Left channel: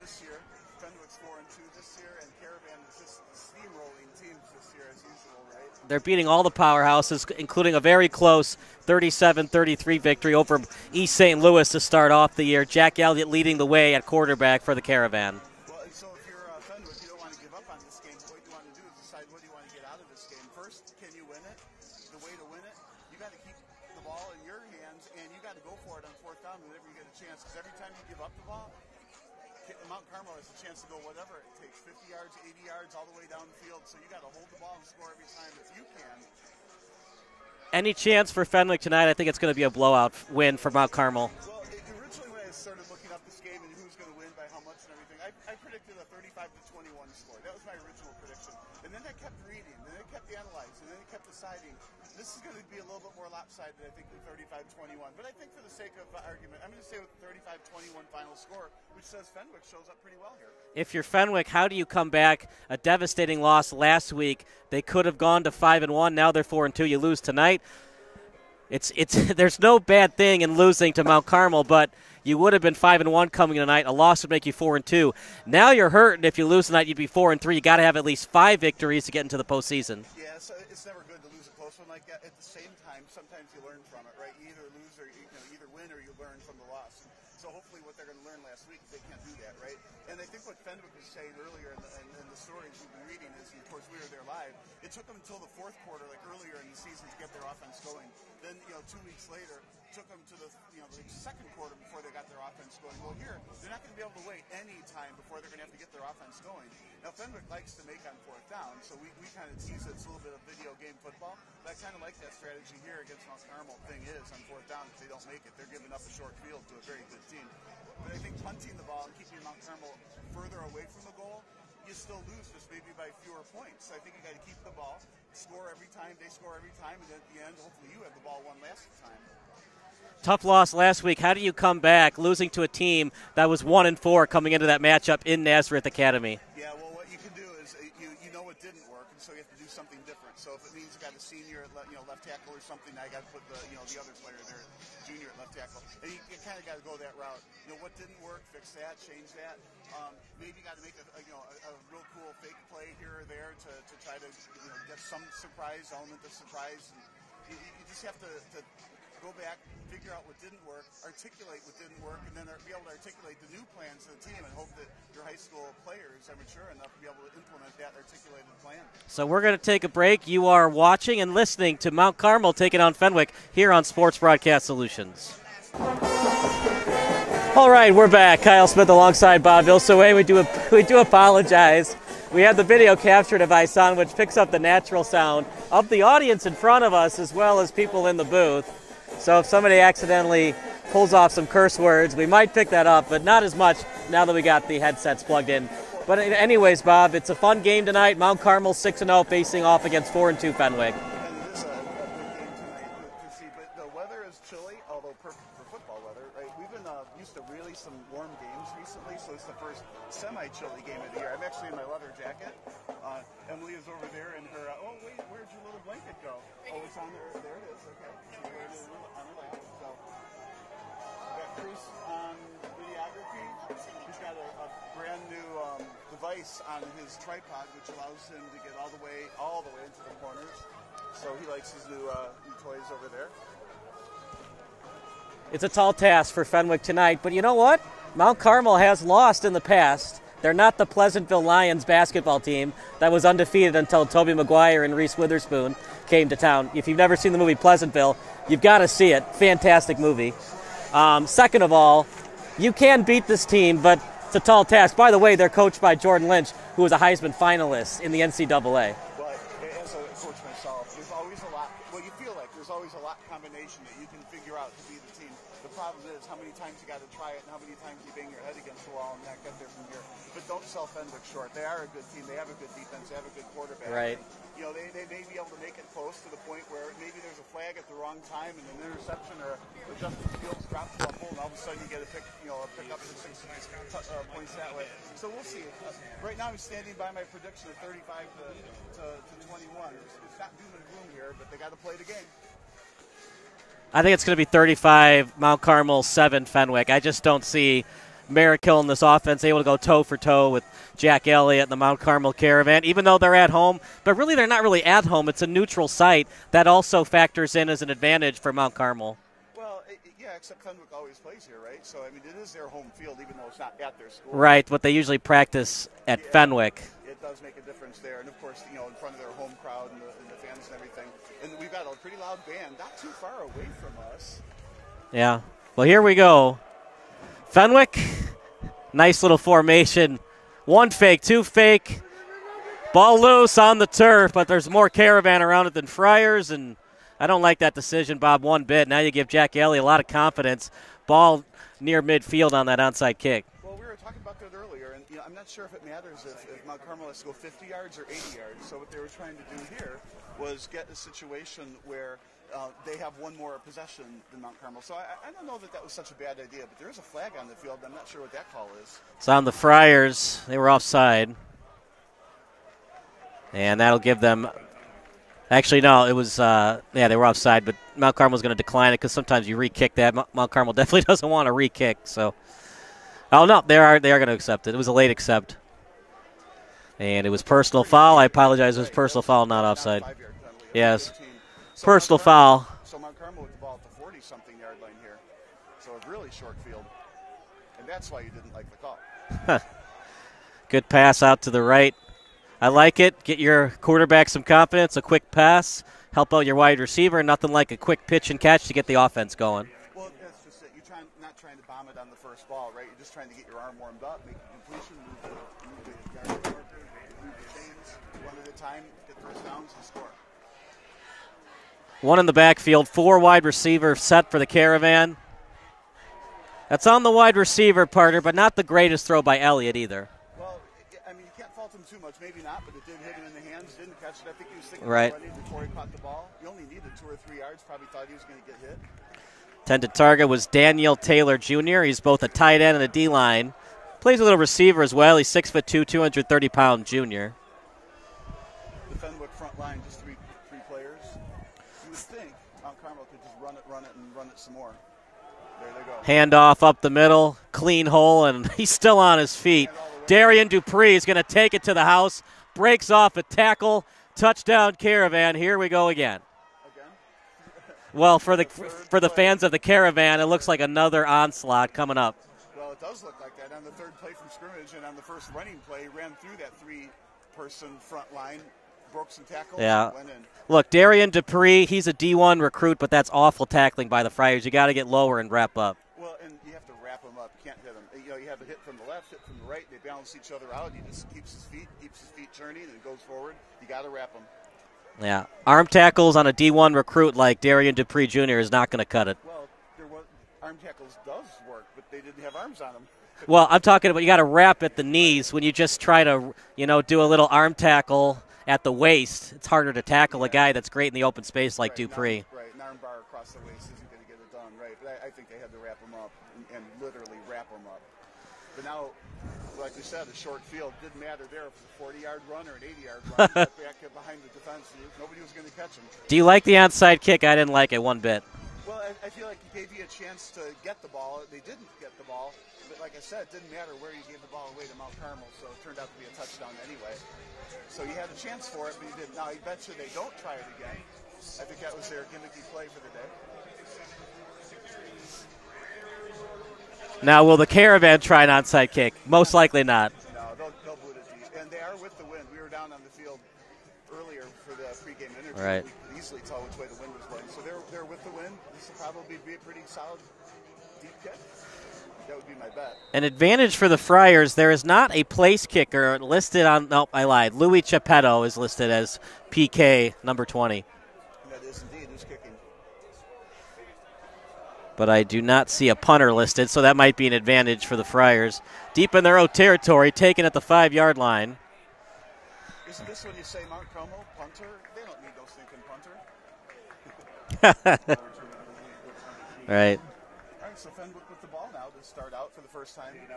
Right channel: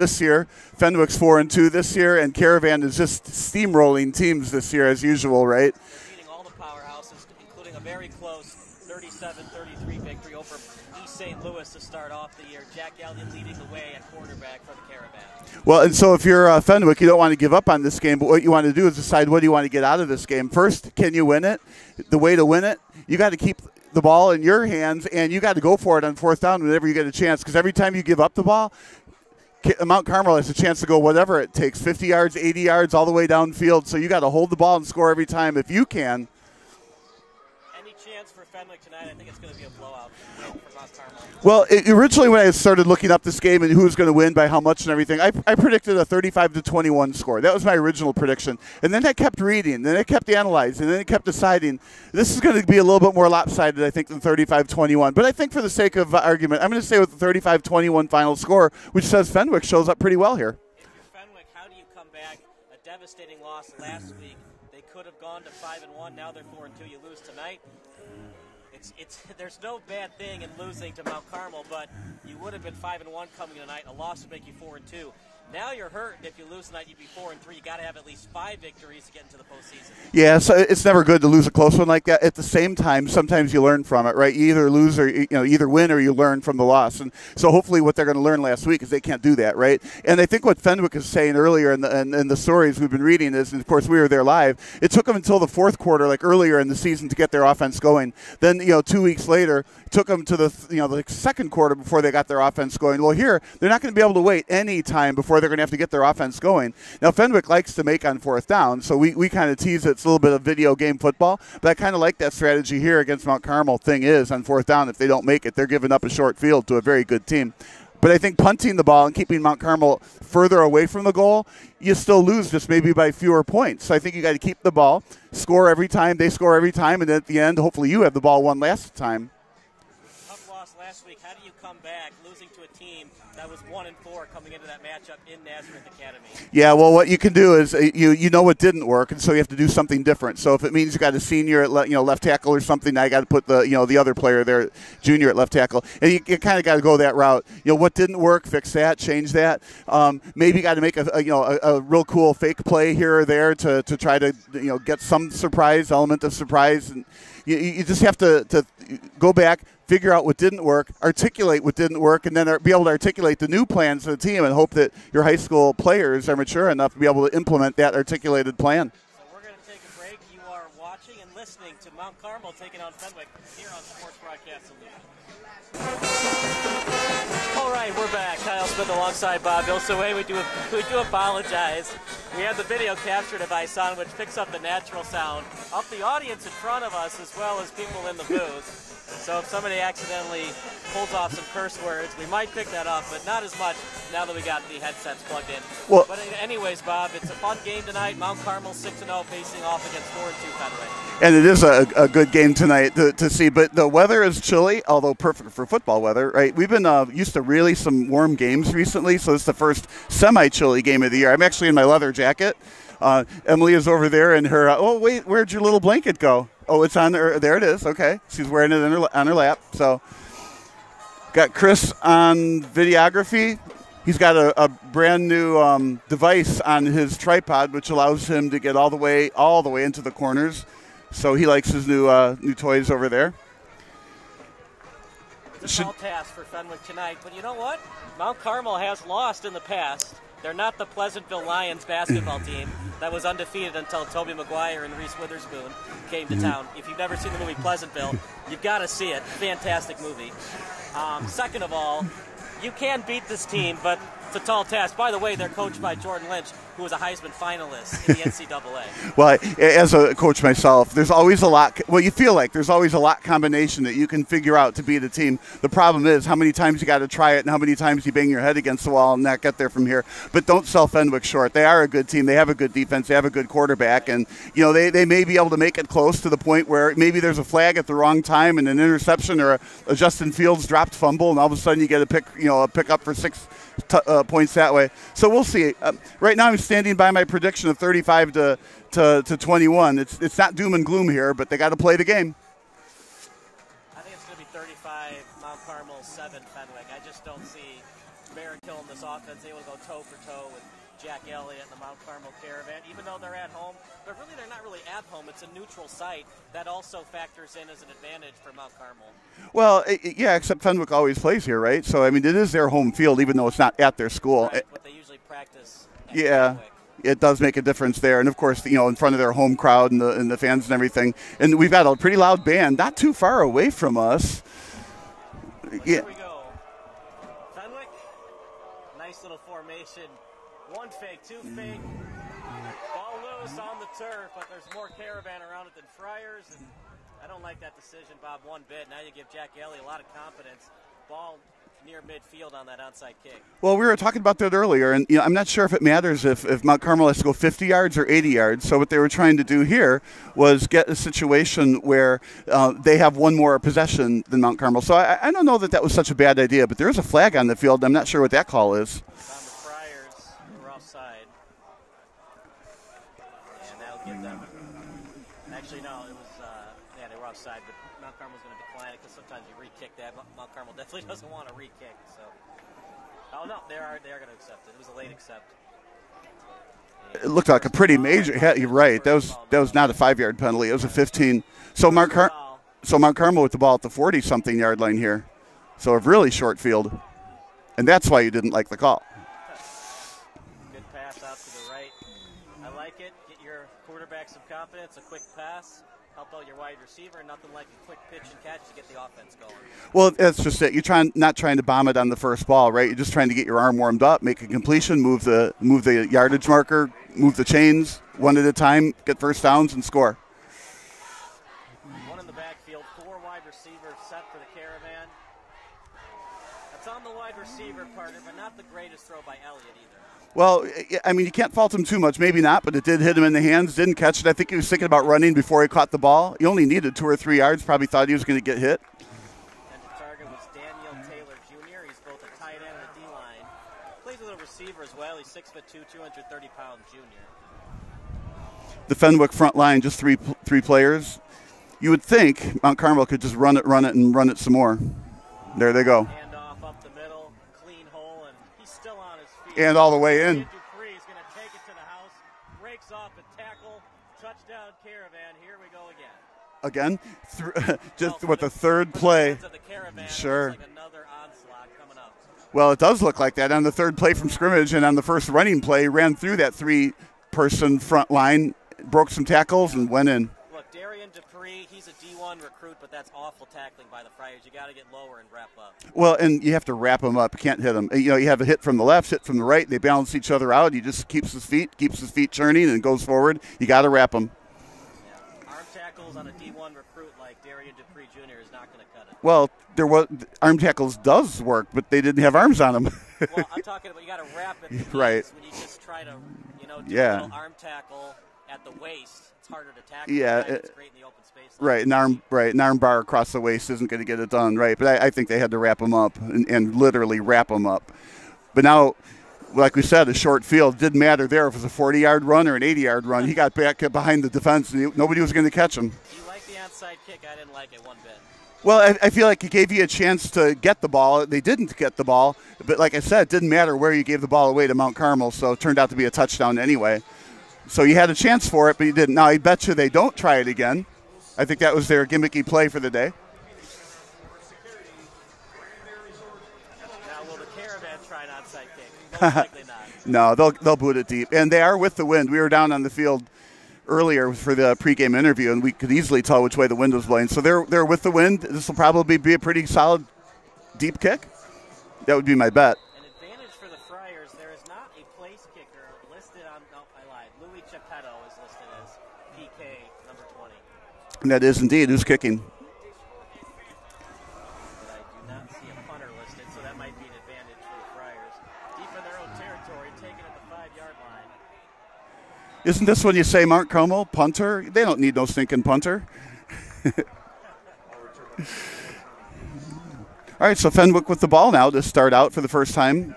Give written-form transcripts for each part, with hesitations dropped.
this year. Fenwick's 4-2 this year, and Caravan is just steamrolling teams this year as usual, right? They're beating all the powerhouses, including a very close 37-33 victory over East St. Louis to start off the year. Jack Elliott leading the way at quarterback for the Caravan. Well, and so if you're Fenwick, you don't want to give up on this game, but what you want to do is decide what do you want to get out of this game. First, can you win it? The way to win it, you got to keep the ball in your hands, and you got to go for it on fourth down whenever you get a chance, because every time you give up the ball, Mount Carmel has a chance to go whatever it takes, 50 yards, 80 yards, all the way downfield. So you got to hold the ball and score every time if you can. Any chance for Fenwick tonight? I think it's going to be a blowout win for Mount Carmel. Well, originally when I started looking up this game and who was going to win by how much and everything, I predicted a 35-21 score. That was my original prediction. And then I kept reading, then I kept analyzing, and then I kept deciding this is going to be a little bit more lopsided, I think, than 35-21. But I think for the sake of argument, I'm going to stay with the 35-21 final score, which says Fenwick shows up pretty well here. If you're Fenwick, how do you come back? A devastating loss last week. They could have gone to 5-1. Now they're 4-2. You lose tonight. It's there's no bad thing in losing to Mount Carmel, but you would have been 5-1 coming tonight. A loss would make you 4-2. Now you're hurting. If you lose tonight, you'd be 4-3. You got to have at least 5 victories to get into the postseason. Yeah, so it's never good to lose a close one like that. At the same time, sometimes you learn from it, right? You either lose or either win or you learn from the loss. And so hopefully, what they're going to learn last week is they can't do that, right? And I think what Fenwick is saying earlier in the stories we've been reading is, and of course we were there live. It took them until the fourth quarter, like earlier in the season, to get their offense going. Then 2 weeks later, took them to the second quarter before they got their offense going. Well, here, they're not going to be able to wait any time before they're going to have to get their offense going. Now, Fenwick likes to make on fourth down, so we kind of tease it's a little bit of video game football, but I kind of like that strategy here against Mount Carmel. Thing is, on fourth down, if they don't make it, they're giving up a short field to a very good team. But I think punting the ball and keeping Mount Carmel further away from the goal, you still lose just maybe by fewer points. So I think you got to keep the ball, score every time, they score every time, and at the end, hopefully you have the ball one last time. Tough loss last week. How do you come back losing to a team that was 1-4 coming into that matchup in Nazareth Academy? Yeah, well, what you can do is you know what didn't work, and so you have to do something different. So if it means you got a senior at left tackle or something, now you got to put the other player there, junior at left tackle, and you kind of got to go that route. What didn't work, fix that, change that. Maybe you got to make a real cool fake play here or there to try to get some element of surprise, and you just have to go back, figure out what didn't work, articulate what didn't work, and then be able to articulate the new plans to the team and hope that your high school players are mature enough to be able to implement that articulated plan. So we're going to take a break. You are watching and listening to Mount Carmel taking on Fenwick here on Sports Broadcast Solutions. All right, we're back. Kyle Smith alongside Bob Vilsaway. We do apologize. We had the video capture device on, which picks up the natural sound of the audience in front of us as well as people in the booth. So if somebody accidentally pulls off some curse words, we might pick that up, but not as much now that we got the headsets plugged in. Well, but anyways, Bob, it's a fun game tonight. Mount Carmel 6-0 facing off against 4-2 Fenwick. And it is a good game tonight to see, but the weather is chilly, although perfect for football weather, right? We've been used to really some warm games recently, so it's the first semi-chilly game of the year. I'm actually in my leather jacket. Emily is over there in her, oh, wait, where'd your little blanket go? Oh, it's on her, there it is, okay. She's wearing it on her lap, so. Got Chris on videography. He's got a brand new device on his tripod, which allows him to get all the way into the corners. So he likes his new toys over there. It's a tall task for Fenwick tonight, but you know what? Mount Carmel has lost in the past. They're not the Pleasantville Lions basketball team that was undefeated until Toby Maguire and Reese Witherspoon came to town. If you've never seen the movie Pleasantville, you've got to see it. Fantastic movie. Second of all, you can beat this team, but it's a tall task. By the way, they're coached by Jordan Lynch, who was a Heisman finalist in the NCAA. Well, as a coach myself, there's always a lot. Well, you feel like there's always a lot combination that you can figure out to beat a team. The problem is how many times you got to try it and how many times you bang your head against the wall and not get there from here. But don't sell Fenwick short. They are a good team. They have a good defense. They have a good quarterback. Right. And, they may be able to make it close to the point where maybe there's a flag at the wrong time and an interception or a Justin Fields dropped fumble, and all of a sudden you get a pick up for 6 points that way. So we'll see. Right now I'm standing by my prediction of 35 to 21. It's not doom and gloom here, but they got to play the game. I think it's going to be 35 Mount Carmel, 7 Fenwick. I just don't see Merrick-Hill in this offense, able to go toe-for-toe with Jack Elliott and the Mount Carmel Caravan, even though they're at home. But really, they're not really at home. It's a neutral site. That also factors in as an advantage for Mount Carmel. Well, yeah, except Fenwick always plays here, right? So, I mean, it is their home field, even though it's not at their school. Right, but they usually practice at Fenwick. It does make a difference there. And, of course, in front of their home crowd and the fans and everything. And we've got a pretty loud band not too far away from us. Yeah. Well, here we go. Fenwick, nice little formation. 1 fake, 2 fake. Ball loose on the turf, but there's more Caravan around it than Friars, and I don't like that decision, Bob, one bit. Now you give Jack Elliott a lot of confidence. Ball near midfield on that onside kick. Well, we were talking about that earlier, and I'm not sure if it matters if Mount Carmel has to go 50 yards or 80 yards. So what they were trying to do here was get a situation where they have one more possession than Mount Carmel. So I don't know that was such a bad idea, but there is a flag on the field. I'm not sure what that call is. It's on the Friars. They were offside. And that'll give them – actually, no, it was they were offside, but Mount Carmel's going to decline it because sometimes you re-kick that. Mount Carmel definitely doesn't want to re-kick. So, oh, no, they are going to accept it. It was a late accept. And it was personal foul. I apologize. Right. It was personal foul, that was not a offside. 5-yard penalty. It was a 15. So personal foul. So Mount Carmel with the ball at the 40-something yard line here. So a really short field. And that's why you didn't like the call. Good pass out to the right. I like it. Get your quarterback some confidence, a quick pass, help out your wide receiver. Nothing like a quick pitch and catch to get the offense going. Well, that's just it. You're not trying to bomb it on the first ball, right? You're just trying to get your arm warmed up, make a completion, move the yardage marker, move the chains one at a time, get first downs, and score. One in the backfield, 4 wide receiver set for the Caravan. That's on the wide receiver, partner, but not the greatest throw by Elliott either. Well, I mean, you can't fault him too much. Maybe not, but it did hit him in the hands, didn't catch it. I think he was thinking about running before he caught the ball. He only needed 2 or 3 yards, probably thought he was going to get hit. Intended target was Daniel Taylor Jr. He's both a tight end and a D-line. Plays a little receiver as well. He's 6'2", 230-pound junior. The Fenwick front line, just three players. You would think Mount Carmel could just run it some more. There they go. Handoff up the middle, clean hole, and he's still on his feet. And all the way Darian in. Dupree is going to take it to the house, breaks off a tackle, touchdown Caravan. Here we go again. Again? Well, for the fans of the Caravan, Sure. It looks like another onslaught coming up. Well, it does look like that on the third play from scrimmage, and on the first running play, ran through that 3-person front line, broke some tackles, and went in. Look, Darian Dupree, he's a D1 recruit, but that's awful tackling by the Friars. You got to get lower and wrap up. Well, and you have to wrap him up. You can't hit him. You have a hit from the left, hit from the right. They balance each other out. He just keeps his feet churning and goes forward. You got to wrap him. Yeah. Arm tackles on a D1 recruit like Darian Dupree Jr. is not going to cut it. Well, arm tackles does work, but they didn't have arms on them. Well, I'm talking about you got to wrap at the knees when you just try to, do a little arm tackle at the waist. It's harder to tackle a guy that's great in the open space like Dupree. An arm bar across the waist isn't going to get it done, right? But I think they had to wrap him up and literally wrap him up. But now, like we said, a short field didn't matter there if it was a 40-yard run or an 80-yard run. He got back behind the defense, and nobody was going to catch him. Do you like the onside kick? I didn't like it one bit. Well, I feel like it gave you a chance to get the ball. They didn't get the ball, but like I said, it didn't matter where you gave the ball away to Mount Carmel, so it turned out to be a touchdown anyway. So you had a chance for it, but you didn't. Now, I bet you they don't try it again. I think that was their gimmicky play for the day. Now, will the Caravan try an onside kick? Most likely not. No, they'll boot it deep. And they are with the wind. We were down on the field earlier for the pregame interview, and we could easily tell which way the wind was blowing. So they're with the wind. This will probably be a pretty solid deep kick. That would be my bet. An advantage for the Friars. There is not a place kicker listed on – nope, I lied. Louis Chepeto is listed as PK number 20. And that is indeed who's kicking. But I do not see a punter listed, so that might be an advantage for the Friars. Deep in their own territory, taken at the 5-yard line. Isn't this when you say Mount Carmel, punter? They don't need no stinking punter. Right. All right, so Fenwick with the ball now to start out for the first time.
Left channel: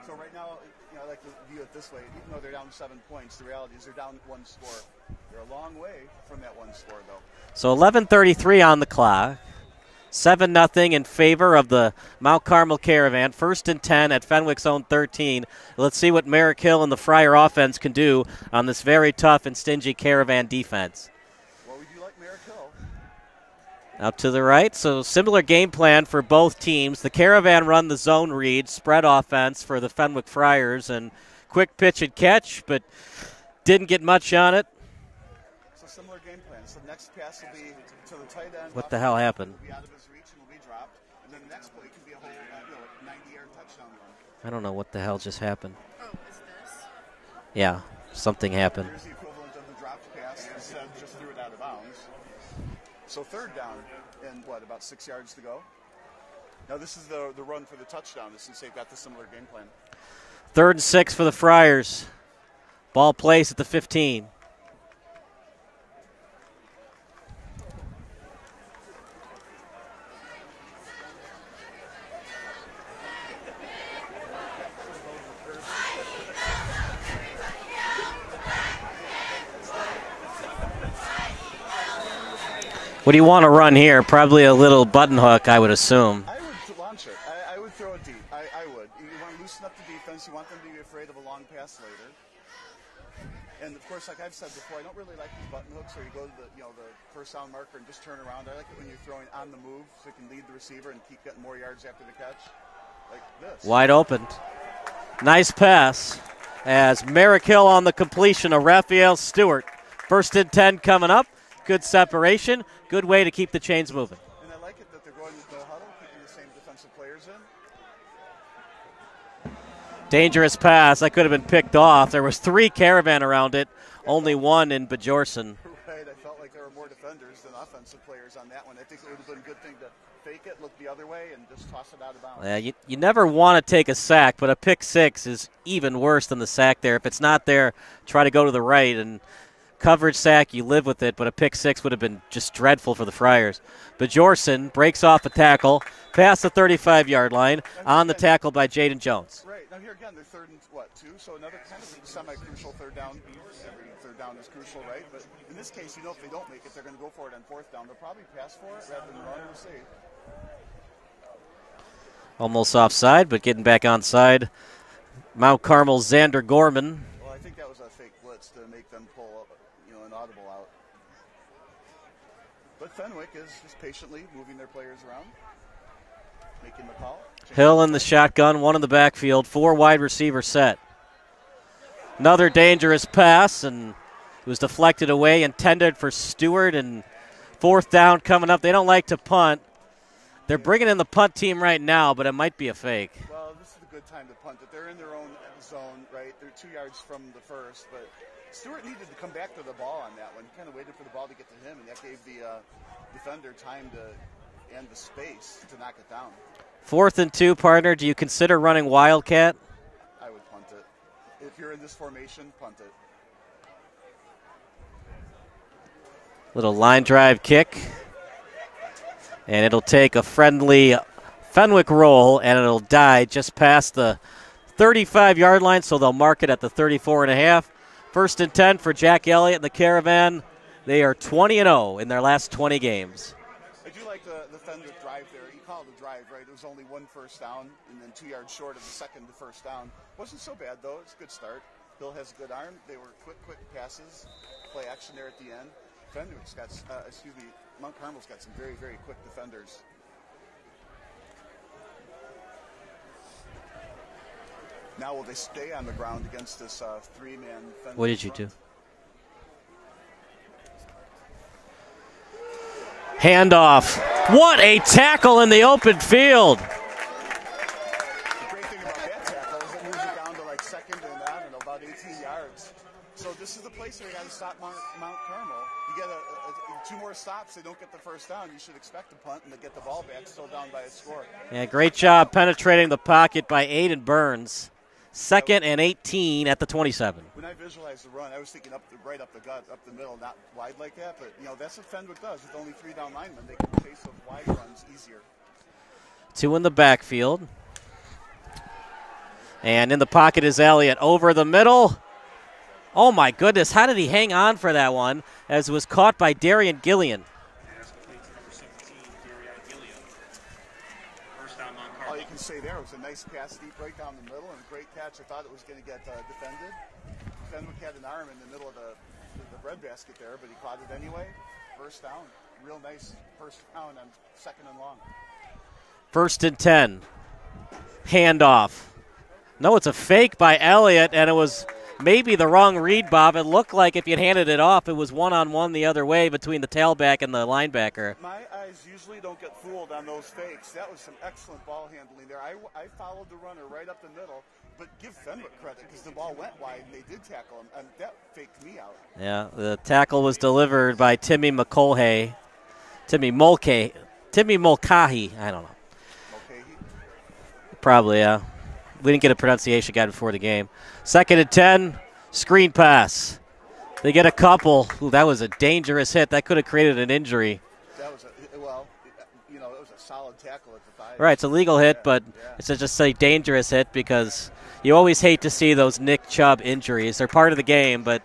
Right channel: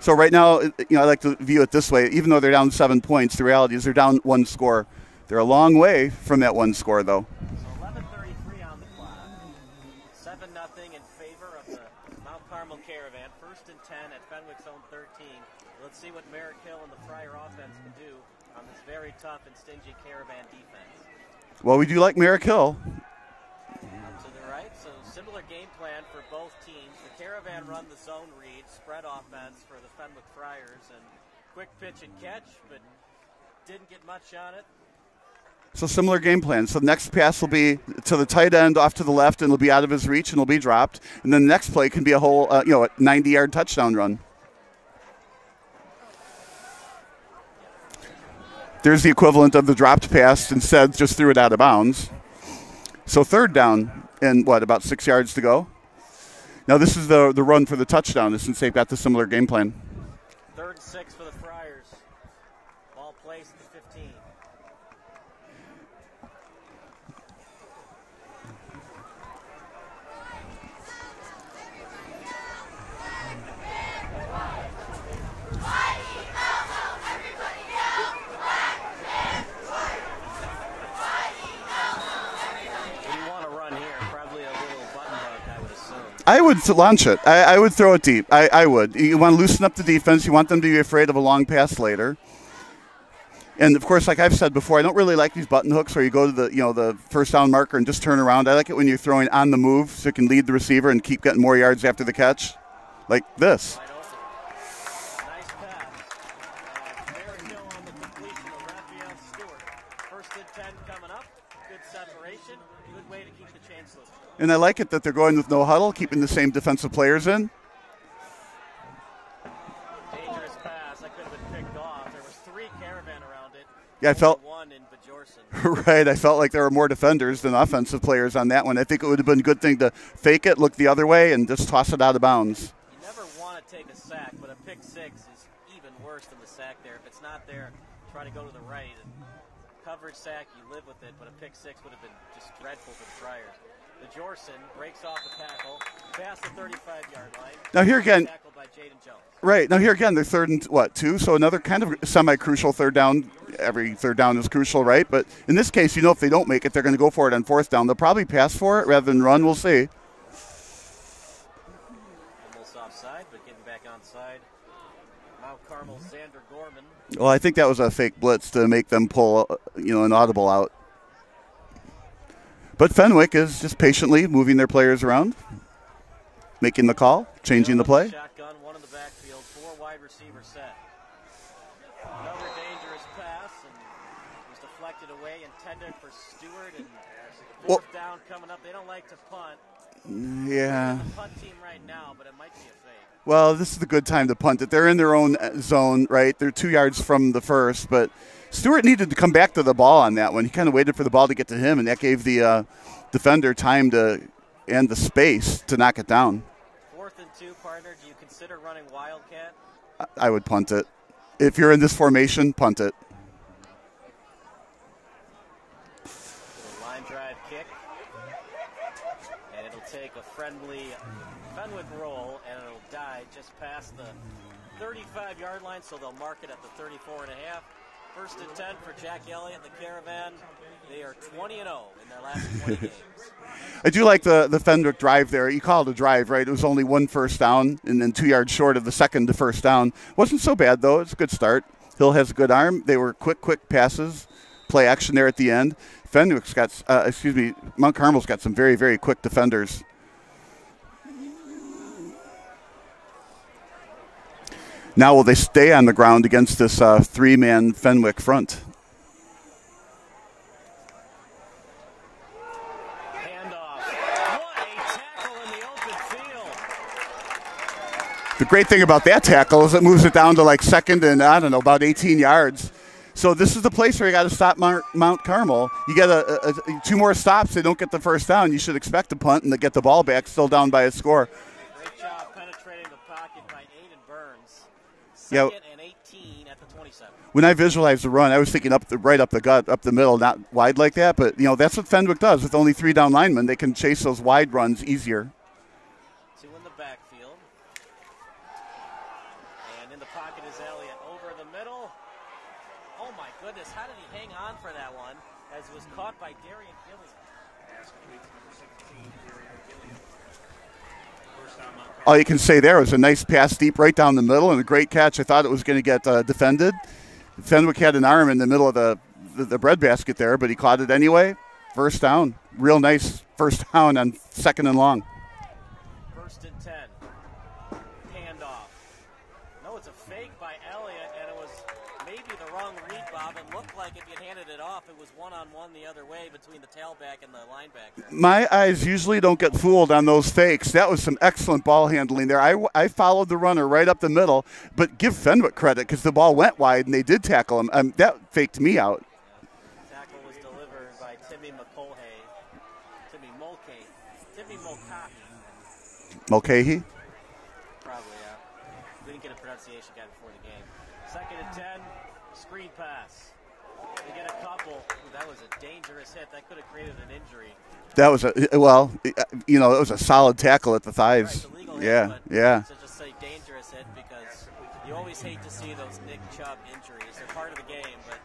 So right now, I like to view it this way. Even though they're down 7 points, the reality is they're down 1 score. They're a long way from that 1 score, though. So 11:33 on the clock. 7-0 in favor of the Mount Carmel Caravan. 1st and 10 at Fenwick's own 13. Let's see what Merrick Hill and the Friar offense can do on this very tough and stingy Caravan defense. Well, we do like Merrick Hill. Out to the right, so similar game plan for both teams. The Caravan run the zone read, spread offense for the Fenwick Friars, and quick pitch and catch, but didn't get much on it. So similar game plan. So the next pass will be to the tight end off to the left, and it'll be out of his reach, and it'll be dropped. And then the next play can be a whole, a 90-yard touchdown run. I don't know what the hell just happened. Yeah, something happened. There's the equivalent of the dropped pass. Instead, just threw it out of bounds. So 3rd down and, about 6 yards to go? Now this is the run for the touchdown since they've got the similar game plan. 3rd and 6 for the Friars. Ball placed at the 15. What do you want to run here? Probably a little button hook, I would assume. I would launch it. I would throw it deep. I would. You want to loosen up the defense. You want them to be afraid of a long pass later. And, of course, like I've said before, I don't really like these button hooks where you go to the first down marker and just turn around. I like it when you're throwing on the move so you can lead the receiver and keep getting more yards after the catch, like this. Wide open. Nice pass as Merrick Hill on the completion of Raphael Stewart. 1st and 10 coming up. Good separation. Good way to keep the chains moving. And I like it that they're going with no huddle, keeping the same defensive players in. Dangerous pass. That could have been picked off. There was 3 Caravan around it. Yeah, only 1 in Bajorson. Right. I felt like there were more defenders than offensive players on that one. I think it would have been a good thing to fake it, look the other way, and just toss it out of bounds. Yeah, you never want to take a sack, but a pick 6 is even worse than the sack there. If it's not there, try to go to the right. And coverage sack, you live with it, but a pick 6 would have been just dreadful for the Friars. Bajorson breaks off a tackle past the 35-yard line on the tackle by Jaden Jones. Right. Now here again, they're 3rd and 2, so another kind of semi-crucial 3rd down. Every 3rd down is crucial, right? But in this case, if they don't make it, they're going to go for it on 4th down. They'll probably pass for it rather than run. We'll see. Almost offside, but getting back onside. Mount Carmel's Xander Gorman. Well, I think that was a fake blitz to make them pull, an audible out. But Fenwick is just patiently moving their players around, making the call, changing Hill the play. in the shotgun, 1 in the backfield, 4 wide receiver set. Another dangerous pass, and it was deflected away, intended for Stewart, and 4th down coming up. They don't like to punt. They're bringing in the punt team right now, but it might be a fake. Well, this is the good time to punt it. They're in their own zone, right? They're 2 yards from the first, but Stewart needed to come back to the ball on that one. He kind of waited for the ball to get to him, and that gave the defender time and the space to knock it down. 4th and 2, partner. Do you consider running Wildcat? I would punt it. If you're in this formation, punt it. Little line drive kick. And it'll take a friendly Fenwick roll, and it'll die just past the 35-yard line, so they'll mark it at the 34.5. 1st and 10 for Jack Elliott and the Caravan. They are 20-0 in their last 20 games. I do like the Fenwick drive there. You call it a drive, right? It was only 1 first down and then 2 yards short of the second to first down. Wasn't so bad, though. It's a good start. Hill has a good arm. They were quick passes, play action there at the end. Fenwick's got, Mount Carmel's got some very, very quick defenders. Now will they stay on the ground against this 3-man Fenwick front? Handoff. What a tackle in the open field. The great thing about that tackle is it moves it down to like 2nd and, about 18 yards. So this is the place where you got to stop Mount Carmel. You get 2 more stops, they don't get the first down. You should expect a punt and to get the ball back, still down by a score. Yeah, great job penetrating the pocket by Aiden Burns. 2nd and 18 at the 27. When I visualized the run, I was thinking right up the gut, up the middle, not wide like that. But, that's what Fenwick does. With only 3 down linemen, they can chase those wide runs easier. 2 in the backfield. And in the pocket is Elliott over the middle. Oh, my goodness. How did he hang on for that one as it was caught by Darian Gillian? all you can say there was a nice pass deep right down the middle and a great catch. I thought it was going to get defended. Fenwick had an arm in the middle of the breadbasket there, but he caught it anyway. First down. Real nice first down on 2nd and long. 1st and 10. Handoff. No, it's a fake by Elliott, and it was maybe the wrong read, Bob. It looked like if you'd handed it off, it was one-on-one the other way between the tailback and the linebacker. My eyes usually don't get fooled on those fakes. That was some excellent ball handling there. I followed the runner right up the middle, but give Fenwick credit because the ball went wide and they did tackle him. That faked me out. Yeah, the tackle was delivered by Timmy Mulcahy. Timmy Mulcahy. I don't know. Mulcahy? Probably, yeah. We didn't get a pronunciation guide before the game. 2nd and 10, screen pass. They get a couple. Ooh, that was a dangerous hit. That could have created an injury. That was it was a solid tackle at the thighs. Right, it's a legal hit, but yeah. It's just a dangerous hit because you always hate to see those Nick Chubb injuries. They're part of the game, but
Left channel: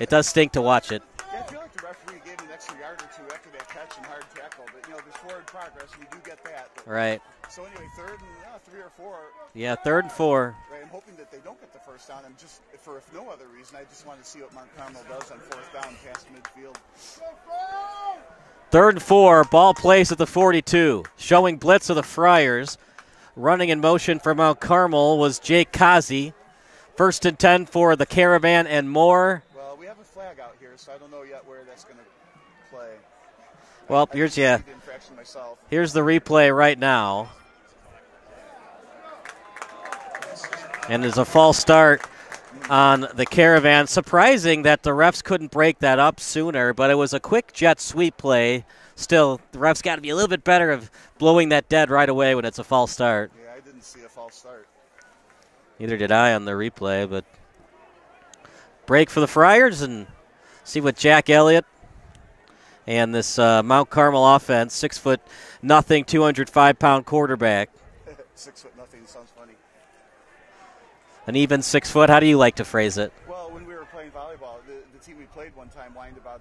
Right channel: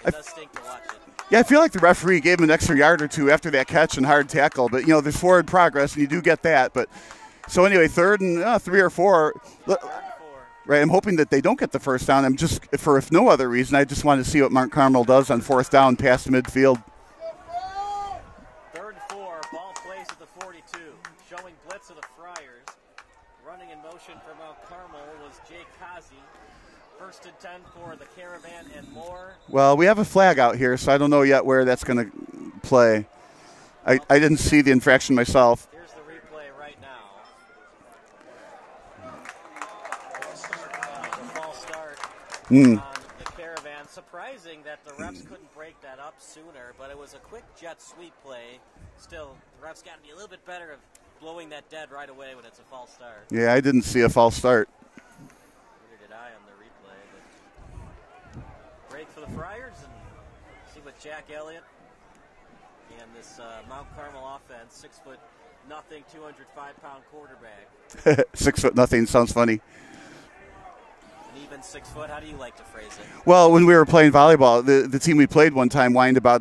it does stink to watch it. Yeah, I feel like the referee gave him an extra yard or two after that catch and hard tackle, but, there's forward progress, and you do get that. But right. So anyway, 3rd and 3 or 4. Yeah, 3rd and 4. Right, I'm hoping that they don't get the first down. I'm just, if no other reason, I just want to see what Mount Carmel does on 4th down past midfield. 3rd and 4, ball placed at the 42. Showing blitz of the Friars. Running in motion for Mount Carmel was Jake Kazi. 1st and 10 for the Caravan and more. Well, we have a flag out here, so I don't know yet where that's going to play. Well, I didn't see the infraction myself. Here's the replay right now. And there's a false start on the Caravan. Surprising that the refs couldn't break that up sooner, but it was a quick jet sweep play. Still, the refs got to be a little bit better of blowing that dead right away when it's a false start. Yeah, I didn't see a false start. Neither did I on the replay, but break for the Friars and see what Jack Elliott and this Mount Carmel offense, 6'0", 205-pound quarterback. 6'0" sounds funny. An even 6 foot. How do you like to phrase it? Well, when we were playing volleyball, the team we played one time whined about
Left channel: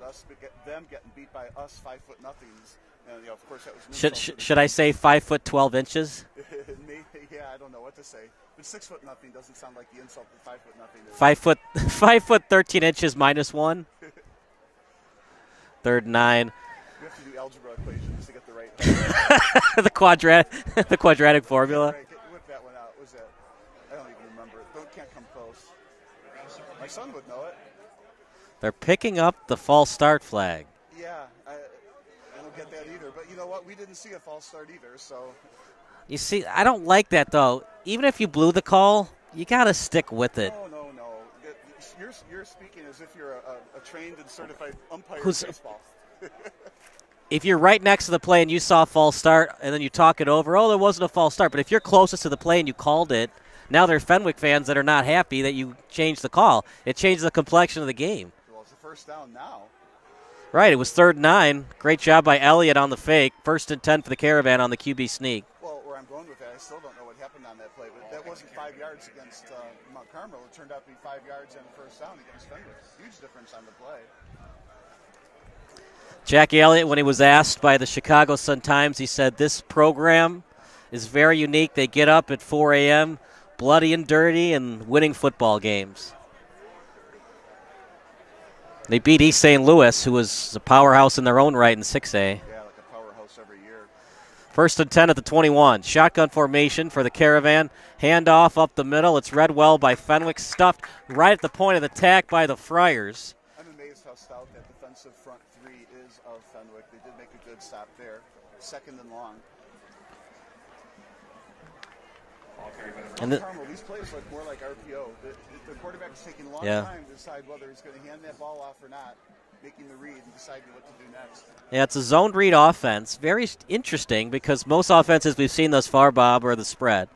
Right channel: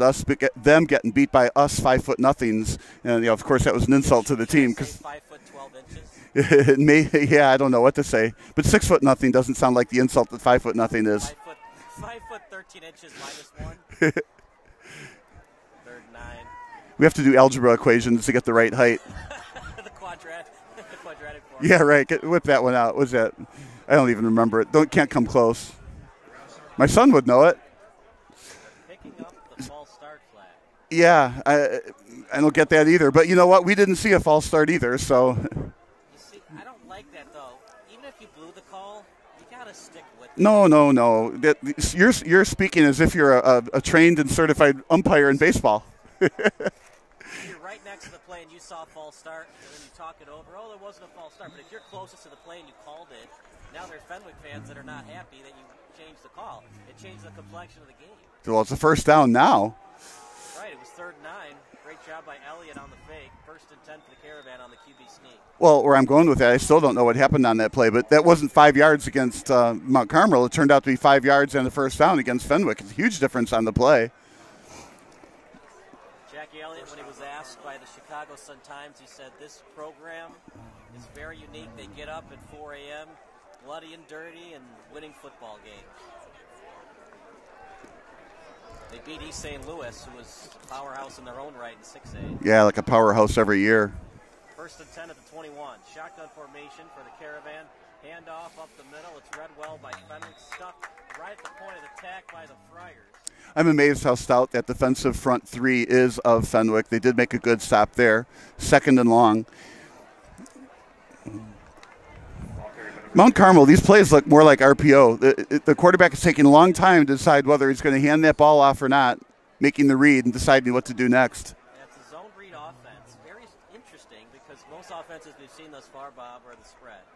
them getting beat by us 5'0". And of course, that was an insult to the team. Should I say 5 foot 12 inches? Yeah, I don't know what to say. But 6'0" doesn't sound like the insult that 5'0" is. 5 foot 13 inches -1. 3rd and 9. We have to do algebra equations to get the right height. the quadratic formula. Yeah, right. Whip that one out. What's that? I don't even remember it. Can't come close. My son would know it. They're picking up the false start flag. Yeah, I don't get that either. But you know what? We didn't see a false start either. So. You see, I don't like that though. Even if you blew the call, you got to stick with it. No. You're speaking as if you're a trained and certified umpire in baseball. If you're right next to the play and you saw a false start and then you talk it over, there wasn't a false start. But if you're closest to the play and you called it, now there are Fenwick fans that are not happy that you changed the call. It changed the complexion of the game. Well, it's a first down now. Right, it was 3rd and 9. Great job by Elliott on the fake. 1st and 10 for the Caravan on the QB sneak. Well, where I'm going with that, I still don't know what happened on that play, but that wasn't 5 yards against Mount Carmel. It turned out to be 5 yards and a first down against Fenwick. It's a huge difference on the play. Jackie Elliott, when he was asked by the Chicago Sun-Times, he said this program is very unique. They get up at 4 a.m., bloody and dirty, and winning football games. They beat East St. Louis, who was a powerhouse in their own right in 6A. Yeah, like a powerhouse every year. 1st and 10 at the 21. Shotgun formation for the Caravan. Handoff up the middle. It's read well by Fenwick. Stuffed right at the point of attack by the Friars. I'm amazed how stout that defensive front three is of Fenwick. They did make a good stop there. 2nd and long. Mount Carmel, these plays look more like RPO. The quarterback is taking a long time to decide whether he's going to hand that ball off or not, making the read and deciding what to do next. Yeah, it's a zoned read offense. Very interesting because most offenses we've seen thus far, Bob, are the spread.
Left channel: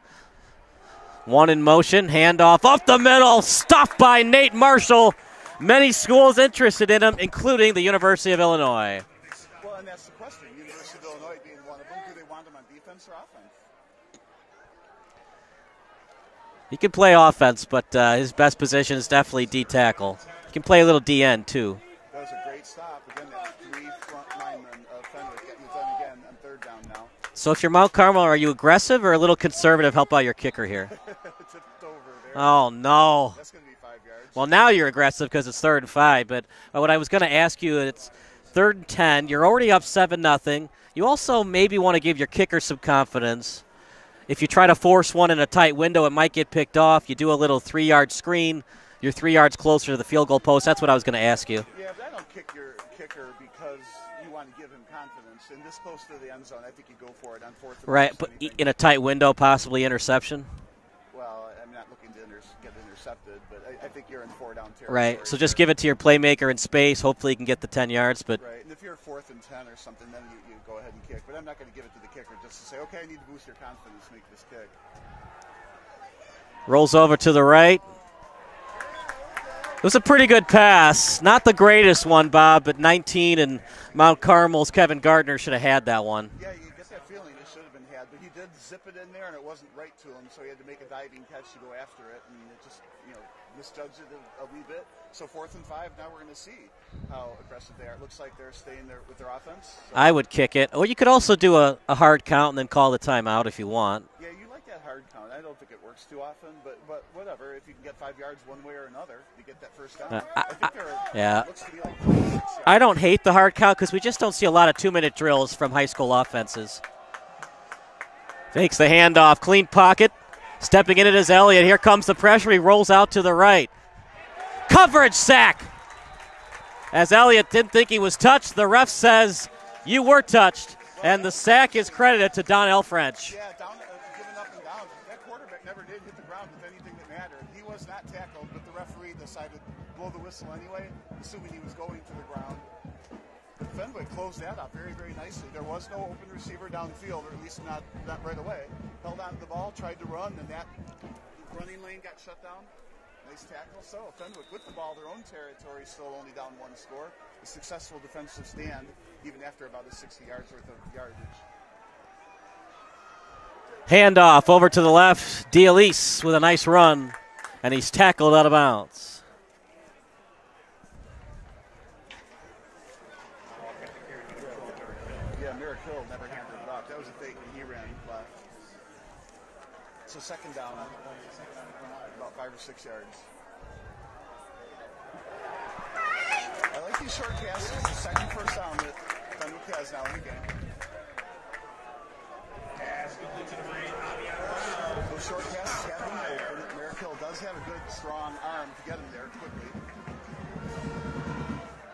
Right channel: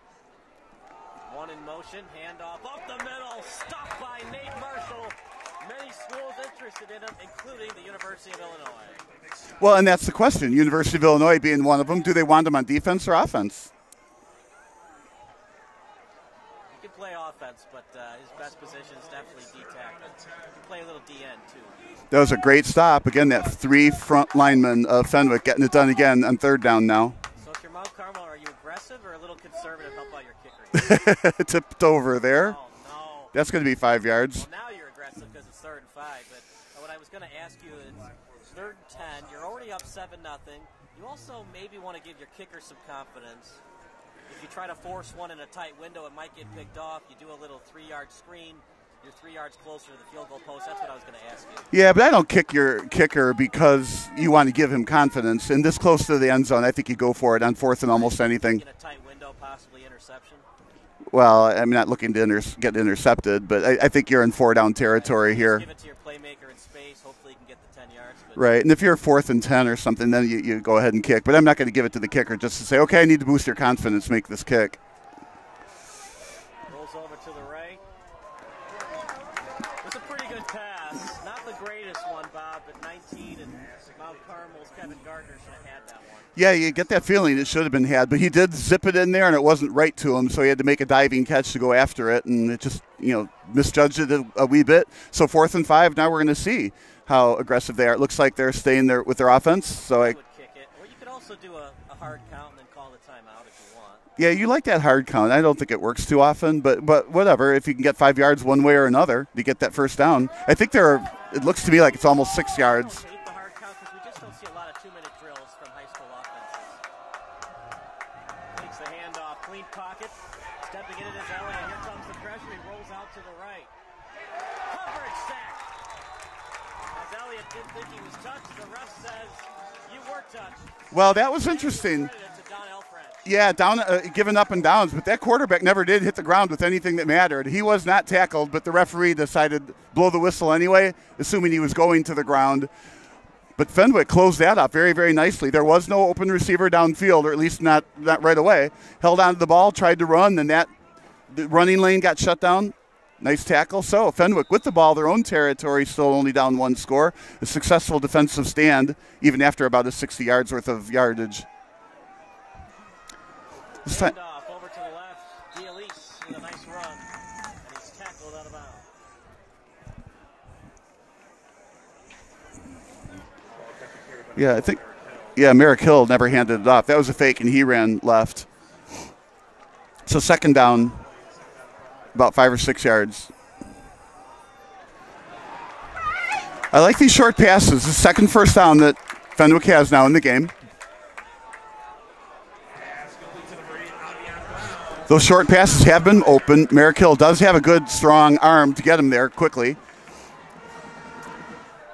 One in motion, handoff up the middle, stopped by Nate Marshall. Many schools interested in him, including the University of Illinois. Well, and that's the question. University of Illinois being one of them. Do they want him on defense or offense? He can play offense, but his best position is definitely D tackle. He can play a little DN too. That was a great stop. Again, that 3 front linemen of Fenwick getting it done again on 3rd down now. So if you're Mount Carmel, are you aggressive or a little conservative? Help out your kicker here. Tipped over there. Oh, no. That's going to be 5 yards. Well, now you're aggressive because it's 3rd and 5. But what I was going to ask you, it's 3rd and 10. You're already up 7-0. You also maybe want to give your kicker some confidence. If you try to force one in a tight window, it might get picked off. You do a little 3-yard screen. You're 3 yards closer to the field goal post. That's what I was going to ask you. Yeah, but I don't kick your kicker because you want to give him confidence. And this close to the end zone, I think you go for it on 4th and almost anything. In a tight window, possibly interception? Well, I'm not looking to get intercepted, but I think you're in 4-down territory so here. Just give it to your playmaker in space. Hopefully you can get the 10 yards. But right, and if you're 4th and 10 or something, then you go ahead and kick. But I'm not going to give it to the kicker just to say, okay, I need to boost your confidence, make this kick. Rolls over to the right. It was a pretty good pass. Not the greatest one, Bob, but 19 and Mount Carmel's Kevin Gardner should have had that one. Yeah, you get that feeling it should have been had, but he did zip it in there, and it wasn't right to him, so he had to make a diving catch to go after it, and it just, misjudged it a wee bit. So 4th and 5, now we're going to see how aggressive they are. It looks like they're staying there with their offense. So I would kick it. Or you could also do a hard count and then call the timeout if you want. Yeah, you like that hard count. I don't think it works too often, but whatever. If you can get 5 yards one way or another to get that first down. I think it looks to me like it's almost 6 yards. I don't hate the hard count because we just don't see a lot of 2-minute drills from high school offenses. Fakes the handoff. Clean pocket. Stepping in it is Elliott. Here comes the pressure. He rolls out to the right. Coverage sack. As Elliott didn't think he was touched, the ref says you were touched. Well, and that the was sack is interesting. credited to Donnell French. Yeah, giving up and downs, but that quarterback never did hit the ground with anything that mattered. He was not tackled, but the referee decided to blow the whistle anyway, assuming he was going to the ground. But Fenwick closed that up very, very nicely. There was no open receiver downfield, or at least not right away. Held on to the ball, tried to run, and the running lane got shut down. Nice tackle. So Fenwick with the ball, their own territory, still only down 1 score. A successful defensive stand, even after about a 60 yards worth of yardage. Handoff over to the left. D'Elise with a nice run, and he's tackled out of bounds. Yeah, I think, Merrick Hill never handed it off. That was a fake, and he ran left. So 2nd down. About 5 or 6 yards. I like these short passes. The second first down that Fenwick has now in the game. Those short passes have been open. Merrick Hill does have a good, strong arm to get him there quickly.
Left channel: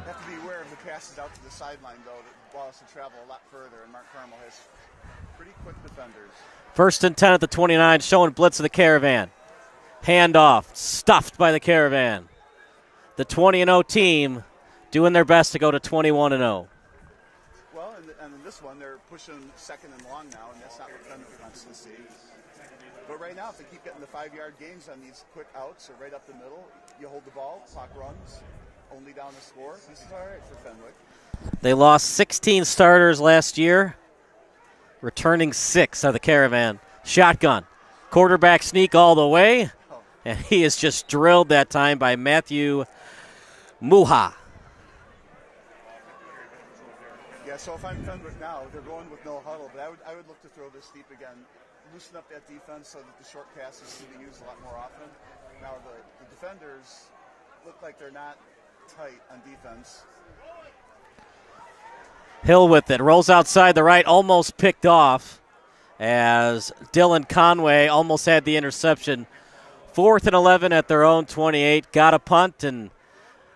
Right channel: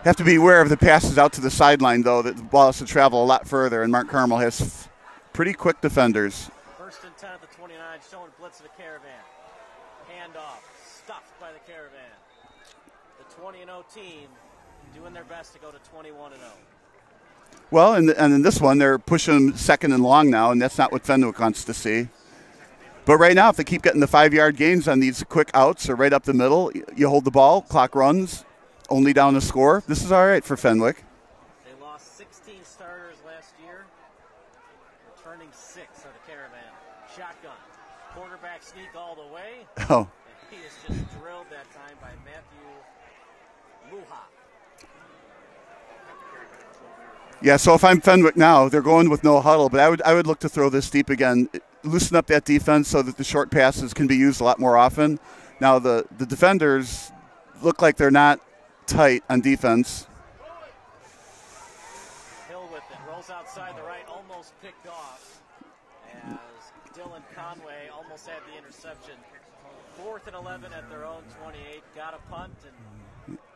Have to be aware of the passes out to the sideline, though, that the ball has to travel a lot further, and Mount Carmel has pretty quick defenders. 1st and 10 at the 29, showing blitz of the Caravan. Handoff, stuffed by the Caravan. The 20-0 team doing their best to go to 21-0. Well, and in this one, they're pushing 2nd and long now, and that's not what Fenwick wants to see. But right now, if they keep getting the 5-yard gains on these quick outs or right up the middle, you hold the ball, clock runs, only down a score. This is all right for Fenwick. They lost 16 starters last year, returning 6 of the Caravan. Shotgun. Quarterback sneak all the way. Oh. And he is just drilled that time by Matthew Muha. Yeah, so if I'm Fenwick now, they're going with no huddle, but I would look to throw this deep again, loosen up that defense so that the short passes can be used a lot more often. Now the defenders look like they're not tight on defense. Hill with it. Rolls outside the right, almost picked off as Dylan Conway almost had the interception. 4th and 11 at their own 28. Got a punt, and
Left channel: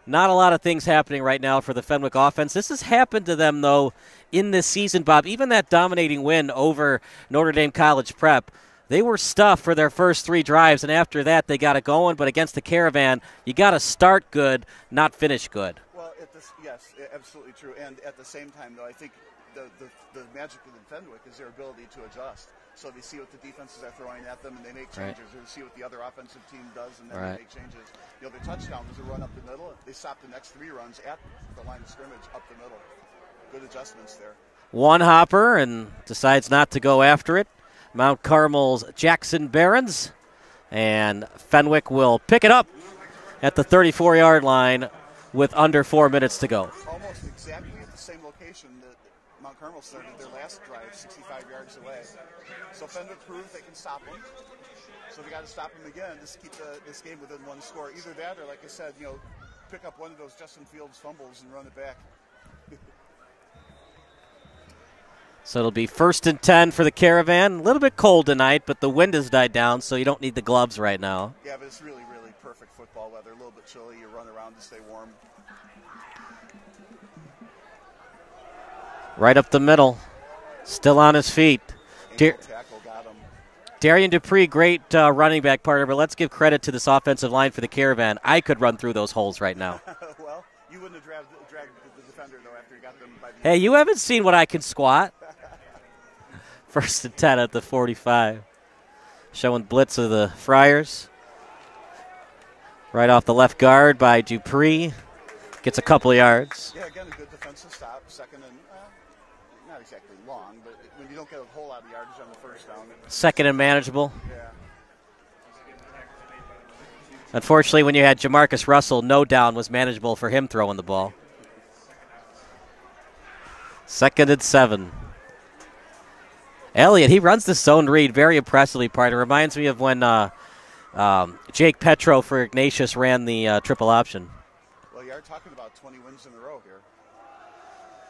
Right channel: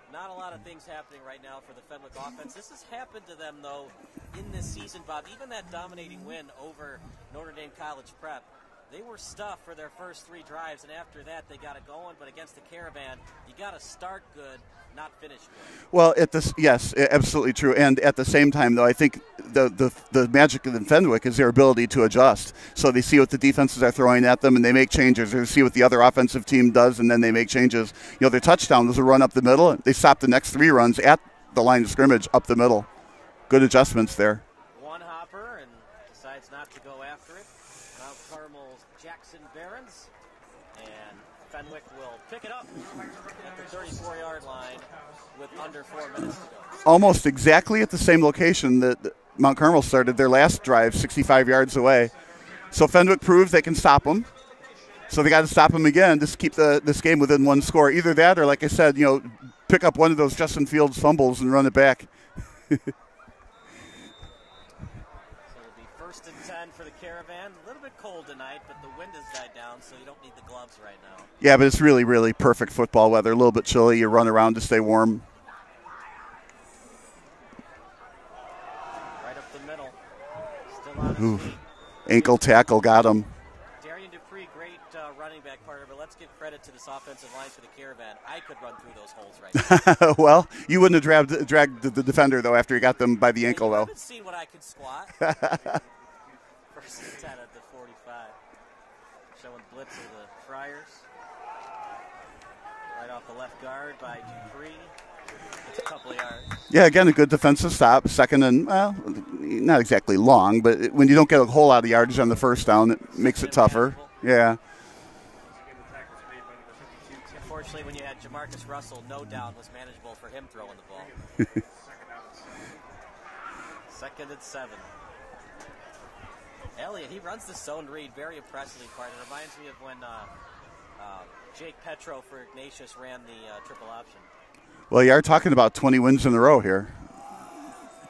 not a lot of things happening right now for the Fenwick offense. This has happened to them, though, in this season, Bob. Even that dominating win over Notre Dame College Prep, they were stuffed for their first 3 drives, and after that they got it going. But against the Caravan, you got to start good, not finish good. Well, yes, absolutely true. And at the same time, though, I think the magic of Fenwick is their ability to adjust. So they see what the defenses are throwing at them, and they make changes. They see what the other offensive team does, and then they make changes. Their touchdown was a run up the middle. They stopped the next 3 runs at the line of scrimmage up the middle. Good adjustments there. One hopper and decides not to go after it. Mount Carmel's Jackson Barons, and Fenwick will pick it up at the 34-yard line with under 4 minutes to go. Almost exactly at the same location that Mount Carmel started their last drive, 65 yards away. So Fenwick proves they can stop them. So they got to stop them again just to keep this game within one score. Either that or, like I said, pick up one of those Justin Fields fumbles and run it back. So it'll be 1st and 10 for the Caravan. A little bit cold tonight, but the wind has died down, so you don't need the gloves right now. Yeah, but it's really, really perfect football weather. A little bit chilly. You run around to stay warm. Right up the middle. Still on his feet. Ankle tackle got him. Darian Dupree, great running back partner, but let's give credit to this offensive line for the Caravan. I could run through those holes right now. Well, you wouldn't have dragged the defender, though, after you got them by the ankle. Hey, you haven't seen what I can squat. 1st and 10 at the 45. Showing blitz of the Friars. Right off the left guard by Dupree. Gets a couple of yards. Yeah, again, a good defensive stop. 2nd and, well, not exactly long, but when you don't get a whole lot of yardage on the first down, it 2nd makes it and tougher. manageable. Yeah. Unfortunately, when you had Jamarcus Russell, no down was manageable for him throwing the ball. 2nd and 7. Elliott, he runs the zone read very impressively, partner. Reminds me of when Jake Petro for Ignatius ran the triple option. Well, you are talking about 20 wins in a row here.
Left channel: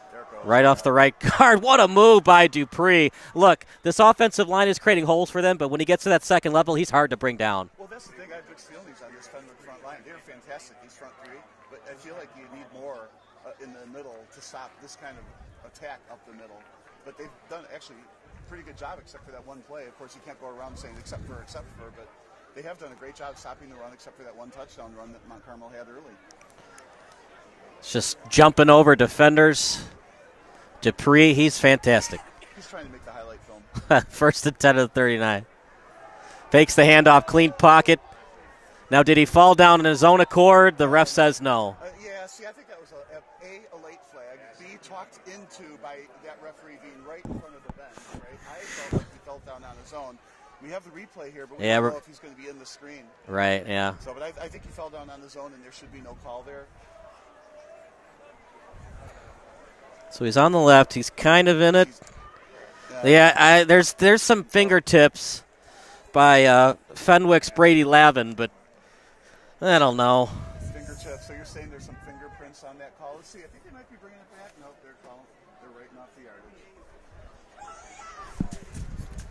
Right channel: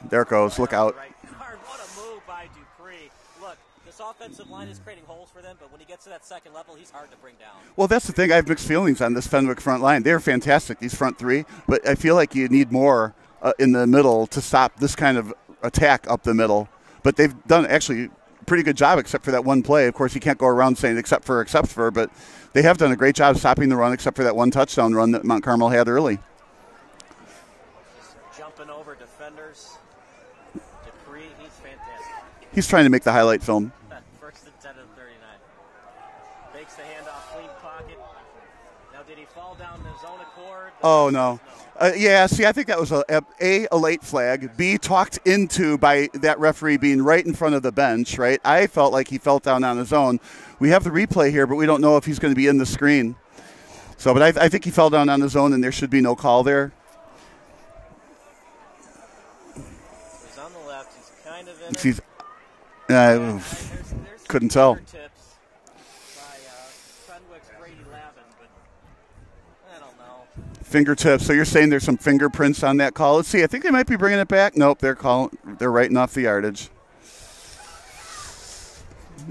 There it goes. Right off the right guard. What a move by Dupree. Look, this offensive line is creating holes for them, but when he gets to that second level, he's hard to bring down. Well, that's the thing. I have mixed feelings on this Fenwick front line. They're fantastic, these front three, but I feel like you need more in the middle to stop this kind of attack up the middle. But they've done actually a pretty good job except for that one play. Of course, you can't go around saying except for, but they have done a great job stopping the run except for that one touchdown run that Mount Carmel had early. It's just jumping over defenders. Dupree, he's fantastic. He's trying to make the highlight film. 1st and 10 of the 39. Fakes the handoff, clean pocket. Now, did he fall down in his own accord? The ref says no. Yeah, see, I think that was a late flag. B, talked into by that referee being right in front of the bench, right? I felt like he fell down on his own. We have the replay here, but we don't know if he's going to be in the screen. Right, yeah. So, but I think he fell down on his own, and there should be no call there. So he's on the left. He's kind of in it. There's some fingertips by Fenwick's Brady Lavin, but I don't know. Fingertips. So you're saying there's some fingerprints on that call? Let's see. I think they might be bringing it back. Nope, they're writing off the yardage.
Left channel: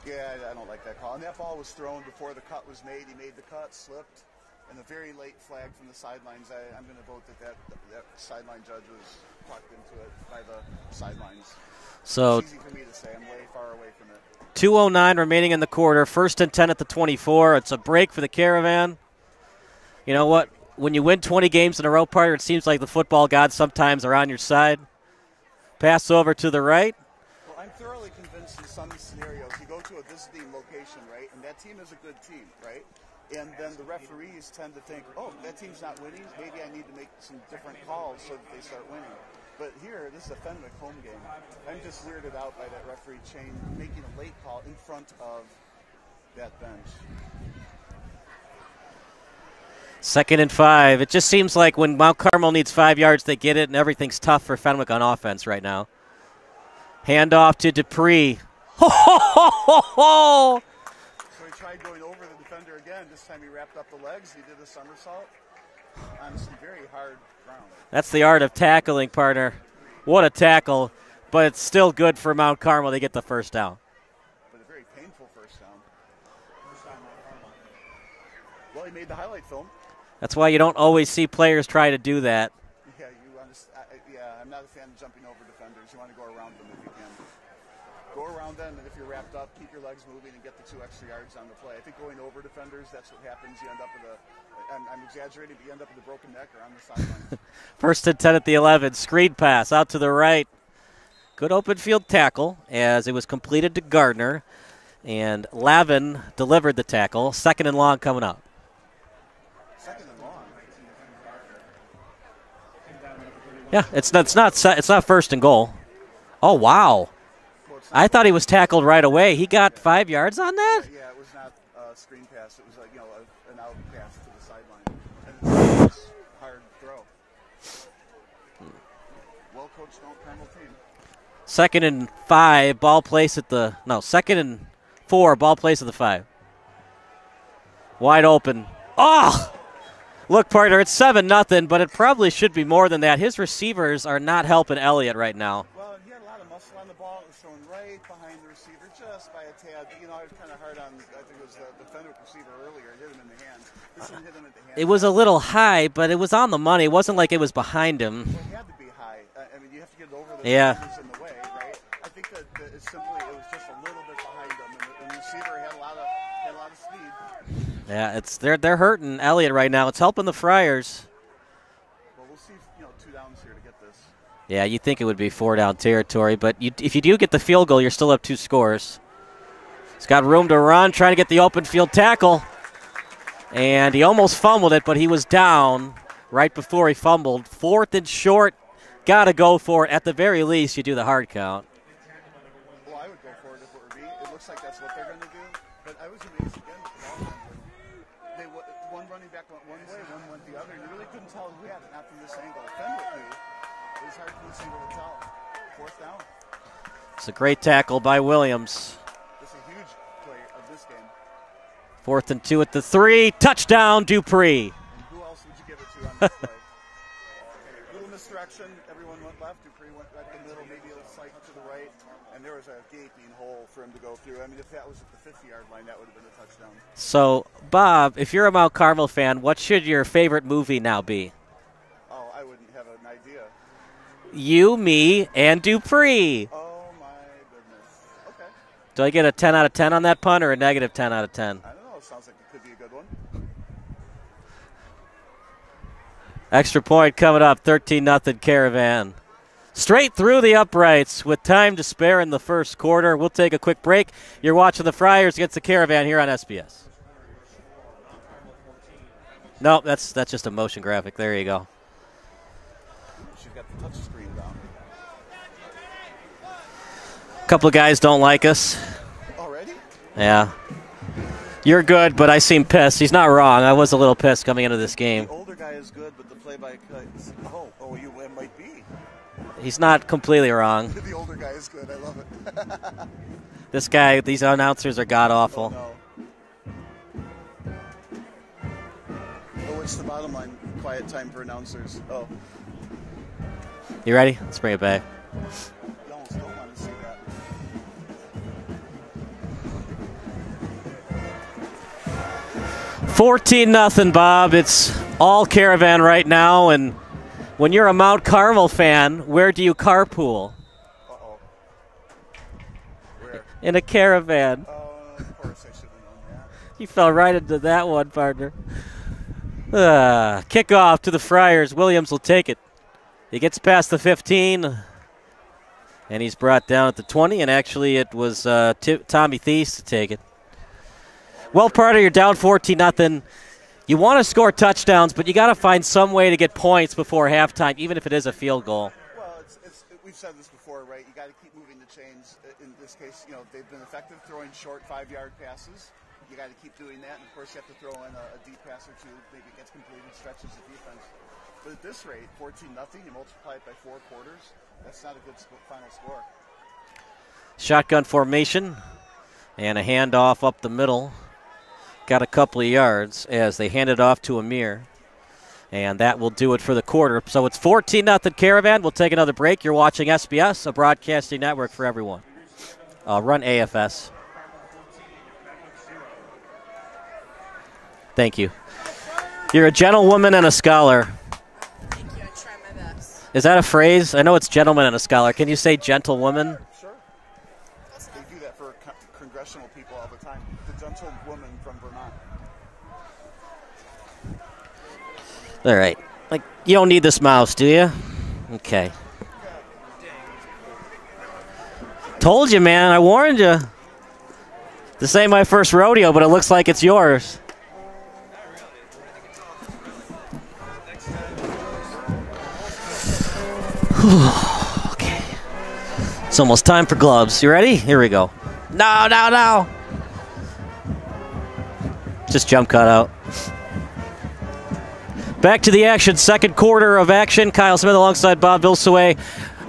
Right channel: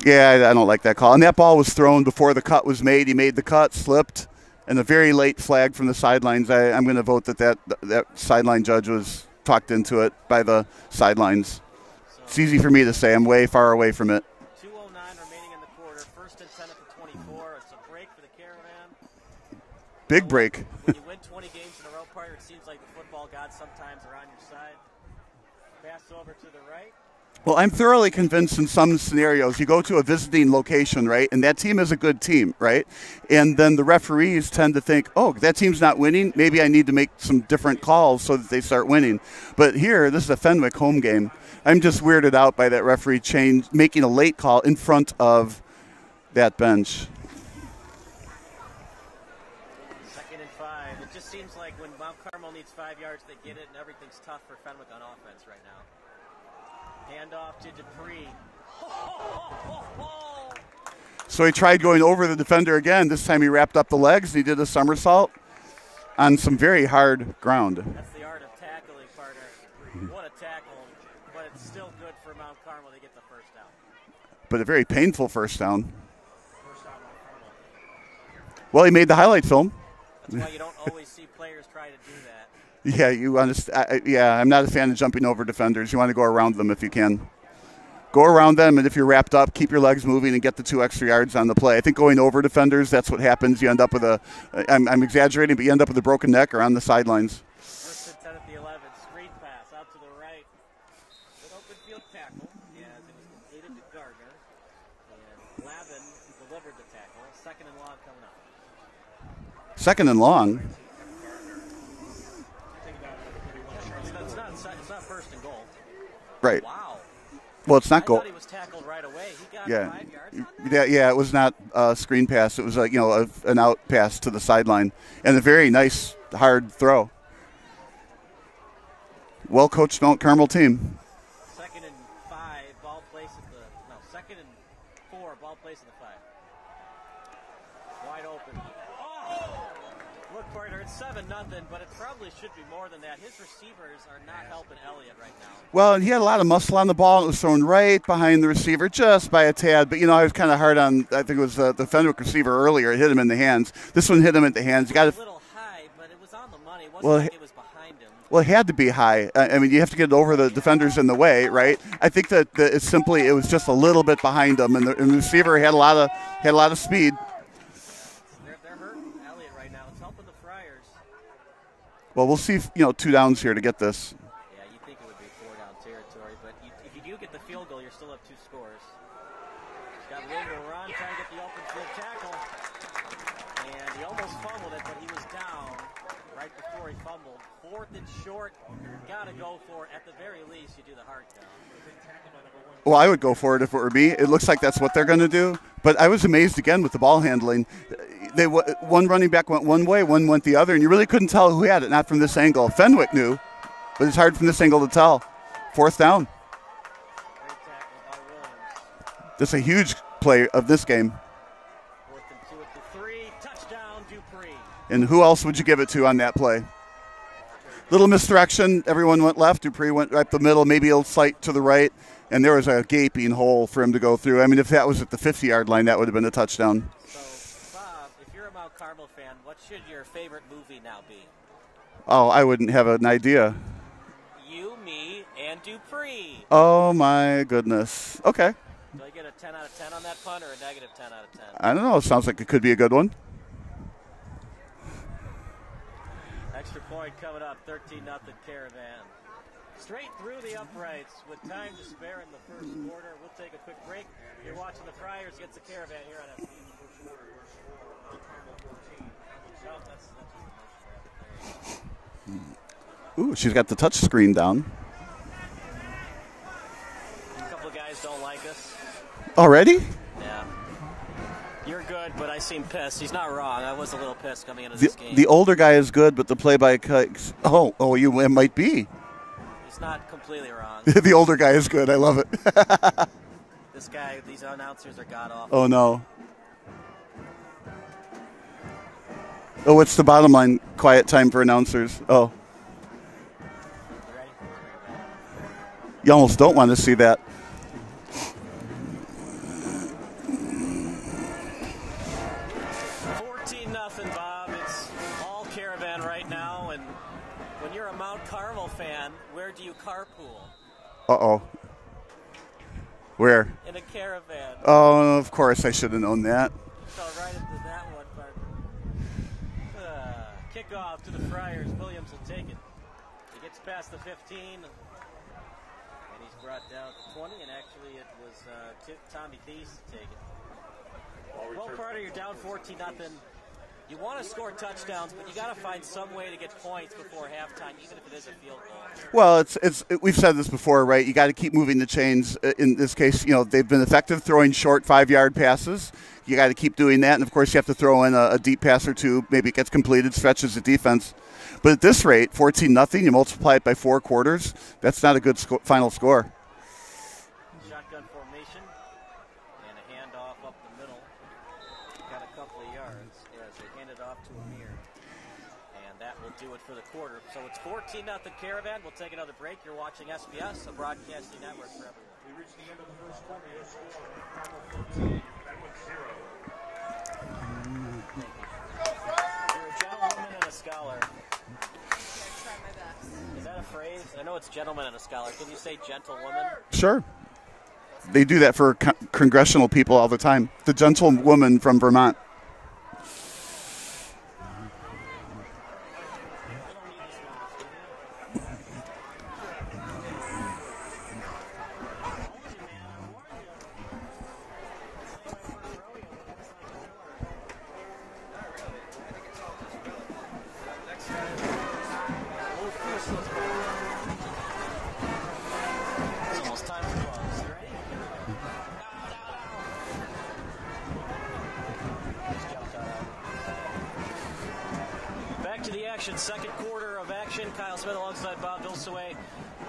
Yeah, I don't like that call. And that ball was thrown before the cut was made. He made the cut, slipped, and a very late flag from the sidelines. I'm going to vote that sideline judge was talked into it by the sidelines. So it's easy for me to say. I'm way far away from it. 2:09 remaining in the quarter. 1st and 10 at the 24. It's a break for the Caravan. You know what? Break. When you win 20 games in a row, partner, it seems like the football gods sometimes are on your side. Pass over to the right. Well, I'm thoroughly convinced in some scenarios you go to a visiting location, right, and that team is a good team, right? And then the referees tend to think, oh, that team's not winning. Maybe I need to make some different calls so that they start winning. But here, this is a Fenwick home game. I'm just weirded out by that referee making a late call in front of that bench. 2nd and 5. It just seems like when Mount Carmel needs 5 yards, they get it, and everything's tough for Fenwick on offense right now. Handoff to Dupree. So he tried going over the defender again. This time he wrapped up the legs. He did a somersault on some very hard ground. That's the art of tackling, partner. What a tackle. But it's still good for Mount Carmel to get the first down. But a very painful first down. Well, he made the highlight film. That's why you don't always see players try to do that. Yeah, you understand. I'm not a fan of jumping over defenders. You want to go around them if you can. Go around them, and if you're wrapped up, keep your legs moving and get the 2 extra yards on the play. I think going over defenders, that's what happens. You end up with I'm exaggerating, but you end up with a broken neck or on the sidelines. 1st and 10 at the 11. Screen pass out to the right. Good open field tackle as it was completed to Gardner. And Lavin delivered the tackle. 2nd and long coming up. 2nd and long? Yeah, it's not 1st and goal. Right. Oh, wow. Well, it's not. I thought he was tackled right away. He got 5 yards on that? Yeah, it was not a screen pass. It was an out pass to the sideline. And a very nice, hard throw. well-coached Mount Carmel team. 2nd and 5, ball placed at the, no, 2nd and 4, ball placed at the 5. Wide open. Oh! Look, partner, it's 7-0, but it probably should be more than that. His receivers are not helping Elliott right now. Well, and he had a lot of muscle on the ball. It was thrown right behind the receiver just by a tad. But, you know, I was kind of hard on, I think it was the Fenwick receiver earlier. It hit him in the hands. This one hit him in the hands. It was a little high, but it was on the money. It wasn't like it was behind him. Well, it had to be high. I mean, you have to get over the defenders in the way, right? I think that it was just a little bit behind him, and the receiver had a lot of speed. Yeah, they're hurting Elliott right now. It's helping the Friars. Well, we'll see, 2 downs here to get this. Yeah, you'd think it would be 4-down territory, but if you do get the field goal, you're still up 2 scores. He's got room to run, trying to get the open field tackle. And he almost fumbled it, but he was down right before he fumbled. 4th and short, got to go for it. At the very least, you do the hard count. Well, I would go for it if it were me. It looks like that's what they're going to do. But I was amazed again with the ball handling. One running back went one way, one went the other, and you really couldn't tell who had it, not from this angle. Fenwick knew, but it's hard from this angle to tell. 4th down. It's a great tackle by Williams. This is a huge play of this game. 4th and 2 at the 3. Touchdown, Dupree. And who else would you give it to on that play? Little misdirection. Everyone went left. Dupree went right the middle, maybe a slight to the right. And there was a gaping hole for him to go through. I mean, if that was at the 50-yard line, that would have been a touchdown. So, Bob, if you're a Mount Carmel fan, what should your favorite movie now be? Oh, I wouldn't have an idea. You, me, and Dupree. Oh, my goodness. Okay. Do I get a 10 out of 10 on that pun or a negative 10 out of 10? I don't know. It sounds like it could be a good one. Extra point coming up, 13-0 Caravan. Straight through the uprights with time to spare in the first quarter. We'll take a quick break. You're watching the Friars against the Caravan here on SBS. No, that's just a motion graphic. There you go. Ooh, she's got the touch screen down. A couple of guys don't like us. Already? Yeah. You're good, but I seem pissed. He's not wrong. I was a little pissed coming into this game. The older guy is good, but the it might be. He's not completely wrong. The older guy is good. I love it. These announcers are god-awful. Oh, no. Oh, what's the bottom line? Quiet time for announcers. Oh. You ready? Let's bring it back. You almost don't want to see that. $14-0, Bob. It's all Caravan right now, and when you're a Mount Carmel fan, where do you carpool? Uh-oh. Where? In a Caravan. Oh, of course. I should have known that. You fell right into that one, partner. Kickoff to the Friars. Williams will take it. He gets past the 15, and he's brought down at the 20, and actually it was Tommy Thies to take it. Well, partner, you're down 14-0. You want to score touchdowns, but you got to find some way to get points before halftime, even if it is a field goal. Well, we've said this before, right? You got to keep moving the chains. In this case, they've been effective throwing short 5-yard passes. You got to keep doing that, and of course, you have to throw in a deep pass or two. Maybe it gets completed, stretches the defense. But at this rate, 14-0, you multiply it by 4 quarters. That's not a good final score. Shotgun formation and a handoff up the middle. Got a couple of yards as they hand it off to Amir. And that will do it for the quarter. So it's 14-0 Caravan. We'll take another break. You're watching SBS, a broadcasting network for everyone. Run AFS. Thank you. You're a gentlewoman and a scholar. Is that a phrase? I know it's gentleman and a scholar. Can you say gentlewoman? Sure. They do that for congressional people all the time. The gentlewoman from Vermont. All right. Like, you don't need this mouse, do you? Okay. Told you, man. I warned you. This ain't my first rodeo, but it looks like it's yours. Okay. It's almost time for gloves. You ready? Here we go. No. Just jump cut out. Back to the action, second quarter of action. Kyle Smith alongside Bob Vilsaway.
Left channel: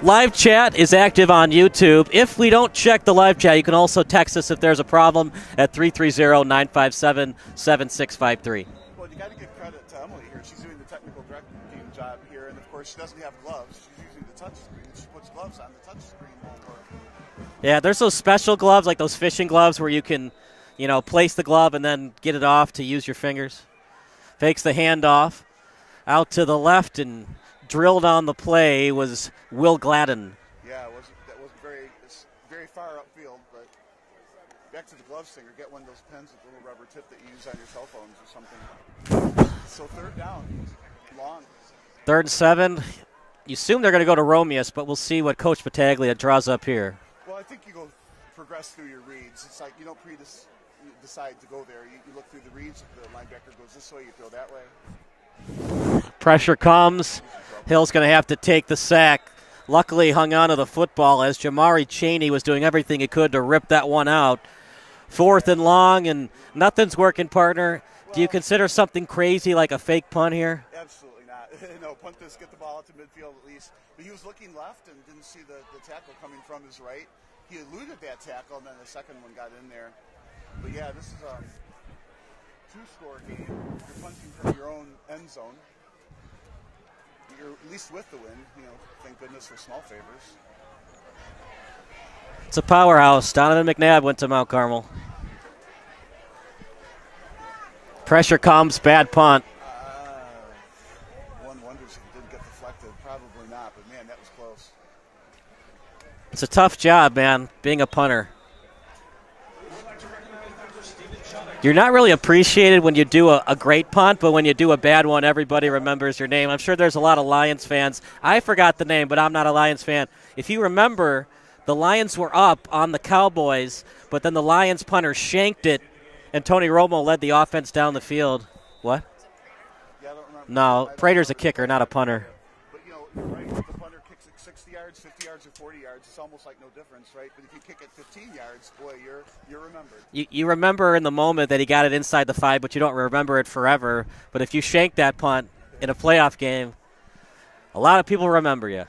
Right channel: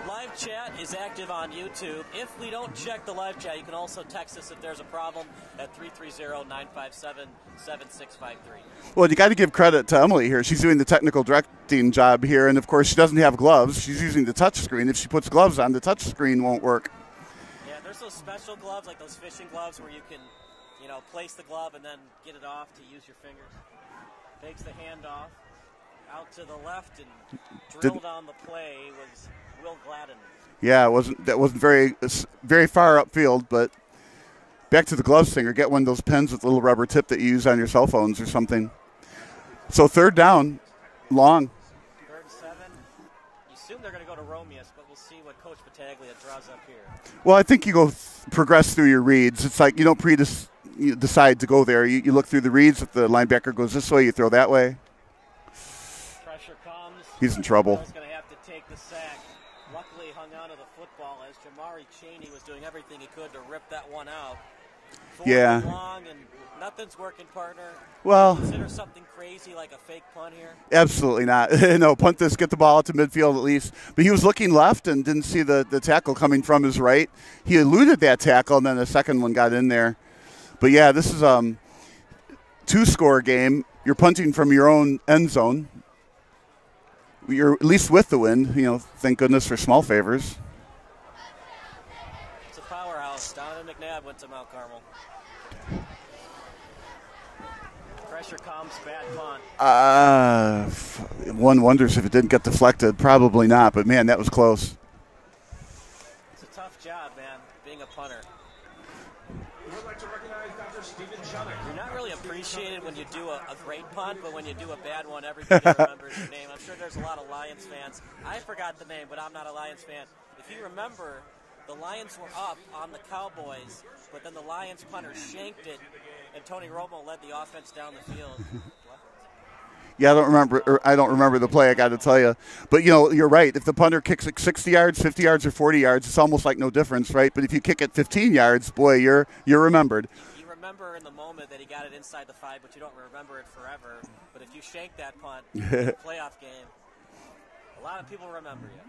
Live chat is active on YouTube. If we don't check the live chat, you can also text us if there's a problem at 330-957-7653. Well, you got to give credit to Emily here. She's doing the technical directing job here, and of course she doesn't have gloves. She's using the touch screen. If she puts gloves on, the touch screen won't work. Yeah, there's those special gloves, like those fishing gloves where you can, place the glove and then get it off to use your fingers. Fakes the handoff. Out to the left and drilled on the play was Will Gladden. Yeah, that wasn't very far upfield, but back to the gloves thing, or get one of those pens with a little rubber tip that you use on your cell phones or something. So third down, long. 3rd and 7. You assume they're going to go to Romeus, but we'll see what Coach Battaglia draws up here. Well, I think you progress through your reads. It's like you don't decide to go there. You look through the reads. If the linebacker goes this way, you throw that way. Pressure comes. He's in trouble. Hill's going to have to take the sack. Luckily hung on to the football as Jamari Chaney was doing everything he could to rip that one out. 4th and long, and nothing's working, partner. Well, do you consider something crazy like a fake punt here? Absolutely not. No, punt this, get the ball out to midfield at least. But he was looking left and didn't see the tackle coming from his right. He eluded that tackle, and then the second one got in there. But, yeah, this is a two-score game. You're punting from your own end zone. You're at least with the wind. Thank goodness for small favors. It's a powerhouse. Donovan McNabb went to Mount Carmel. Pressure comes, bad punt. One wonders if it didn't get deflected. Probably not, but, man, that was close. It's a tough job, man, being a punter. You're not really appreciated when you do a great punt, but when you do a bad one, everybody remembers your name. I'm sure there's a lot of Lions fans. I forgot the name, but I'm not a Lions fan. If you remember, the Lions were up on the Cowboys, but then the Lions punter shanked it, and Tony Romo led the offense down the field. What? Yeah, I don't remember. No, I don't remember the kicker, play, I got to punter. tell you. But, you're right. If the punter kicks it 60 yards, 50 yards, or 40 yards, it's almost like no difference, right? But if you kick it 15 yards, boy, you're remembered. You remember in the moment that he got it inside the 5, but you don't remember it forever. But if you shank that punt in a playoff game, a lot of people remember you.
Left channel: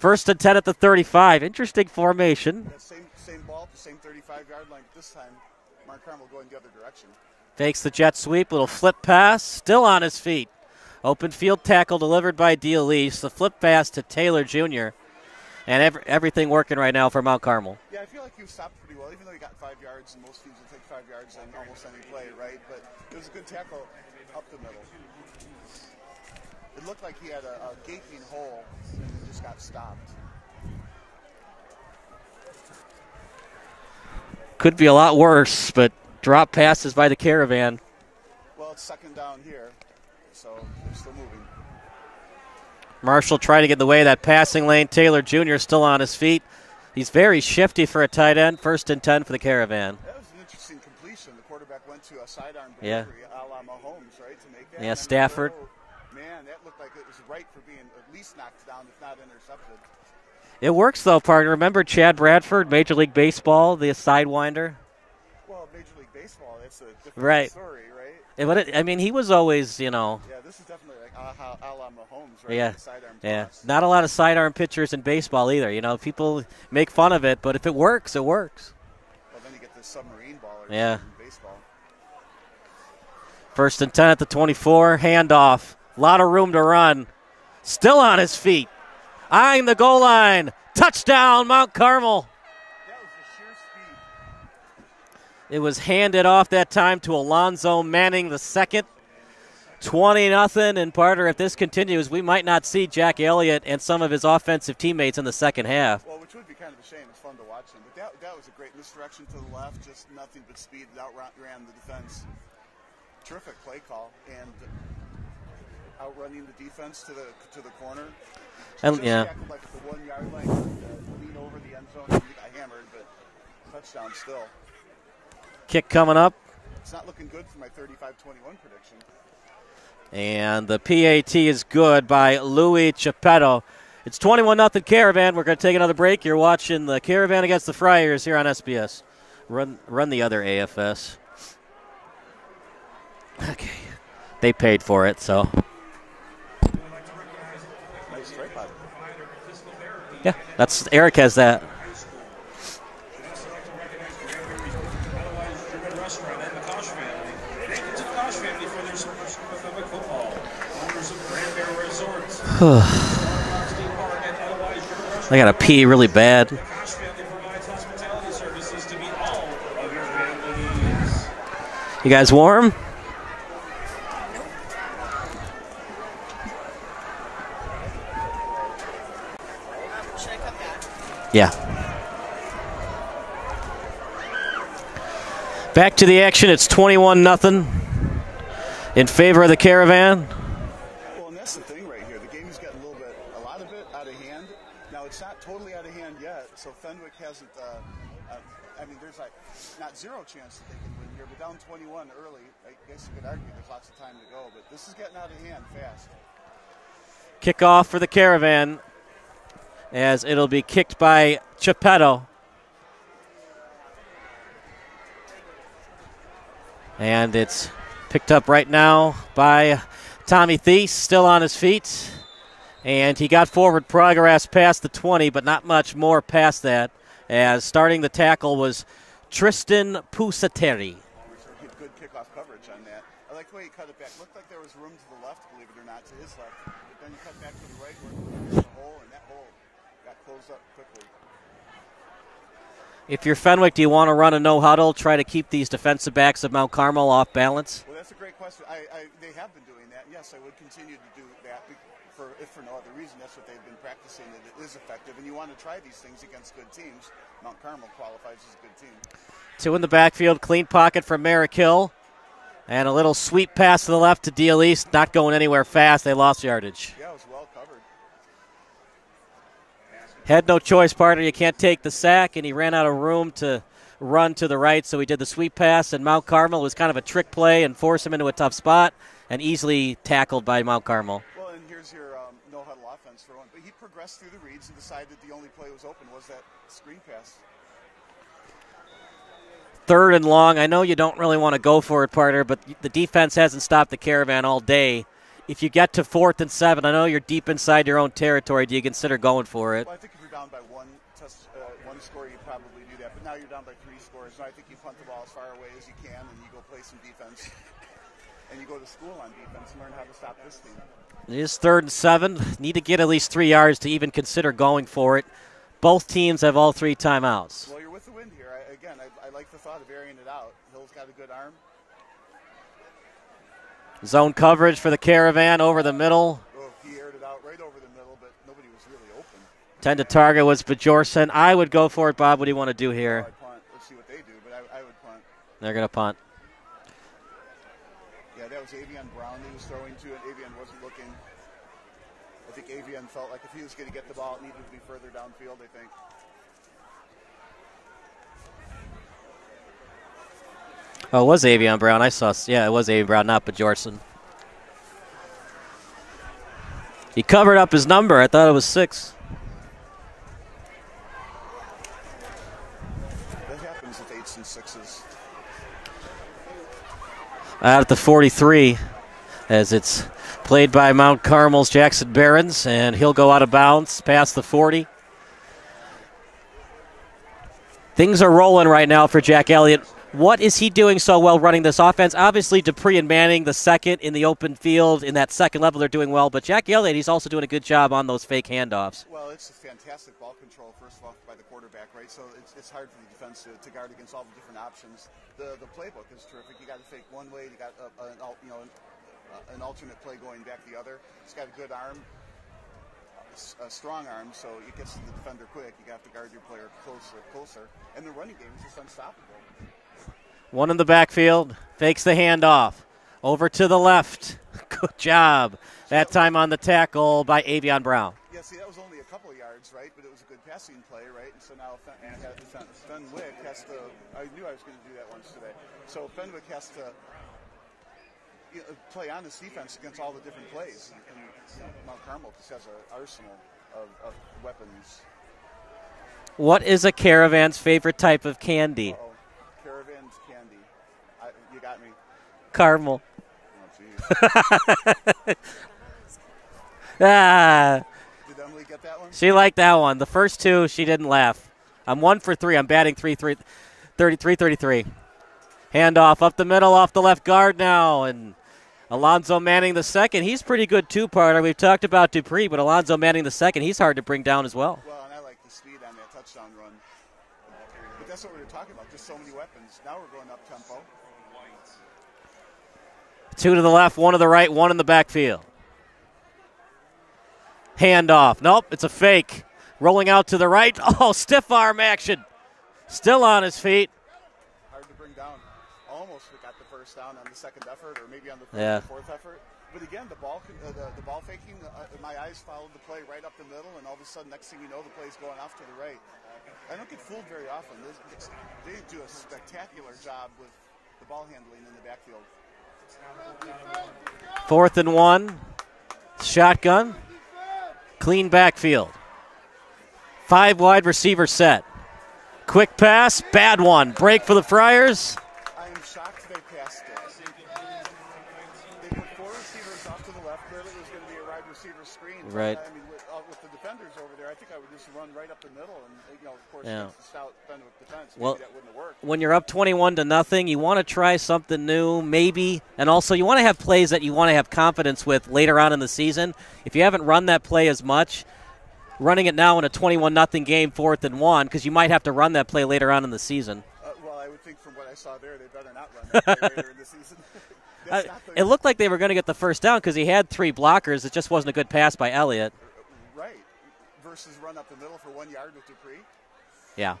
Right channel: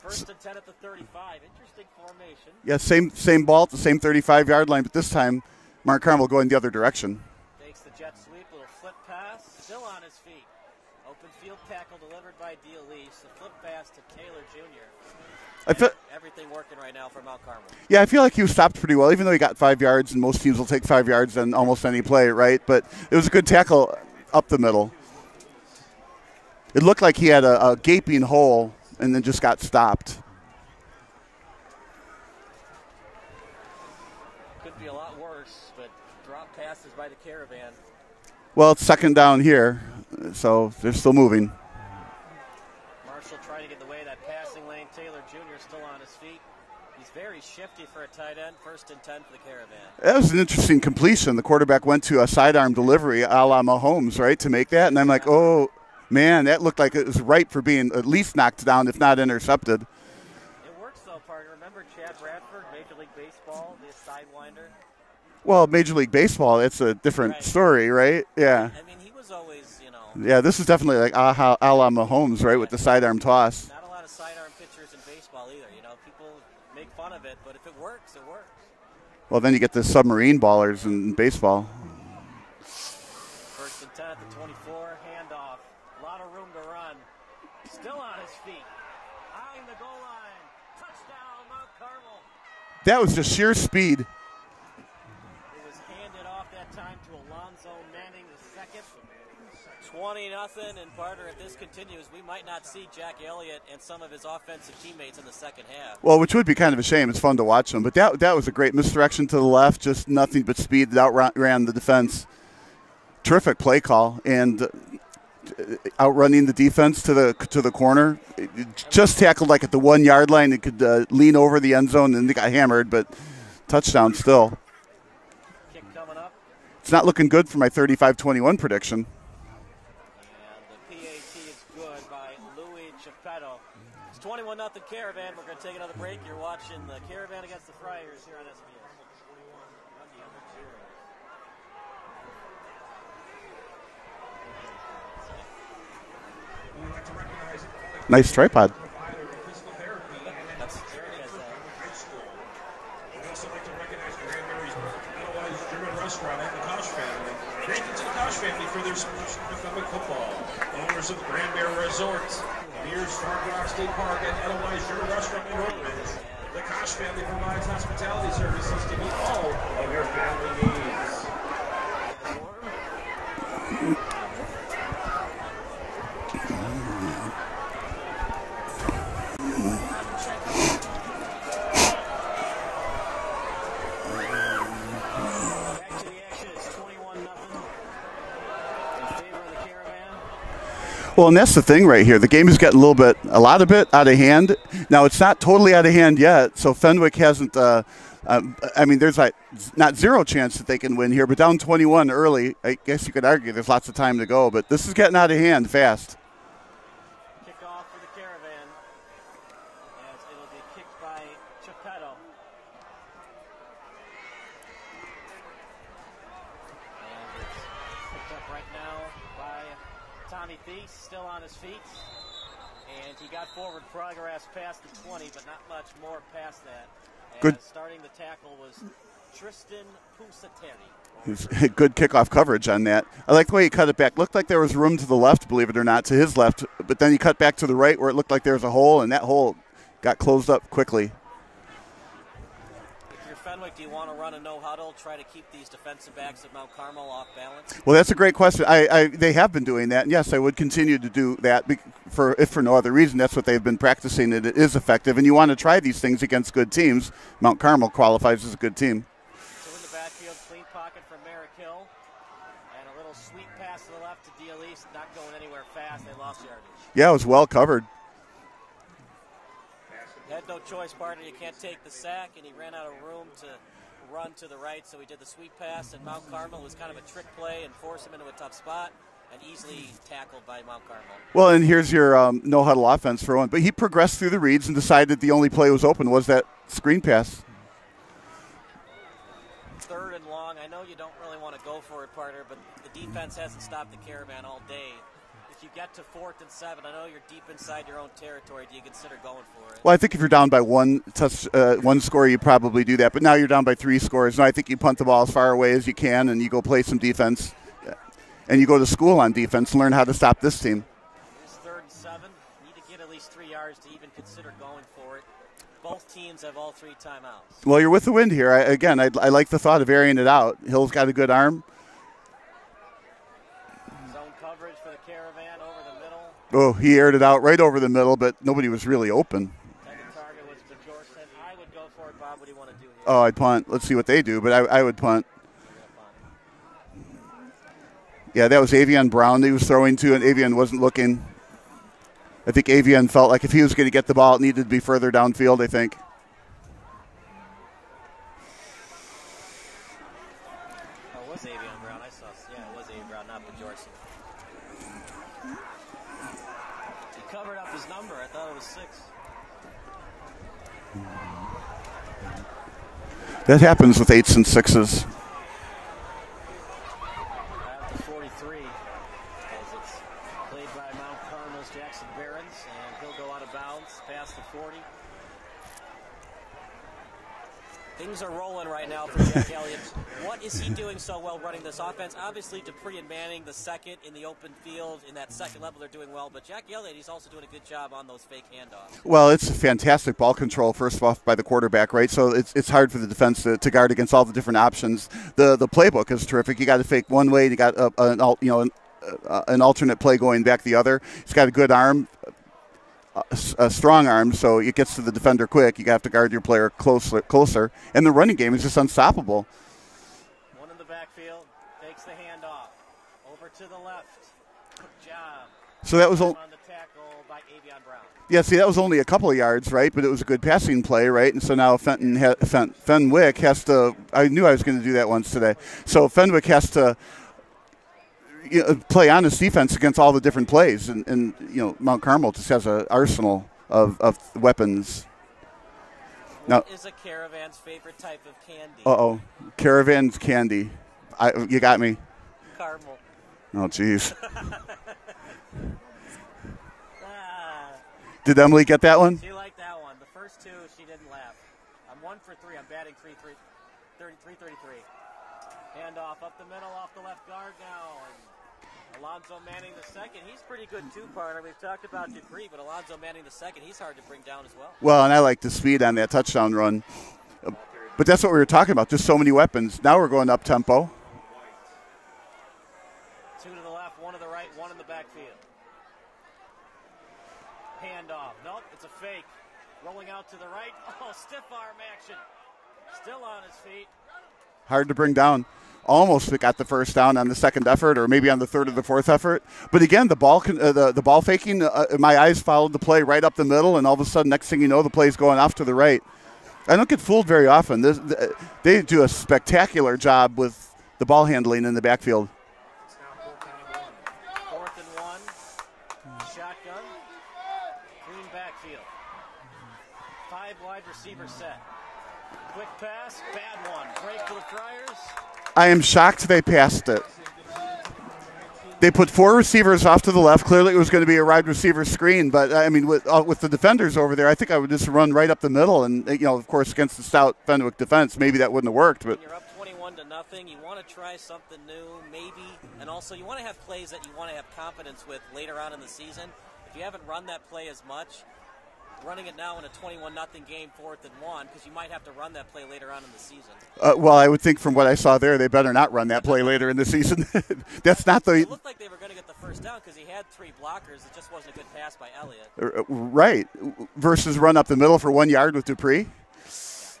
1st and 10 at the 35. Interesting formation. Yeah, same ball at the same 35-yard line, but this time Mount Carmel going the other direction. Fakes the jet sweep, little flip pass, still on his feet. Open field tackle delivered by D'Elise. The flip pass to Taylor Jr. And everything working right now for Mount Carmel. Yeah, I feel like he was stopped pretty well, even though he got 5 yards, and most teams will take 5 yards on almost any play, right? But it was a good tackle up the middle. It looked like he had a gaping hole and then just got stopped. Could be a lot worse, but drop passes by the Caravan. Well, it's 2nd down here, so they're still moving. Marshall trying to get in the way of that passing lane. Taylor Jr. still on his feet. He's very shifty for a tight end. 1st and 10 for the Caravan. That was an interesting completion. The quarterback went to a sidearm delivery a la Mahomes, right, to make that. Yeah, and I'm Stafford. like, oh, man, that looked like it was ripe for being at least knocked down, if not intercepted. It works, though, partner. Remember Chad Bradford, Major League Baseball, the sidewinder? Well, Major League Baseball, it's a different story, right? Yeah. He was always, Yeah, this is definitely like a la Mahomes, right, with the sidearm toss. Not a lot of sidearm pitchers in baseball either. People make fun of it, but if it works, it works. Well, then you get the submarine ballers in baseball. 1st and 10 at the 24, handoff. A lot of room to run. Still on his feet. Eyeing the goal line. Touchdown, Mount Carmel. That was just sheer speed. It was handed off that time to Alonzo Manning the second. 20-0, and partner, if this continues, we might not see Jack Elliott and some of his offensive teammates in the second half. Well, which would be kind of a shame. It's fun to watch them. But that was a great misdirection to the left, just nothing but speed that outran the defense. Terrific play call, and outrunning the defense to the corner. Tackled like at the 1 yard line. It could lean over the end zone, and they got hammered, but touchdown still. Kick coming up. It's not looking good for my 35-21 prediction. And the PAT is good by Louis Chappetto. It's 21-0 Caravan. We're going to take another break. You're watching the Caravan against the Friars here on SBS. Run the other AFS. Okay. they paid for it, so. Nice tripod. Yeah, Eric has that. I gotta pee really bad. You guys warm? Yeah. Back to the action. It's 21-0 in favor of the Caravan. Well, and that's the thing right here. The game is getting a lot of it out of hand. Now, it's not totally out of hand yet, so Fenwick hasn't there's not zero chance that they can win here, but down 21 early, I guess you could argue there's lots of time to go, but this is getting out of hand fast. Kickoff for the Caravan as it'll be kicked by Geppetto. And it's picked up right now by Tommy Thies, still on his feet. And he got forward progress past the 20, but not much more past that, as starting the tackle was Tristan Pusateri. Good kickoff coverage on that. I like the way he cut it back. Looked like there was room to the left, believe it or not, to his left, but then he cut back to the right where it looked like there was a hole, and that hole got closed up quickly. If you're Fenwick, do you want to run a no-huddle, try to keep these defensive backs of Mount Carmel off balance? Well, that's a great question. They have been doing that, and yes, I would continue to do that if for no other reason. That's what they've been practicing, and it is effective, and you want to try these things against good teams. Mount Carmel qualifies as a good team. Two in the backfield, clean pocket from Merrick Hill, and a little sweep pass to the left to Deal East, not going anywhere fast. They lost yardage. Yeah, it was well covered. Had no choice, partner. You can't take the sack, and he ran out of room to run to the right, so he did the sweep pass, and Mount Carmel was kind of a trick play and forced him into a tough spot and easily tackled by Mount Carmel. Well, and here's your no-huddle offense for one. But he progressed through the reads and decided the only play was open was that screen pass. Third and long. I know you don't really want to go for it, partner, but the defense hasn't stopped the Caravan all day. If you get to 4th and 7, I know you're deep inside your own territory. Do you consider going for it? Well, I think if you're down by one score, you probably do that. But now you're down by 3 scores. And I think you punt the ball as far away as you can, and you go play some defense. And you go to school on defense and learn how to stop this team. It is 3rd and 7. Need to get at least 3 yards to even consider going for it. Both teams have all 3 timeouts. Well, you're with the wind here. I like the thought of airing it out. Hill's got a good arm. Zone coverage for the Caravan over the middle. Oh, he aired it out right over the middle, but nobody was really open. 10 to target was Bjorsen. I would go for it, Bob. What do you want to do here? Oh, I'd punt. Let's see what they do, but I would punt. They're going to punt. Yeah, that was Avian Brown that he was throwing to, and Avian wasn't looking. I think Avian felt like if he was going to get the ball, it needed to be further downfield, I think. Oh, it was Avian Brown. I saw. Yeah, it was Avian Brown, not Bjorsen. He covered up his number. I thought it was 6. That happens with 8s and 6s. Out at the 43 as it's played by Mount Carmel's Jackson Barons, and he'll go out of bounds past the 40. Things are rolling right now for Jack Elliott. What is he doing so well running this offense? Obviously, Dupree and Manning, the second in the open field, in that second level, they're doing well. But Jack Elliott, he's also doing a good job on those fake handoffs. Well, it's fantastic ball control, first off, by the quarterback, right? So it's hard for the defense to guard against all the different options. The playbook is terrific. You got to fake one way. You got an alternate play going back the other. He's got a good arm. A strong arm, so it gets to the defender quick. You have to guard your player closer. And the running game is just unstoppable. One in the backfield, fakes the handoff. Over to the left. Good job. So that time on the tackle by Avian Brown. Yeah, see, that was only a couple of yards, right? But it was a good passing play, right? And so now Fenwick has to – I knew I was going to do that once today. So Fenwick has to – play honest defense against all the different plays, and Mount Carmel just has an arsenal of weapons. What is a Caravan's favorite type of candy? Caravan's candy. You got me. Caramel. Oh, geez. Did Emily get that one? She liked that one. The first two, she didn't laugh. I'm 1 for 3. I'm batting 33. Handoff up the middle, off the left guard now, and Alonzo Manning the second. He's pretty good two-parter. We've talked about Dupree, but Alonzo Manning the second, he's hard to bring down as well. Well, and I like the speed on that touchdown run. But that's what we were talking about, just so many weapons. Now we're going up-tempo. 2 to the left, 1 to the right, 1 in the backfield. Handoff. Nope, it's a fake. Rolling out to the right. Oh, stiff arm action. Still on his feet. Hard to bring down. Almost got the first down on the second effort, or maybe on the third or the fourth effort. But again, the ball faking, my eyes followed the play right up the middle, and all of a sudden, next thing you know, the play's going off to the right. I don't get fooled very often. They do a spectacular job with the ball handling in the backfield. 4th and 1. Shotgun. Clean backfield. 5 wide receiver set. Quick pass, bad one. Break for the Friars. I am shocked they passed it. They put 4 receivers off to the left. Clearly it was going to be a wide receiver screen, but right. I mean, with the defenders over there, I think I would just run right up the middle. And, of course, against the stout Fenwick defense, maybe that wouldn't have worked. But when you're up 21-0, you want to try something new, maybe. And also you want to have plays that you want to have confidence with later on in the season. If you haven't run that play as much, running it now in a 21-0 game, 4th and 1, because you might have to run that play later on in the season. Well, I would think from what I saw there, they better not run that play later in the season. That's not the. It looked like they were going to get the first down because he had 3 blockers. It just wasn't a good pass by Elliott. Right. Versus run up the middle for 1 yard with Dupree. Yeah.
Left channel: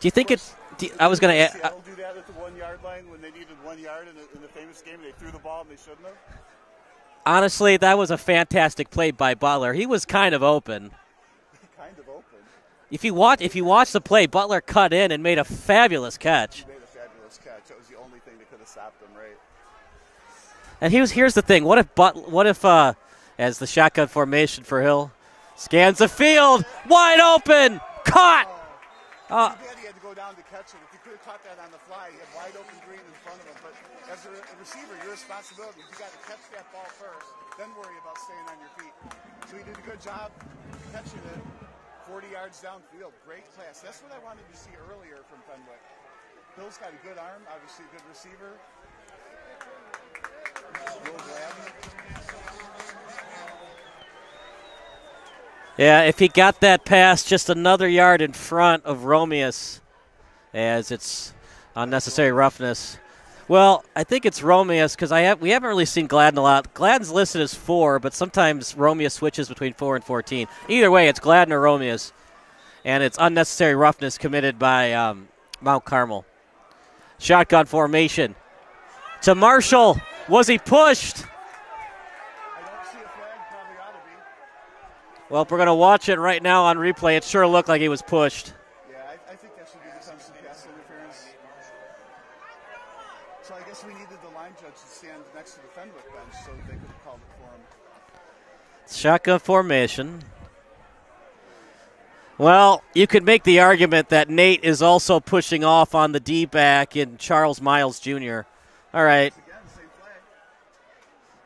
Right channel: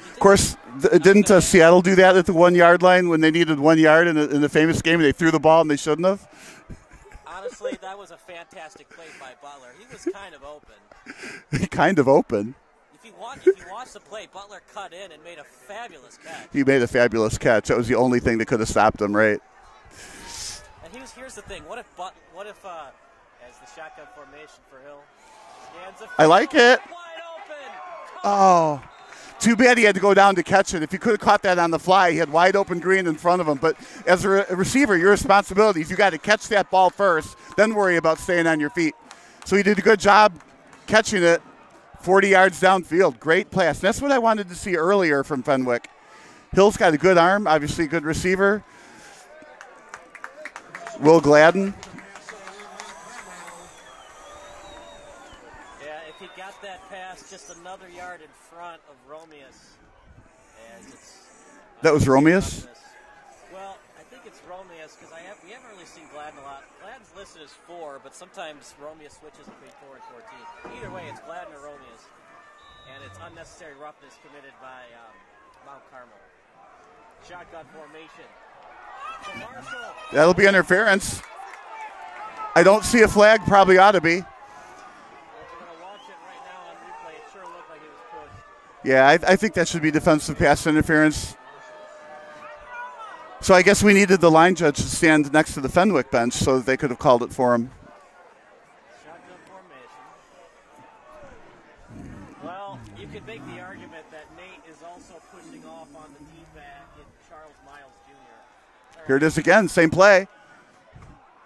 Do you think? Of course, didn't Seattle do that at the 1 yard line when they needed 1 yard in the famous game? And they threw the ball and they shouldn't have. Honestly, that was a fantastic play by Butler. He was kind of open. Kind of open. If you watch the play, Butler cut in and made a fabulous catch. He made a fabulous catch. That was the only thing that could have stopped him, right? And here's the thing: what if as the shotgun formation for Hill scans the field, wide open, caught. Oh. Too bad he had to go down to catch it. If he could have caught that on the fly, he had wide open green in front of him. But as a receiver, your responsibility is you got to catch that ball first, then worry about staying on your feet. So he did a good job catching it 40 yards downfield. Great pass. That's what I wanted to see earlier from Fenwick. Hill's got a good arm, obviously a good receiver. Will Gladden. Yeah, if he got that pass just another yard in front of Romeus, as it's unnecessary roughness. Well, I think it's Romeus because we haven't really seen Gladden a lot. Gladden's listed as 4, but sometimes Romeus switches between 4 and 14. Either way, it's Gladden or Romeus, and it's unnecessary roughness committed by Mount Carmel. Shotgun formation to Marshall. That'll Was be he interference. pushed? I don't see a flag. Probably ought to be. Well, if we're going to watch it right now on replay, it sure looked like he was pushed. Yeah, I think that should be defensive pass interference. So I guess we needed the line judge to stand next to the Fenwick bench so that they could have called it for him. Shotgun formation. Well, you could make the argument that Nate is also pushing off on the D-back in Charles Miles Jr. All right. It is again, same play.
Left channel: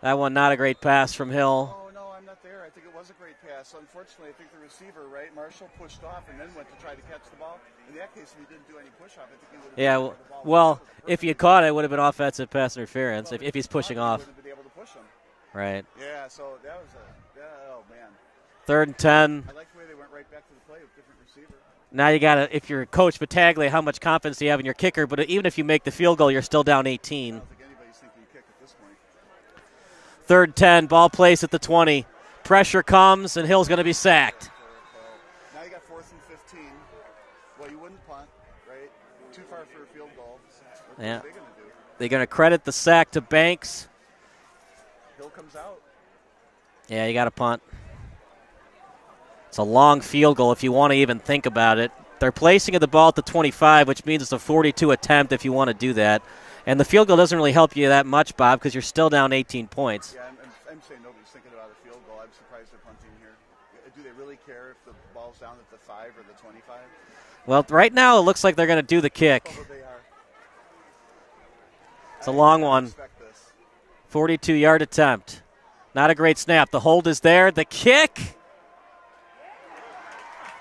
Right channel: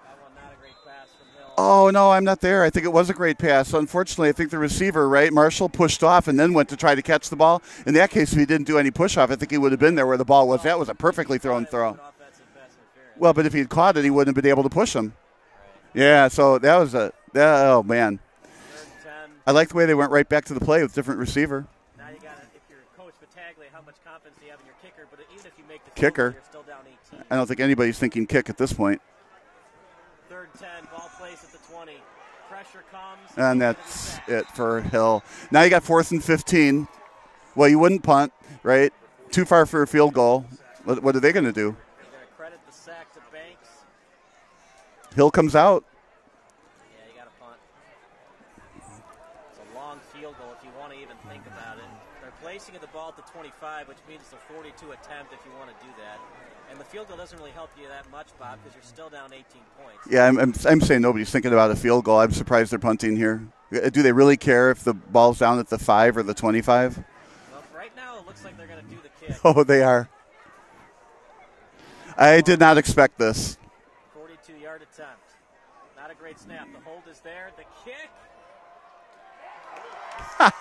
That one not a great pass from Hill. Oh, no, I'm not there. I think it was a great pass. Unfortunately, I think the receiver, right, Marshall, pushed off and then went to try to catch the ball. In that case, if he didn't do any push-off, I think he would have been there where the ball was. Well, that was a perfectly if you caught it, it throw. would have been offensive pass interference. Well, but if he'd caught it, he wouldn't have been able to push him. Right. Yeah, so that was oh, man. 3rd and 10. I like the way they went right back to the play with different receiver. Now you got to, if you're Coach Battaglia, how much confidence do you have in your kicker? But even if you make the field goal, you're still down 18. I don't think anybody's thinking kick at this point. 3rd 10, ball placed at the 20. Pressure comes, and Hill's going to be sacked. It for Hill. Now you got 4th and 15. Well, you wouldn't punt, right? Too far for a field goal. What are they going to do? They're going to credit the sack to Banks. Hill comes out. Yeah, you got to punt. It's a long field goal if you want to even think about it. They're placing the ball at the 25, which means it's a 42 attempt if you want to do that. And the field goal doesn't really help you that much, Bob, because you're still down 18 points. Yeah, I'm saying nobody's thinking about a field goal. I'm surprised they're punting here. Do they really care if the ball's down at the 5 or the 25? Well, right now it looks like they're going to do the kick. Oh, they are. I did not one. expect this. 42-yard attempt. Not a great snap. The hold is there. The kick.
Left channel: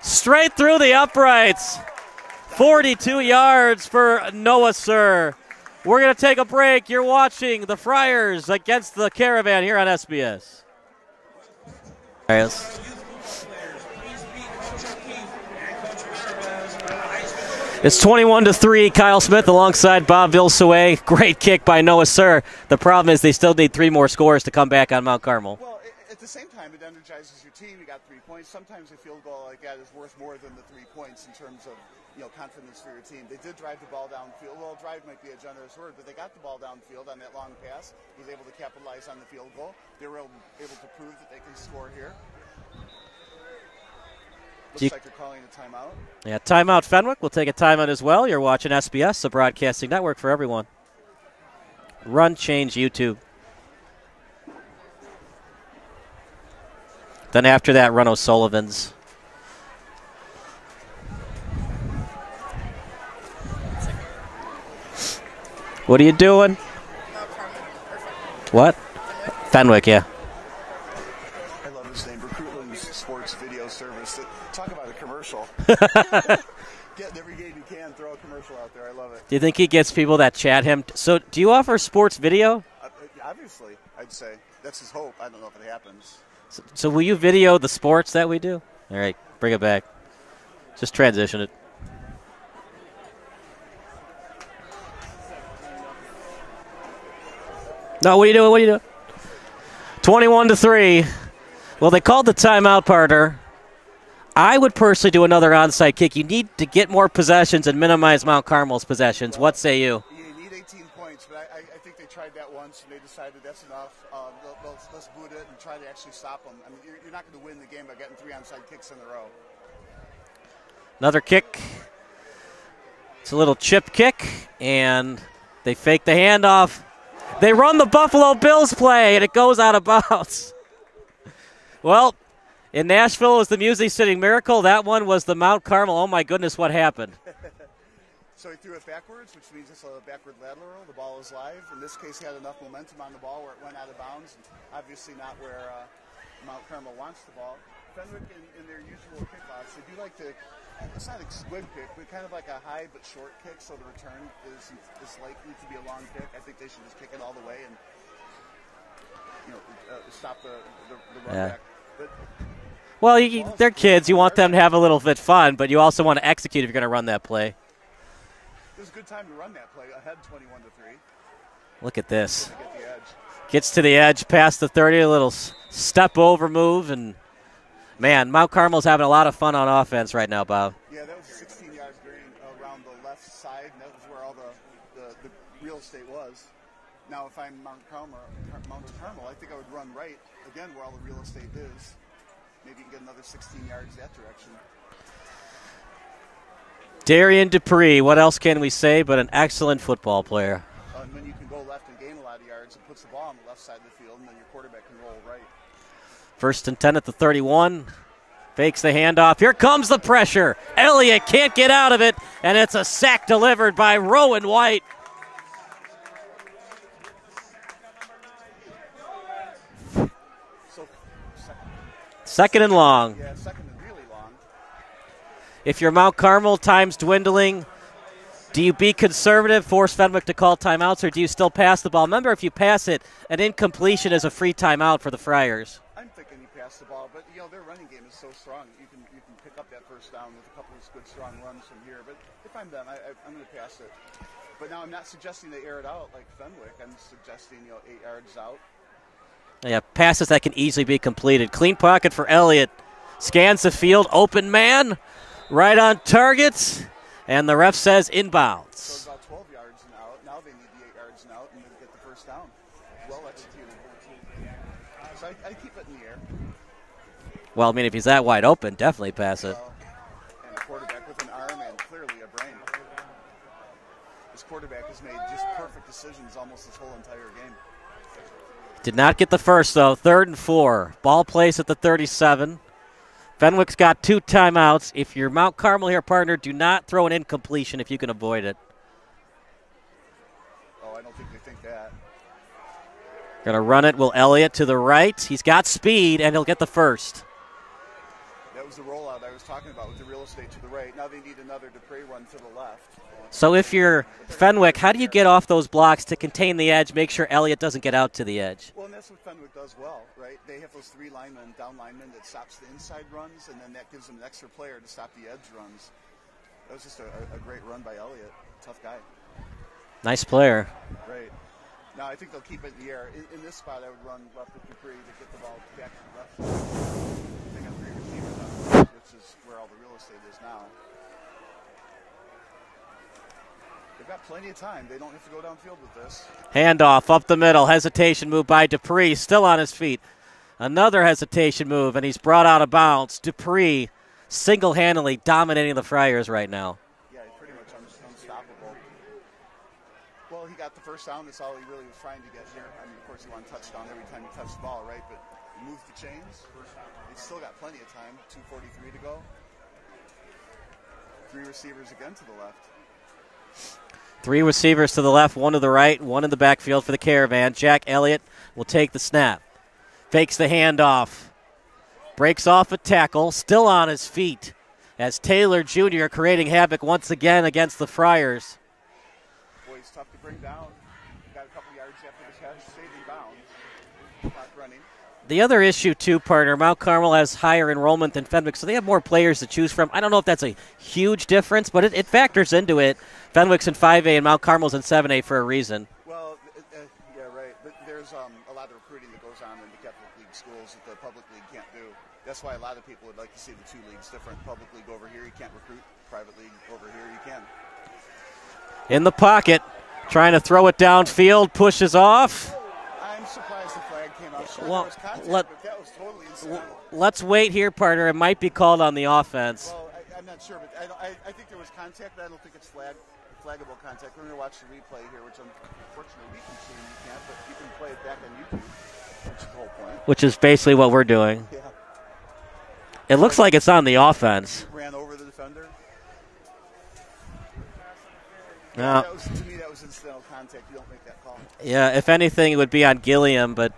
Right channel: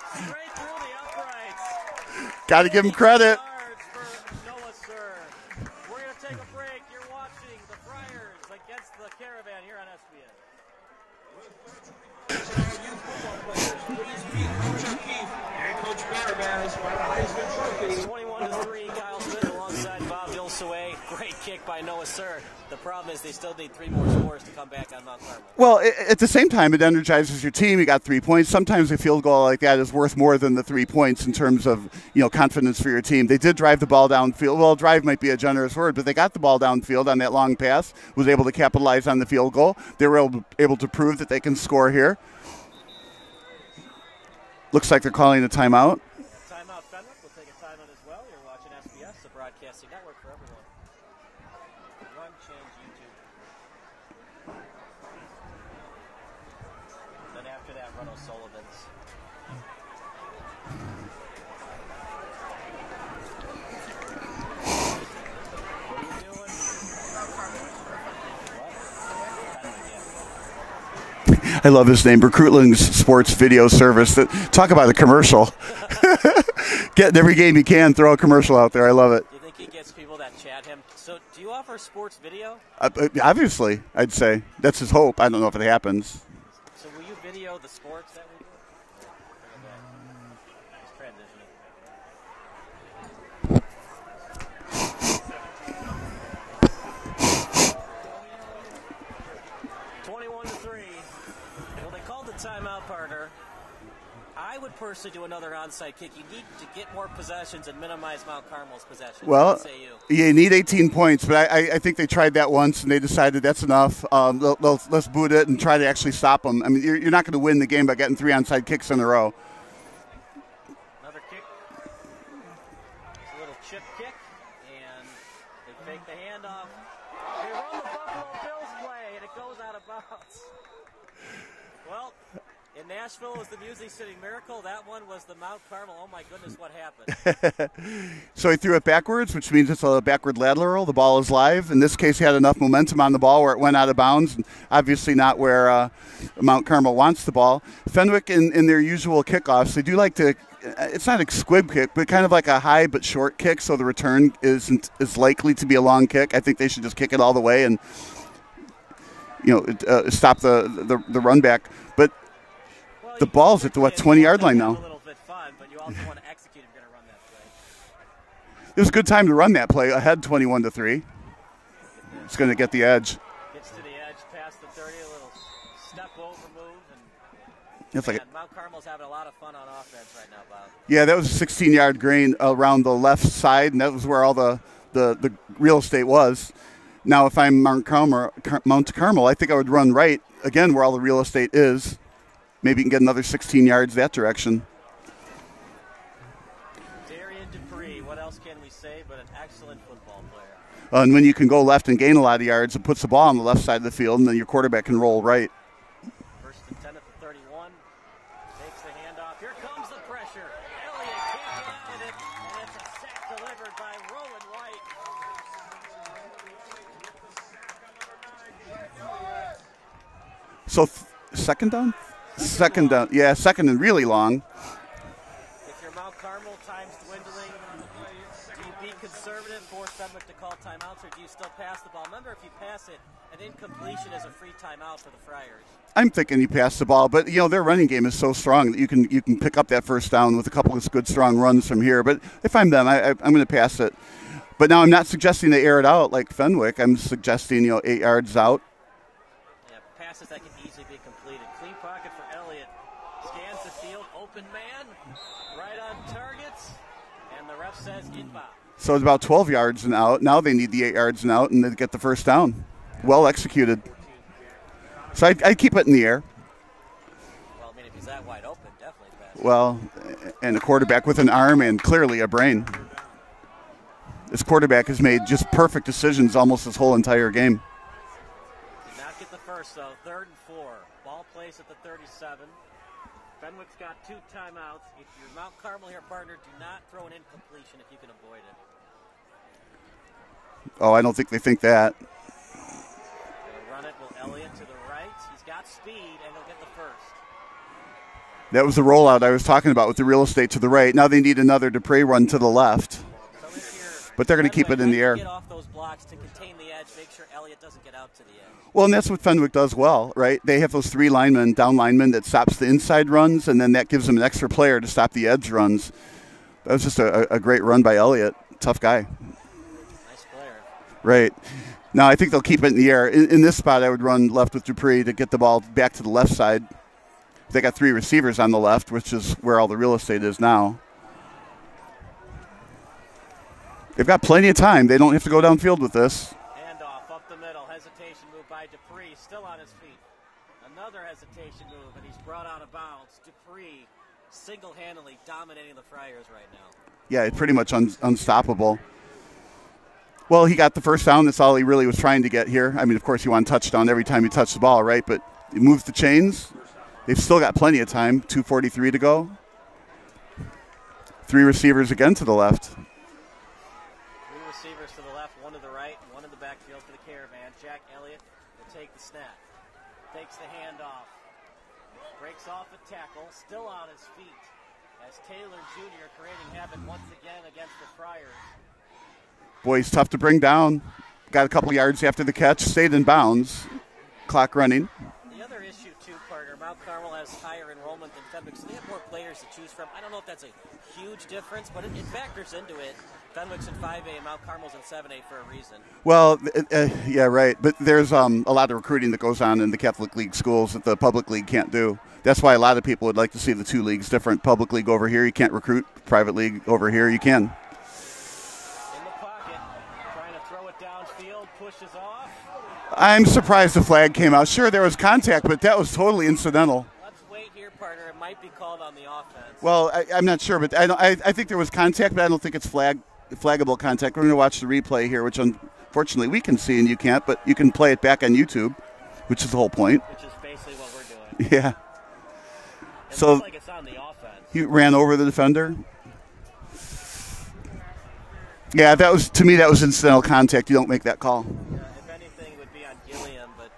Straight through the uprights. 42 yards for Noah Sir. We're going to take a break. You're watching the Friars against the Caravan here on SBS. There it is. It's 21-3. Kyle Smith alongside Bob Vilsaway. Great kick by Noah Sir. The problem is they still need 3 more scores to come back on Mount Carmel. Well, at the same time, it energizes your team. You got 3 points. Sometimes a field goal like that is worth more than the 3 points in terms of confidence for your team. They did drive the ball downfield. Well, drive might be a generous word, but they got the ball downfield on that long pass. Was able to capitalize on the field goal. They were able to prove that they can score here. Looks like they're calling a timeout. Yeah, timeout Fenwick. We'll take a timeout as well. You're watching SBS, the broadcasting network for everyone. Run, change, YouTube. Then after that, run O'Sullivan's. What are you doing? What? Fenwick, yeah. I love his name, Recruitling's Sports Video Service. Talk about a commercial. Getting every game you can, throw a commercial out there. I love it. Do you think he gets people that chat him? So do you offer sports video? Obviously, I'd say. That's his hope. I don't know if it happens. So will you video the sports that we do? All right, bring it back. Just transition it. No, what are you doing? What are you doing? 21-3. Well, they called the timeout, partner. I would personally do another onside kick. You need to get more possessions and minimize Mount Carmel's possessions. Well, what say you? You need 18 points, but I think they tried that once and they decided that's enough. Let's boot it and try to actually stop them. I mean, you're not going to win the game by getting 3 onside kicks in a row. Another kick. It's a little chip kick, and they fake the handoff. They run the Buffalo Bills play, and it goes out of bounds. Well, in Nashville it was the Music City Miracle. That one was the Mount Carmel. Oh, my goodness, what happened? So he threw it backwards, which means it's a backward lateral. The ball is live. In this case, he had enough momentum on the ball where it went out of bounds, and obviously not where Mount Carmel wants the ball. Fenwick, in their usual kickoffs, they do like to – it's not a squib kick, but kind of like a high but short kick, so the return isn't as likely to be a long kick. I think they should just kick it all the way and stop the run back. But well, the ball's they're at the kids. You want them to have now. a little bit fun, but you also want to execute if you're going to run that play. It was a good time to run that play ahead 21-3. Look at this. It's going to get the edge. Gets to the edge, past the 30, a little step over move, and man, Mount Carmel's having a lot of fun on offense right now, Bob. Yeah, that was a 16-yard gain around the left side, and that was where all the real estate was. Now, if I'm Mount Carmel, I think I would run right, again, where all the real estate is. Maybe you can get another 16 yards that direction. Darian Dupree, what else can we say but an excellent football player. And when you can go left and gain a lot of yards, it puts the ball on the left side of the field, and then your quarterback can roll right. 1st and 10 at the 31. Fakes the handoff. Here comes the pressure. Elliott can't get out of it, and it's a sack delivered by Rowan White. So second down? Second and long. Yeah, second and really long. If you're Mount Carmel, time's dwindling. Do you be conservative, force Fenwick to call timeouts, or do you still pass the ball? Remember, if you pass it, an incompletion is a free timeout for the Friars. I'm thinking you pass the ball, but their running game is so strong that you can pick up that first down with a couple of good strong runs from here. But if I'm them, I'm going to pass it. But now I'm not suggesting they air it out like Fenwick. I'm suggesting 8 yards out. Yeah, passes that can easily be completed. Clean pocket for Elliott. Scans the field, open man, right on target. And the ref says inbounds. So it's about 12 yards and out. Now they need the 8 yards and out, and they get the first down. Well executed. So I'd keep it in the air. Well, I mean, if he's that wide open, definitely pass it. Well, and a quarterback with an arm and clearly a brain. This quarterback has made just perfect decisions almost this whole entire game. Did not get the first, though. 3rd and 4. Ball placed at the 37. Fenwick's got 2 timeouts. If you're Mount Carmel here, partner, do not throw an incompletion if you can avoid it. Oh, I don't think they think that. Going to run it, Will Elliott to the right. He's got speed, and he'll get the first. That was the rollout I was talking about with the real estate to the right. Now they need another Dupree run to the left. So if you're Fenwick, how do you get off those blocks to contain the edge, make sure Elliott doesn't get out to the edge? Well, and that's what Fenwick does well, right? They have those 3 linemen, down linemen, that stops the inside runs, and then that gives them an extra player to stop the edge runs. That was just a great run by Elliott. Tough guy. Nice player. Right. Now, I think they'll keep it in the air. In this spot, I would run left with Dupree to get the ball back to the left side. They got 3 receivers on the left, which is where all the real estate is now. They've got plenty of time. They don't have to go downfield with this. Handoff up the middle. Hesitation move by Dupree. Still on his feet. Another hesitation move, and he's brought out of bounds. Dupree single-handedly dominating the Friars right now. Yeah, pretty much unstoppable. Well, he got the first down. That's all he really was trying to get here. I mean, of course, you want a touchdown every time you touch the ball, right? But he moves the chains. They've still got plenty of time. 2:43 to go. 3 receivers again to the left. 3 receivers to the left, 1 to the right, 1 in the backfield for the Caravan. Jack Elliott will take the snap. Fakes the handoff. Breaks off a tackle. Still on his feet as Taylor Jr. creating havoc once again against the Friars. Boy, he's tough to bring down. Got a couple yards after the catch. Stayed in bounds. Clock running. The other issue, too, partner, Mount Carmel has higher enrollment than Fenwick, so they have more players to choose from. I don't know if that's a huge difference, but it factors into it. Fenwick's in 5A and Mount Carmel's in 7A for a reason. Well, yeah, right. But there's a lot of recruiting that goes on in the Catholic League schools that the public league can't do. That's why a lot of people would like to see the 2 leagues different. Public league over here, you can't recruit. Private league over here, you can. In the pocket, trying to throw it downfield, pushes off. I'm surprised the flag came out. Sure, there was contact, but that was totally incidental. Let's wait here, partner. It might be called on the offense. Well, I'm not sure, but I think there was contact, but I don't think it's flaggable contact. We're going to watch the replay here, which unfortunately we can see and you can't, but you can play it back on YouTube, which is the whole point. Which is basically what we're doing. Yeah. It looks like it's on the offense. He ran over the defender. Yeah, to me that was incidental contact. You don't make that call. Yeah, if anything, it would be on Gilliam, but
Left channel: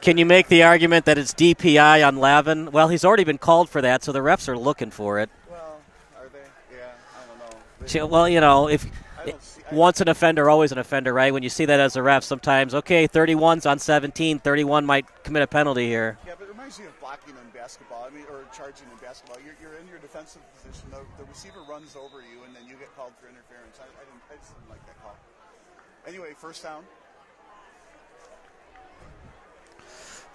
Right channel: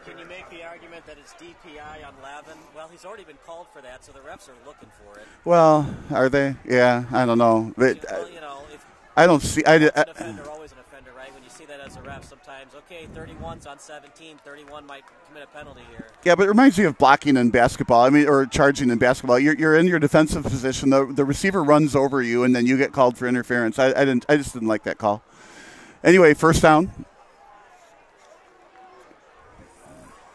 can you make the argument that it's DPI on Lavin? Well, he's already been called for that, so the refs are looking for it. Well, are they? Yeah, I don't know. Well, you know, if I don't see. Once an offender, always an offender, right? When you see that as a ref, sometimes, okay, 31's on 17, 31 might commit a penalty here. Yeah, but it reminds me of blocking in basketball. I mean, or charging in basketball. You're in your defensive position. The receiver runs over you, and then you get called for interference. I just didn't like that call. Anyway, first down.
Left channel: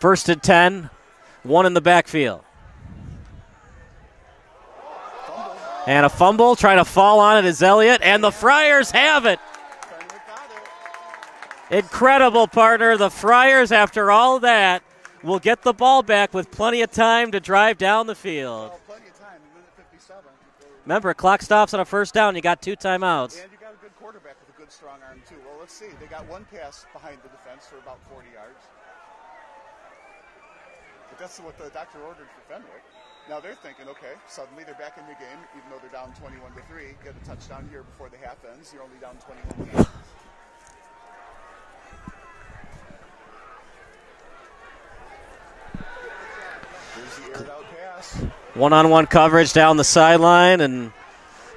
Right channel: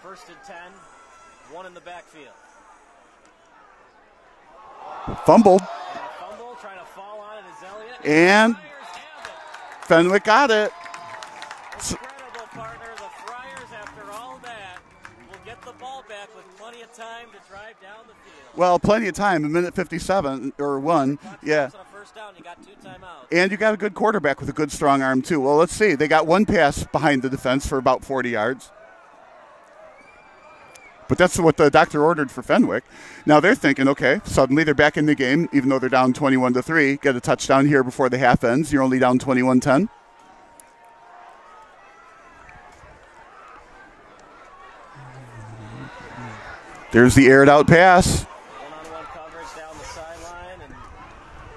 1st and 10, 1 in the backfield. Fumbled. And a fumble, trying to fall on it is Elliott, and the Friars have it. Fenwick got it. Incredible, partner. The Friars, after all that, will get the ball back with plenty of time to drive down the field. Well, plenty of time, 1:57 or 1. Remember, clock stops on a first down. You got 2 timeouts. And you got a good quarterback with a good strong arm, too. Well, let's see. They got 1 pass behind the defense for about 40 yards. But that's what the doctor ordered for Fenwick. Now they're thinking, okay, suddenly they're back in the game, even though they're down 21-3. Get a touchdown here before the half ends. You're only down 21-10. There's the aired out pass. One-on-one coverage down the sideline, and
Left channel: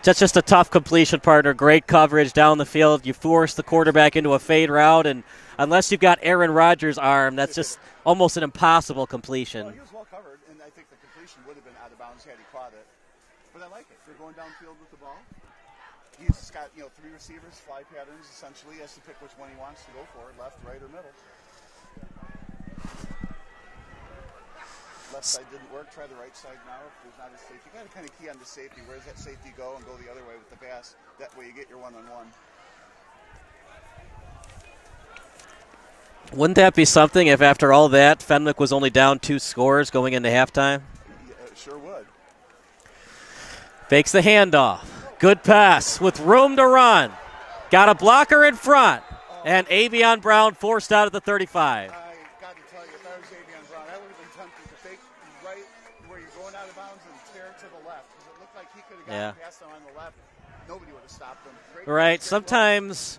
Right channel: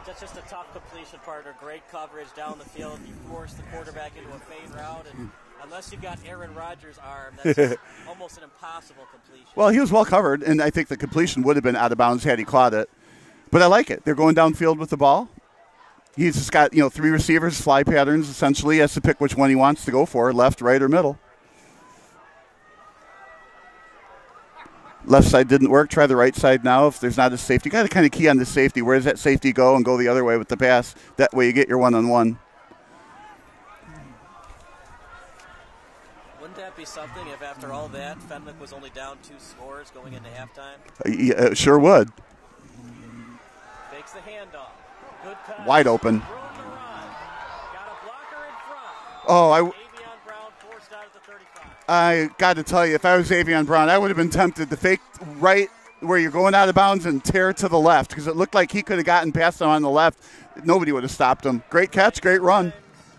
just a tough completion, partner. Great coverage down the field. You force the quarterback into a fade route, and unless you've got Aaron Rodgers' arm, that's just almost an impossible completion. Well, he was well covered, and I think the completion would have been out of bounds had he caught it. But I like it. They're going downfield with the ball. He's just got, 3 receivers, fly patterns, essentially. He has to pick which one he wants to go for, left, right, or middle. Left side didn't work. Try the right side now. If there's not a safety, you got to kind of key on the safety. Where does that safety go, and go the other way with the pass? That way you get your one-on-one. Wouldn't that be something if after all that, Fenwick was only down 2 scores going into halftime? Yeah, it sure would. Fakes the handoff. Good pass with room to run. Got a blocker in front. And Avion Brown forced out at the 35. I got to tell you, if I was Avion Brown, I would have been tempted to fake right where you're going out of bounds and tear to the left, because it looked like he could have gotten past him on the left. Nobody would have stopped him. Great catch, great run. Sometimes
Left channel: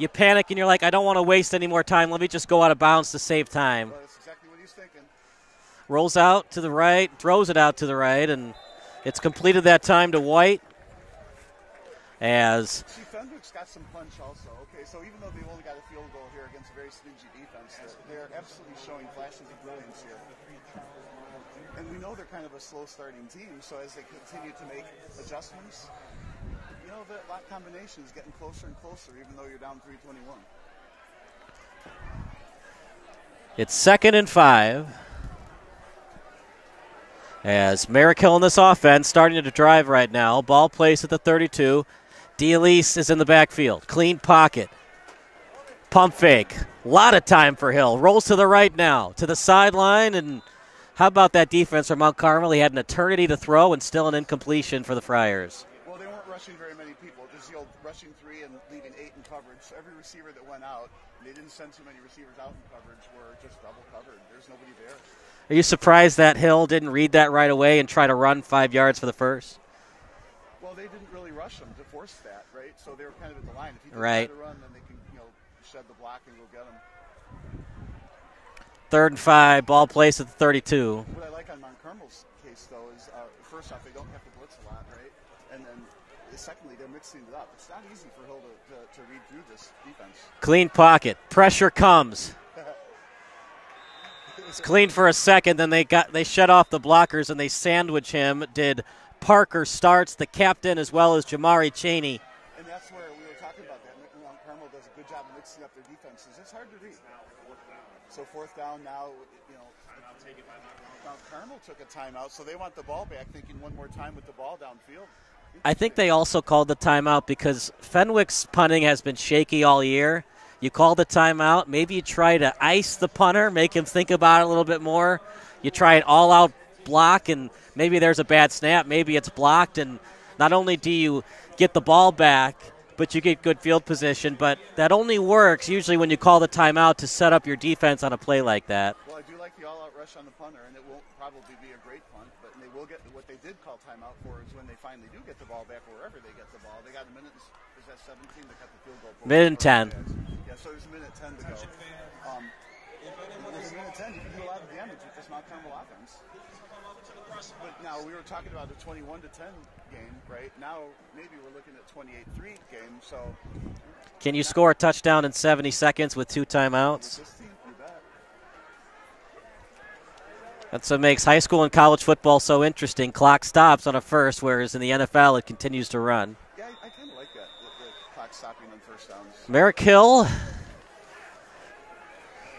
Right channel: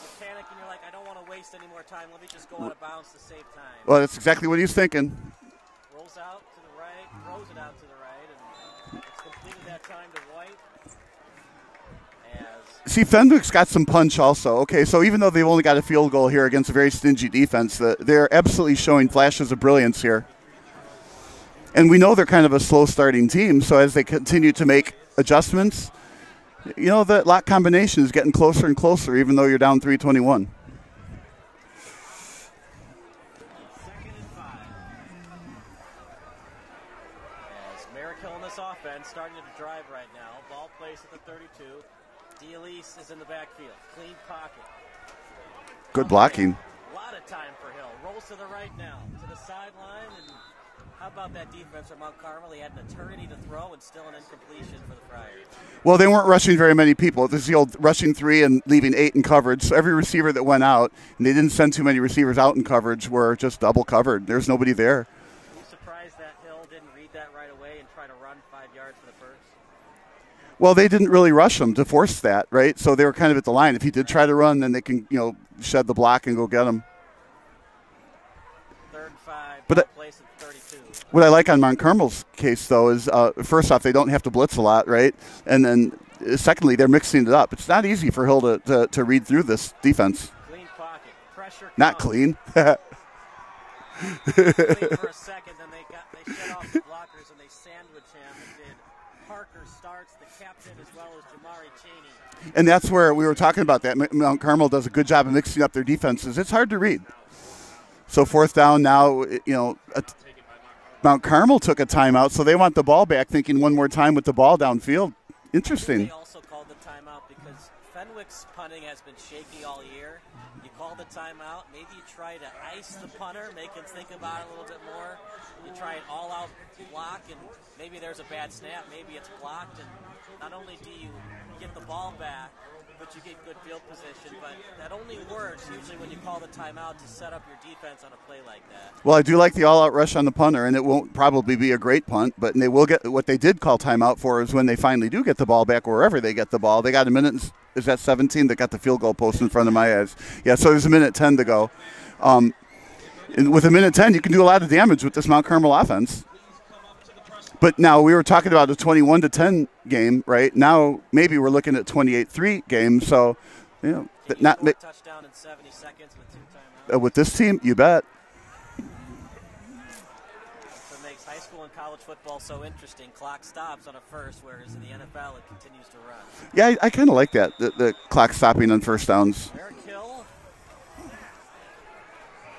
you panic and you're like, I don't want to waste any more time. Let me just go out of bounds to save time. Well, that's exactly what he's thinking. Rolls out to the right, throws it out to the right, and it's completed that time to White. See, Fenwick's got some punch also. Okay, so even though they've only got a field goal here against a very stingy defense, they're absolutely showing flashes of brilliance here. And we know they're kind of a slow-starting team, so as they continue to make adjustments, the lock combination is getting closer and closer, even though you're down 3-21. It's 2nd and 5. As Merrick-Hill in this offense starting to drive right now. Ball placed at the 32. D'Elise is in the backfield. Clean pocket. Pump fake. A lot of time for Hill. Rolls to the right now. To the sideline. And how about that defense from Mount Carmel? He had an eternity to throw and still an incompletion for the Friars. Well, they weren't rushing very many people. This is the old rushing 3 and leaving 8 in coverage. So every receiver that went out, and they didn't send too many receivers out in coverage, were just double covered. There's nobody there. Are you surprised that Hill didn't read that right away and try to run 5 yards for the first? Well, they didn't really rush him to force that, right? So they were kind of at the line. If he did try to run, then they can, shed the block and go get him. 3rd and 5, ball placed at the 32. What I like on Mount Carmel's case, though, is first off, they don't have to blitz a lot, right? And then secondly, they're mixing it up. It's not easy for Hill to read through this defense. Clean pocket. Pressure comes. Not clean. It's clean for a second, then they shut off the blockers and they sandwich him. Did Parker Starts, the captain, as well as Jamari Chaney. And that's where we were talking about that. Mount Carmel does a good job of mixing up their defenses. It's hard to read. So 4th down now, Mount Carmel took a timeout, so they want the ball back, thinking one more time with the ball downfield. Interesting. I think they also called the timeout because Fenwick's punting has been shaky all year. You call the timeout. Maybe you try to ice the punter, make him think about it a little bit more. You try an all-out block, and maybe there's a bad snap. Maybe it's blocked, and not only do you get the ball back, but you get good field position. But that only works usually when you call the timeout to set up your defense on a play like that. Well, I do like the all-out rush on the punter, and it won't probably be a great punt, but they will get what they did call timeout for is when they finally do get the ball back wherever they get the ball. They got a minute. Is that 17 that got the field goal post in front of my eyes? Yeah, so there's a minute 10 to go. And with a minute 10, you can do a lot of damage with this Mount Carmel offense. But now we were talking about a 21-10 game, right? Now maybe we're looking at 28-3 game. So, can you score a touchdown in 70 seconds with 2 timeouts? With this team, you bet. That's what makes high school and college football so interesting. Clock stops on a first, whereas in the NFL it continues to run. Yeah, I kind of like that, the clock stopping on first downs. Merrick-Hill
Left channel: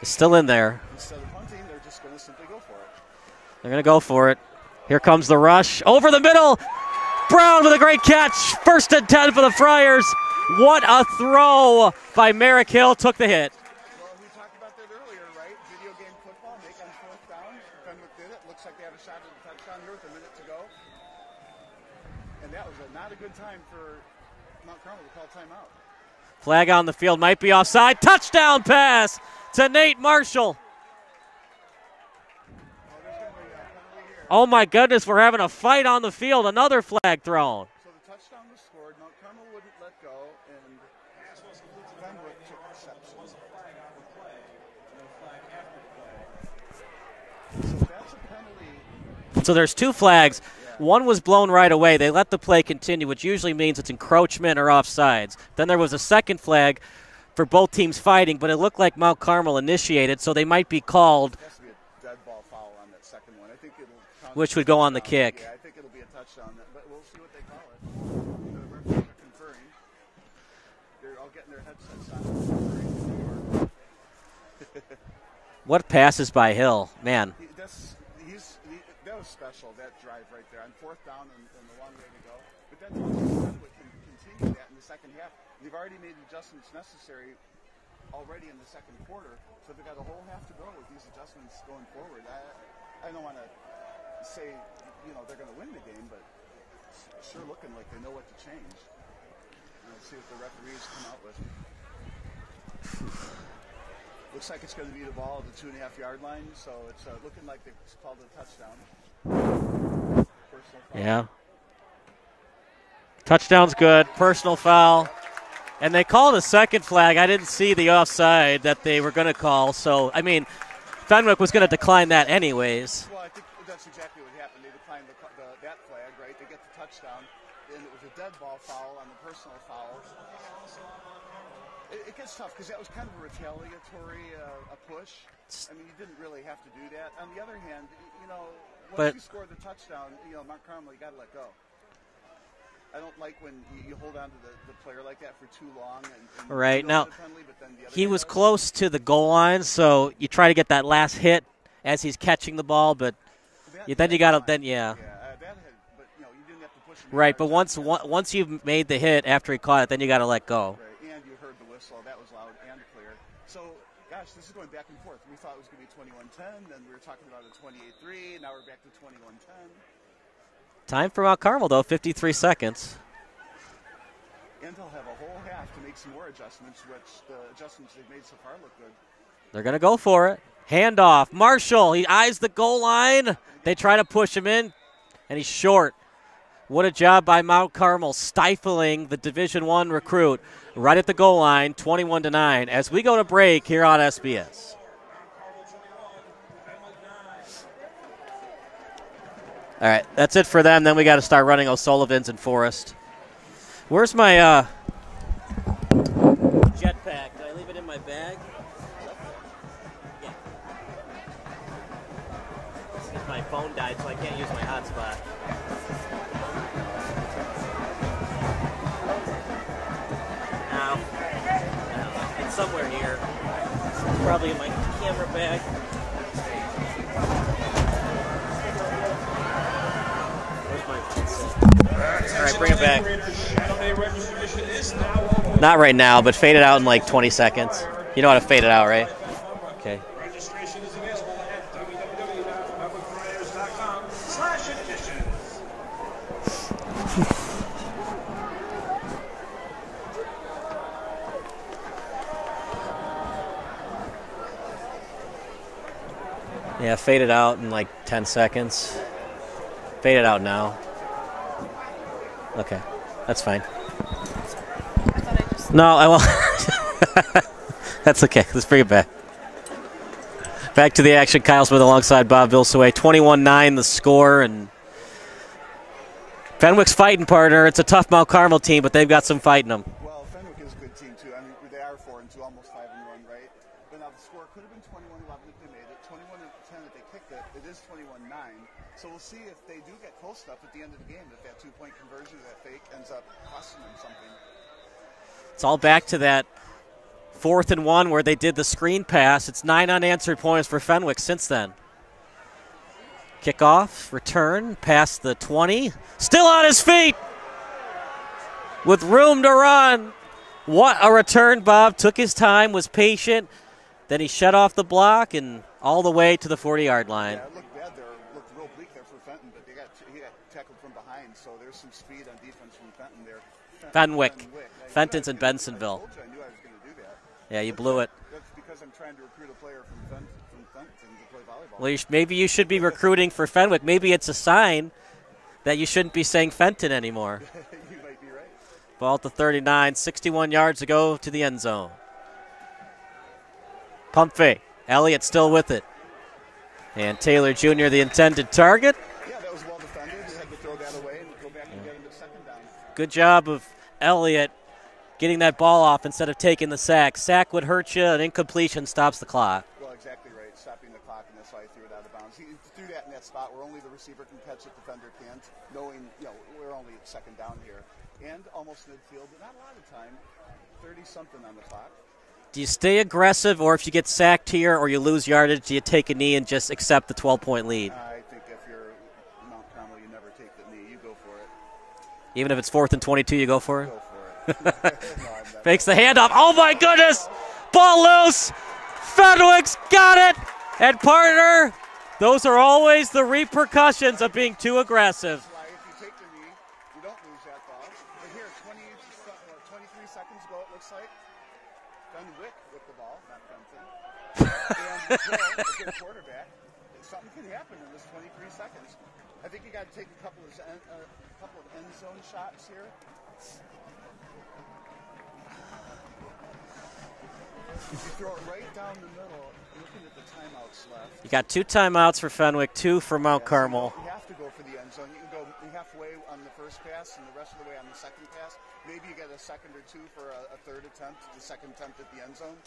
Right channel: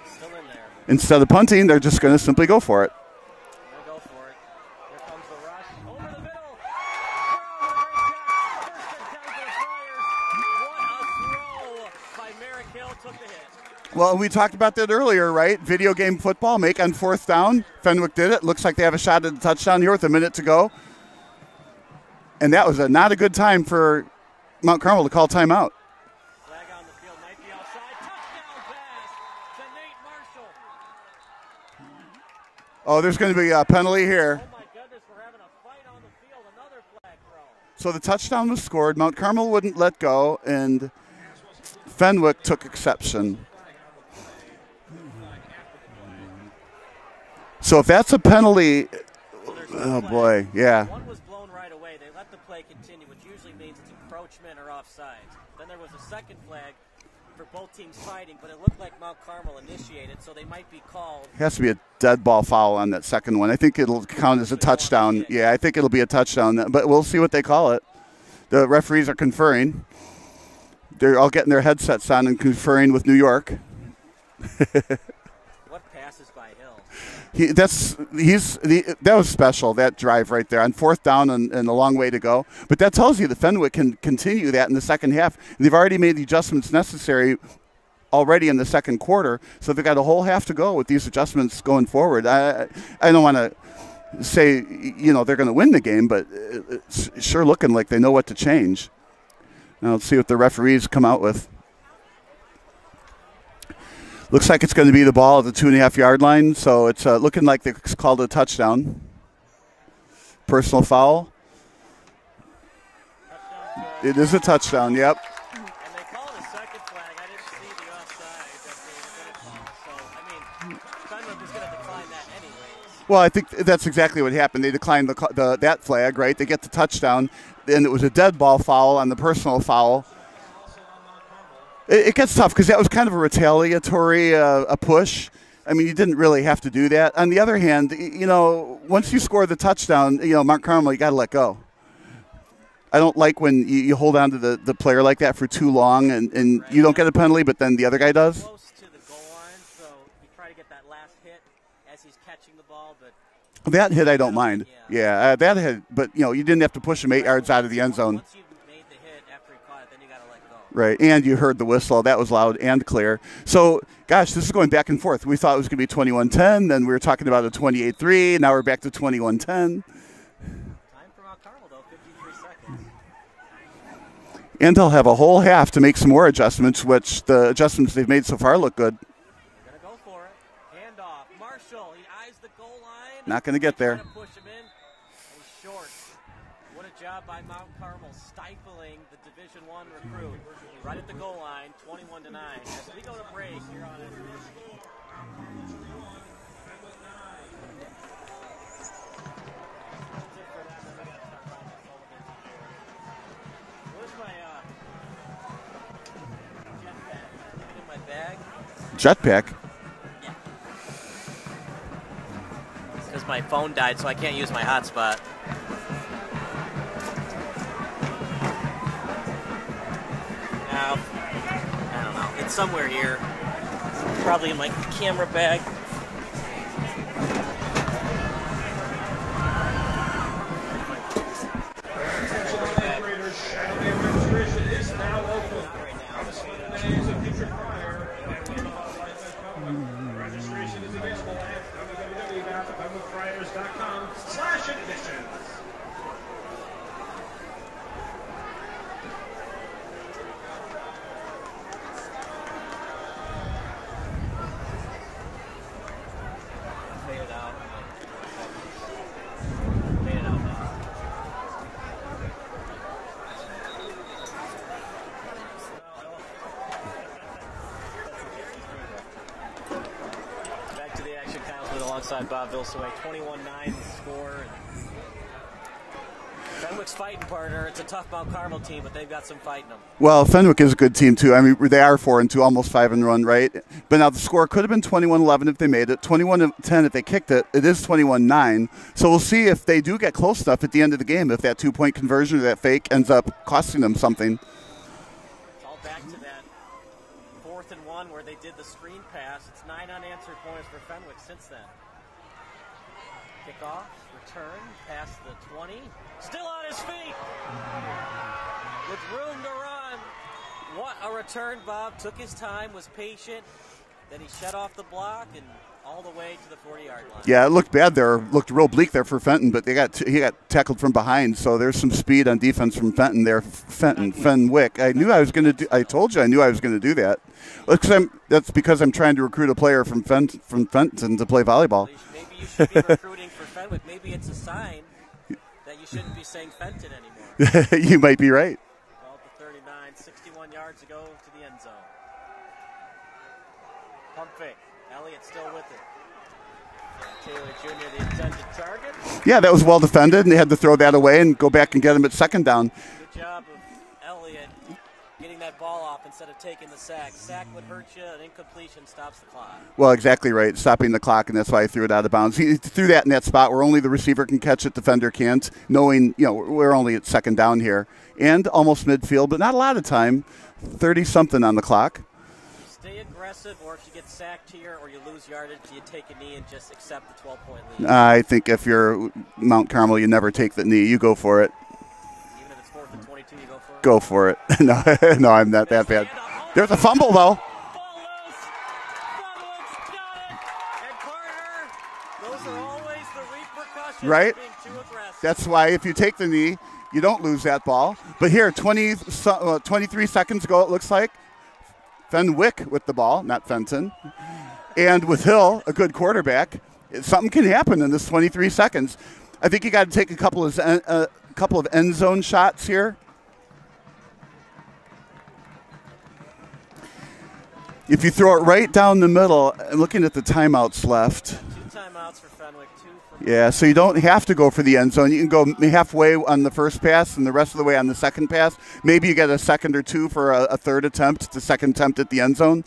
is still in there. Instead of punting, they're just going to simply go for it. They're going to go for it. Here comes the rush. Over the middle. Brown with a great catch. 1st and 10 for the Friars. What a throw by Merrick-Hill. Took the hit. Well, we talked about that earlier, right? Video game football, make on 4th down. Fenwick did it. Looks like they have a shot at the touchdown here with a minute to go. And that was not a good time for Mount Carmel to call timeout. Flag on the field, might be offside. Touchdown pass to Nate Marshall. Oh, there's going to be a penalty here. Oh, my goodness, we're having a fight on the field. Another flag thrown. So the touchdown was scored. Mount Carmel wouldn't let go, and Fenwick took exception. So if that's a penalty. So there's 2 flags. Boy, yeah. One was blown right away. They let the play continue, which usually means it's encroachment or offsides. Then there was a second flag for both teams fighting, but it looked like Mount Carmel initiated, so they might be called. It has to be a dead ball foul on that second one. I think it'll count as a touchdown. Yeah, I think it'll be a touchdown, but we'll see what they call it. The referees are conferring. They're all getting their headsets on and conferring with New York. What passes by Hill, man. That was special, that drive right there on 4th down and a long way to go. But that tells you the Fenwick can continue that in the second half. They've already made the adjustments necessary already in the second quarter, so they've got a whole half to go with these adjustments going forward. I don't want to say, they're going to win the game, but it's sure looking like they know what to change. Now let's see what the referees come out with. Looks like it's going to be the ball at the 2.5-yard line, so it's looking like they called a touchdown. Personal foul. Yeah. Touchdown's good. It is a touchdown, yep. And they called a second flag. I didn't see the offside that they were going to call. So, I mean, Fenwick was going to decline that anyways. Well, I think that's exactly what happened. They declined that flag, right? They get the touchdown, and it was a dead ball foul on the personal foul. It gets tough because that was kind of a retaliatory a push. I mean, you didn't really have to do that. On the other hand, once you score the touchdown, Mount Carmel, you got to let go. I don't like when you hold on to the player like that for too long and right. You don't get a penalty, but then the other guy does. He was close to the goal line, so you try to get that last hit as he's catching the ball, but that hit I don't mind. Yeah, that hit, but you didn't have to push him 8 yards out of the end zone. Once you've made the hit after he caught it, then you got to let go. Right, and you heard the whistle. That was loud and clear. So, gosh, this is going back and forth. We thought it was going to be 21-10, then we were talking about a 28-3. Now we're back to 21-10. Time for Mount Carmel, though, 53 seconds. And they'll have a whole half to make some more adjustments, which the adjustments they've made so far look good. They're going to go for it. Handoff. Marshall, he eyes the goal line. Not going to get there. They try to push him in, and he's short. What a job by Mount Carmel stifling the Division I recruit right at the goal line, 21-9, as we go to break here on SBS. All right, that's it for them. Then we got to start running O'Sullivan's and Forest. Where's my jetpack? Did I leave it in my bag? Jetpack? Yeah. Because my phone died, so I can't use my hotspot. No. I don't know. It's somewhere here. Probably in my camera bag. All right, bring it back. Not right now, but fade it out in like 20 seconds. You know how to fade it out, right? Okay. Yeah, fade it out in like 10 seconds. Fade it out now. Okay, that's fine. No, I won't. That's okay. Let's bring it back. Back to the action. Kyle Smith alongside Bob Vilsaway. 21-9 the score, and Fenwick's fighting, partner. It's a tough Mount Carmel team, but they've got some fight in them. Well, Fenwick is a good team, too. I mean, they are 4-2, almost 5-1, right? But now the score could have been 21-11 if they made it, 21-10 if they kicked it. It is 21-9. So we'll see if they do get close enough at the end of the game, if that two-point conversion or that fake ends up costing them something. It's all back to that 4th and 1 where they did the screen pass. It's 9 unanswered points for Fenwick since then. Kickoff, return, past the 20. Still on his feet with room to run. What a return, Bob. Took his time, was patient. Then he shut off the block and all the way to the 40-yard line. Yeah, it looked bad there. Looked real bleak there for Fenton, but he got tackled from behind. So there's some speed on defense from Fenton there. Fenwick. I knew I was going to. I told you I knew I was going to do that. Yeah, you blew it. That's because I'm trying to recruit a player from Fenton to play volleyball. Well, maybe you should be recruiting for Fenwick. Maybe it's a sign that you shouldn't be saying Fenton anymore. You might be right. Ball to 39, 61 yards to go to the end zone. Pump fake. Elliott still with it. And Taylor Jr., the intended target. Yeah, that was well defended, and they had to throw that away and go back and get him at second down. Good job of Elliott getting that ball off instead of taking the sack. Sack would hurt you. An incompletion stops the clock. Well, exactly right. Stopping the clock, and that's why he threw it out of bounds. He threw that in that spot where only the receiver can catch it, defender can't, knowing, we're only at second down here. And almost midfield, but not a lot of time. 30-something on the clock. Do you stay aggressive, or if you get sacked here or you lose yardage, do you take a knee and just accept the 12-point lead? I think if you're Mount Carmel, you never take the knee. You go for it. Even if it's 4th and 22, you go for it? Go for it. No, I'm not Makes that the bad. handoff. Oh, my goodness. Fumble, ball loose. Fenwick's got it. And, partner, those are always the repercussions of being too aggressive. That's why if you take the knee, you don't lose that ball. But here, 23 seconds ago, it looks like, Fenwick with the ball, not Fenton. And with Hill, a good quarterback, something can happen in this 23 seconds. I think you got to take a couple of end zone shots here. If you throw it right down the middle, and looking at the timeouts left. Got 2 timeouts for Fenwick, 2 for Mount Carmel. So you don't have to go for the end zone. You can go halfway on the first pass and the rest of the way on the second pass. Maybe you get a second or two for a third attempt, the second attempt at the end zone.